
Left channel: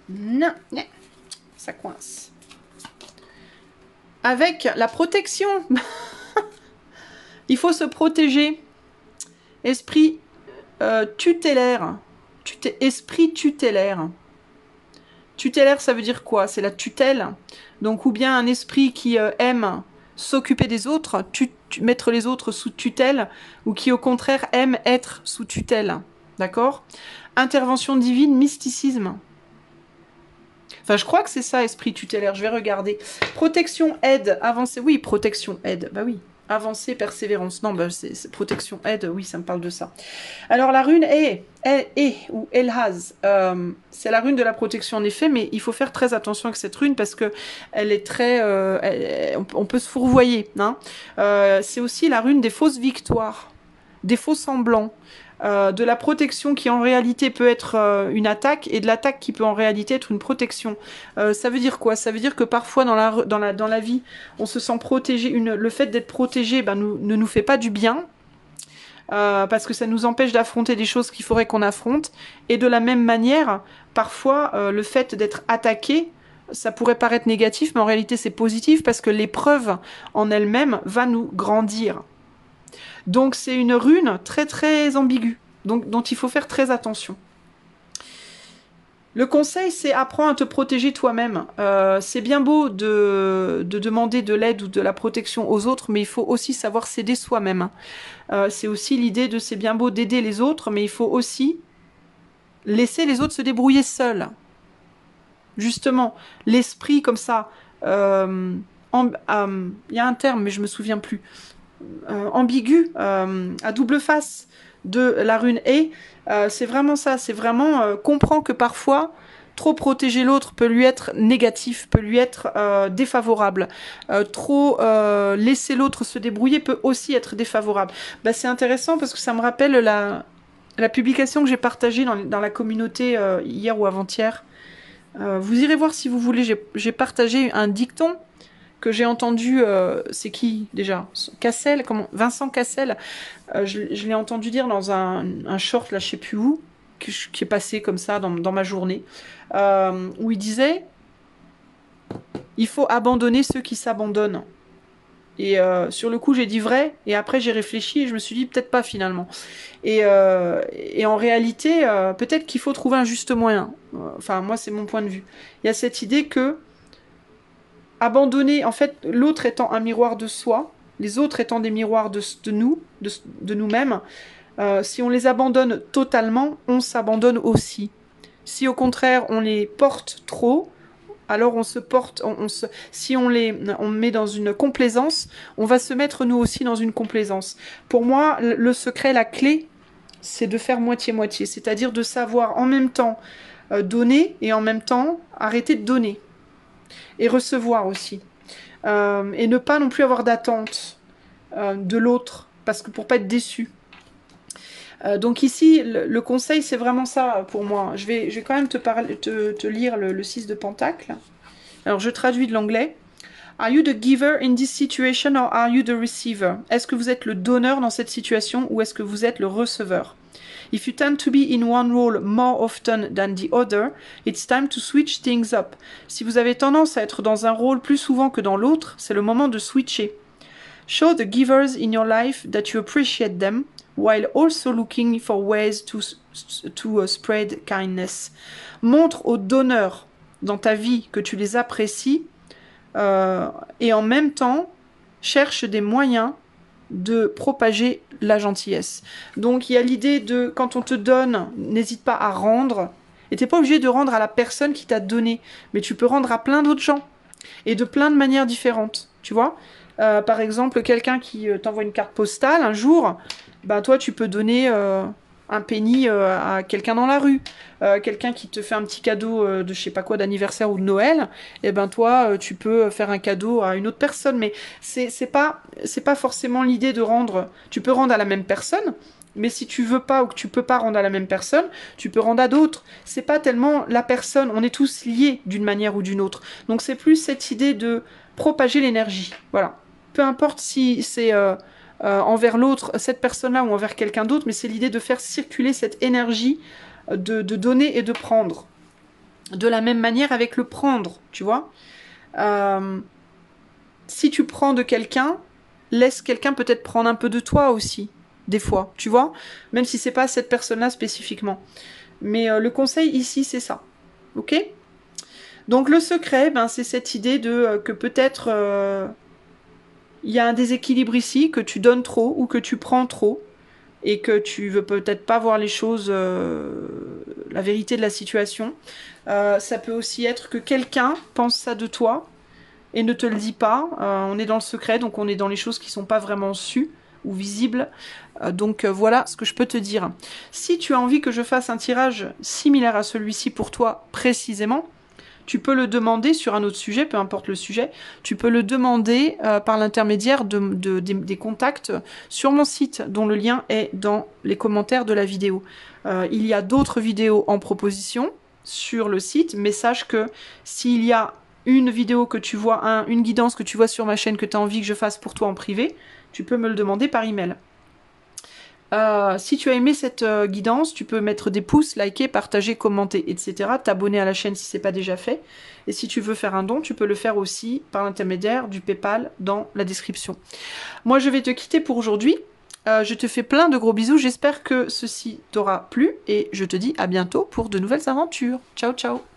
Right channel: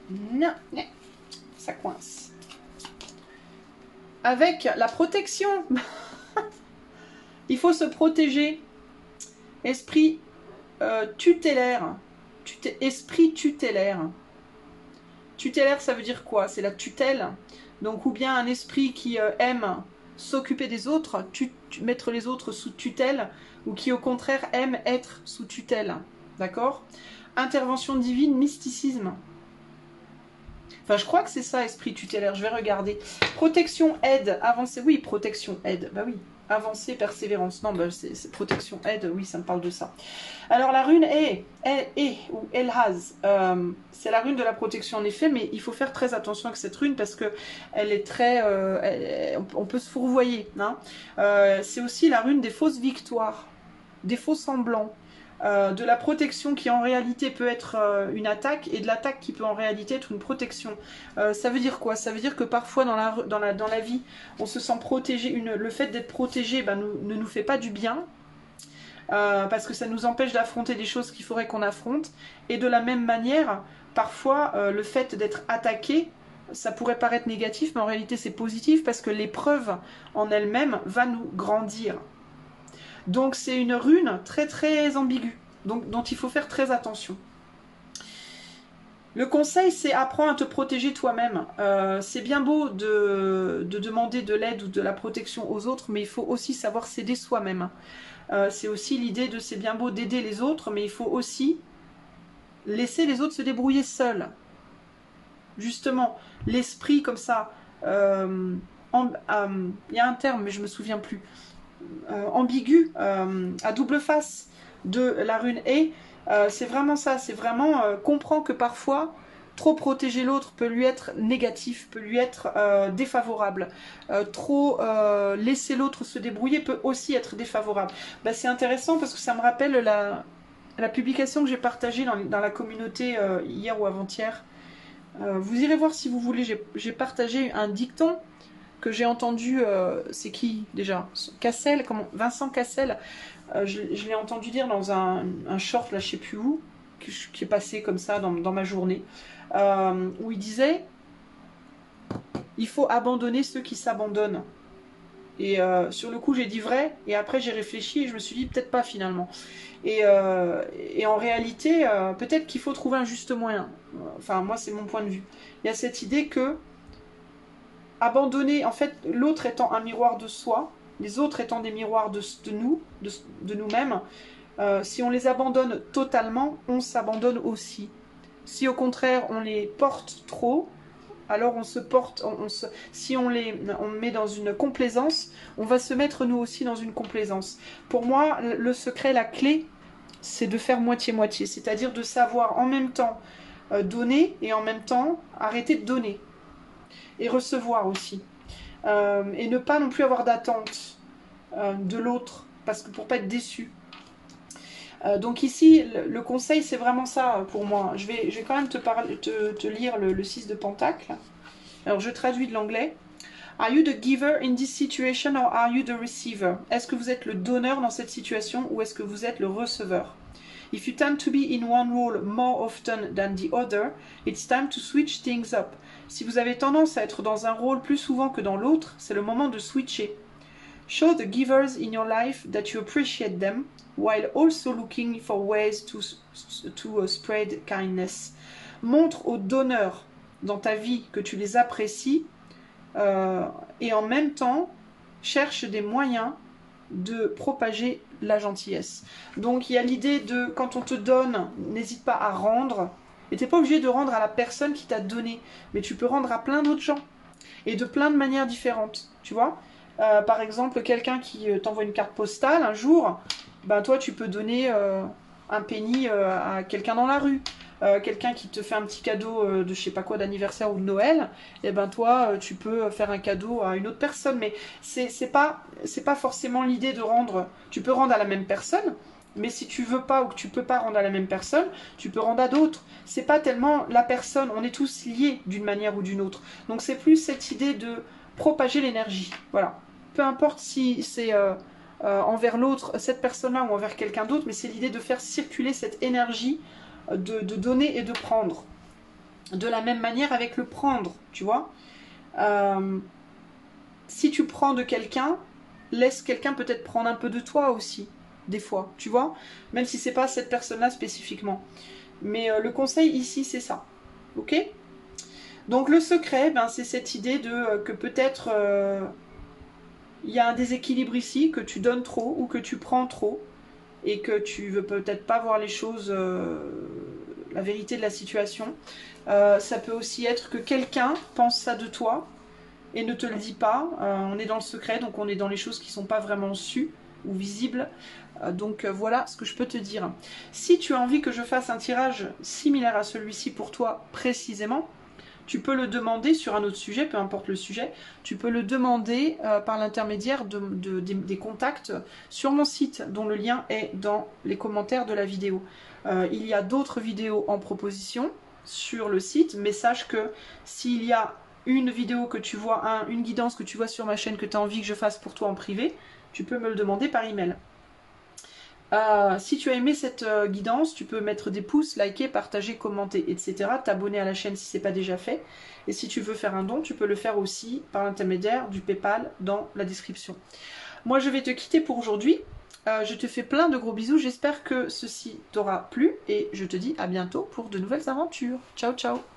Non, ça coince. Avec la protection. Il faut se protéger. Esprit tutélaire. Esprit tutélaire. Tutélaire, ça veut dire quoi? C'est la tutelle. Donc, ou bien un esprit qui aime s'occuper des autres, mettre les autres sous tutelle, ou qui au contraire aime être sous tutelle. D'accord? Intervention divine, mysticisme. Enfin, je crois que c'est ça, esprit tutélaire. Je vais regarder. Protection, aide, avancée. Oui, protection, aide. Bah oui. Avancée, persévérance. Non, bah c'est protection, aide. Oui, ça me parle de ça. Alors, la rune ou Elhaz. C'est la rune de la protection, en effet, mais il faut faire très attention avec cette rune parce que elle est très... on peut se fourvoyer. Hein. C'est aussi la rune des fausses victoires, des faux semblants. De la protection qui en réalité peut être une attaque et de l'attaque qui peut en réalité être une protection. Ça veut dire quoi? Ça veut dire que parfois dans la vie, on se sent protégé. Le fait d'être protégé ne nous fait pas du bien parce que ça nous empêche d'affronter des choses qu'il faudrait qu'on affronte. Et de la même manière, parfois, le fait d'être attaqué, ça pourrait paraître négatif, mais en réalité c'est positif parce que l'épreuve en elle-même va nous grandir. Donc c'est une rune très très ambiguë, donc, dont il faut faire très attention. Le conseil, c'est apprends à te protéger toi-même. C'est bien beau de demander de l'aide ou de la protection aux autres, mais il faut aussi savoir s'aider soi-même. C'est aussi l'idée de c'est bien beau d'aider les autres, mais il faut aussi laisser les autres se débrouiller seuls. Justement, l'esprit comme ça, il y a un terme, mais je me souviens plus. Ambigu, à double face de la rune E, c'est vraiment ça, c'est vraiment comprend que parfois trop protéger l'autre peut lui être négatif, peut lui être défavorable. Trop laisser l'autre se débrouiller peut aussi être défavorable. Bah, c'est intéressant parce que ça me rappelle la publication que j'ai partagée dans la communauté hier ou avant-hier. Vous irez voir si vous voulez, j'ai partagé un dicton que j'ai entendu, c'est qui déjà? Cassel, Vincent Cassel, je l'ai entendu dire dans un short, là je sais plus où, qui est passé comme ça dans ma journée, où il disait il faut abandonner ceux qui s'abandonnent. Et sur le coup j'ai dit vrai, et après j'ai réfléchi et je me suis dit peut-être pas finalement. Et en réalité, peut-être qu'il faut trouver un juste moyen. Enfin moi c'est mon point de vue. Il y a cette idée que abandonner, en fait, l'autre étant un miroir de soi, les autres étant des miroirs de nous-mêmes, si on les abandonne totalement, on s'abandonne aussi. Si au contraire on les porte trop, alors on se porte, si on met dans une complaisance, on va se mettre nous aussi dans une complaisance. Pour moi, le secret, la clé, c'est de faire moitié-moitié, c'est-à-dire de savoir en même temps donner et en même temps arrêter de donner. Et recevoir aussi. Et ne pas non plus avoir d'attente de l'autre, parce que pour pas être déçu. Donc ici, le conseil, c'est vraiment ça pour moi. Je vais quand même te lire le 6 de Pentacle. Alors je traduis de l'anglais. Are you the giver in this situation or are you the receiver? Est-ce que vous êtes le donneur dans cette situation ou est-ce que vous êtes le receveur? If you tend to be in one role more often than the other, it's time to switch things up. Si vous avez tendance à être dans un rôle plus souvent que dans l'autre, c'est le moment de switcher. Show the givers in your life that you appreciate them, while also looking for ways to spread kindness. Montre aux donneurs dans ta vie que tu les apprécies, et en même temps cherche des moyens de propager la gentillesse. Donc il y a l'idée de, quand on te donne, n'hésite pas à rendre, et t'es pas obligé de rendre à la personne qui t'a donné, mais tu peux rendre à plein d'autres gens, et de plein de manières différentes, tu vois. Par exemple, quelqu'un qui t'envoie une carte postale un jour, ben toi tu peux donner un penny à quelqu'un dans la rue. Quelqu'un qui te fait un petit cadeau de je sais pas quoi, d'anniversaire ou de Noël, et ben toi tu peux faire un cadeau à une autre personne. Mais c'est pas forcément l'idée de rendre. Tu peux rendre à la même personne, mais si tu veux pas ou que tu peux pas rendre à la même personne, tu peux rendre à d'autres. C'est pas tellement la personne, on est tous liés d'une manière ou d'une autre. Donc c'est plus cette idée de propager l'énergie. Voilà. Peu importe si c'est envers l'autre, cette personne-là ou envers quelqu'un d'autre, mais c'est l'idée de faire circuler cette énergie de donner et de prendre. De la même manière avec le prendre, tu vois. Si tu prends de quelqu'un, laisse quelqu'un peut-être prendre un peu de toi aussi, des fois, tu vois. Même si c'est pas cette personne-là spécifiquement. Mais le conseil ici, c'est ça. Ok ? Donc le secret, ben, c'est cette idée de que peut-être il y a un déséquilibre ici, que tu donnes trop ou que tu prends trop et que tu veux peut-être pas voir les choses, la vérité de la situation. Ça peut aussi être que quelqu'un pense ça de toi et ne te le dit pas. On est dans le secret, donc on est dans les choses qui sont pas vraiment sues ou visibles. Donc voilà ce que je peux te dire. Si tu as envie que je fasse un tirage similaire à celui-ci pour toi précisément, tu peux le demander sur un autre sujet, peu importe le sujet, tu peux le demander par l'intermédiaire des contacts sur mon site, dont le lien est dans les commentaires de la vidéo. Il y a d'autres vidéos en proposition sur le site, mais sache que s'il y a une vidéo que tu vois, une guidance que tu vois sur ma chaîne que tu as envie que je fasse pour toi en privé, tu peux me le demander par email. Si tu as aimé cette guidance, tu peux mettre des pouces, liker, partager, commenter, etc. T'abonner à la chaîne si ce n'est pas déjà fait. Et si tu veux faire un don, tu peux le faire aussi par l'intermédiaire du PayPal dans la description. Moi, je vais te quitter pour aujourd'hui. Je te fais plein de gros bisous. J'espère que ceci t'aura plu. Et je te dis à bientôt pour de nouvelles aventures. Ciao, ciao!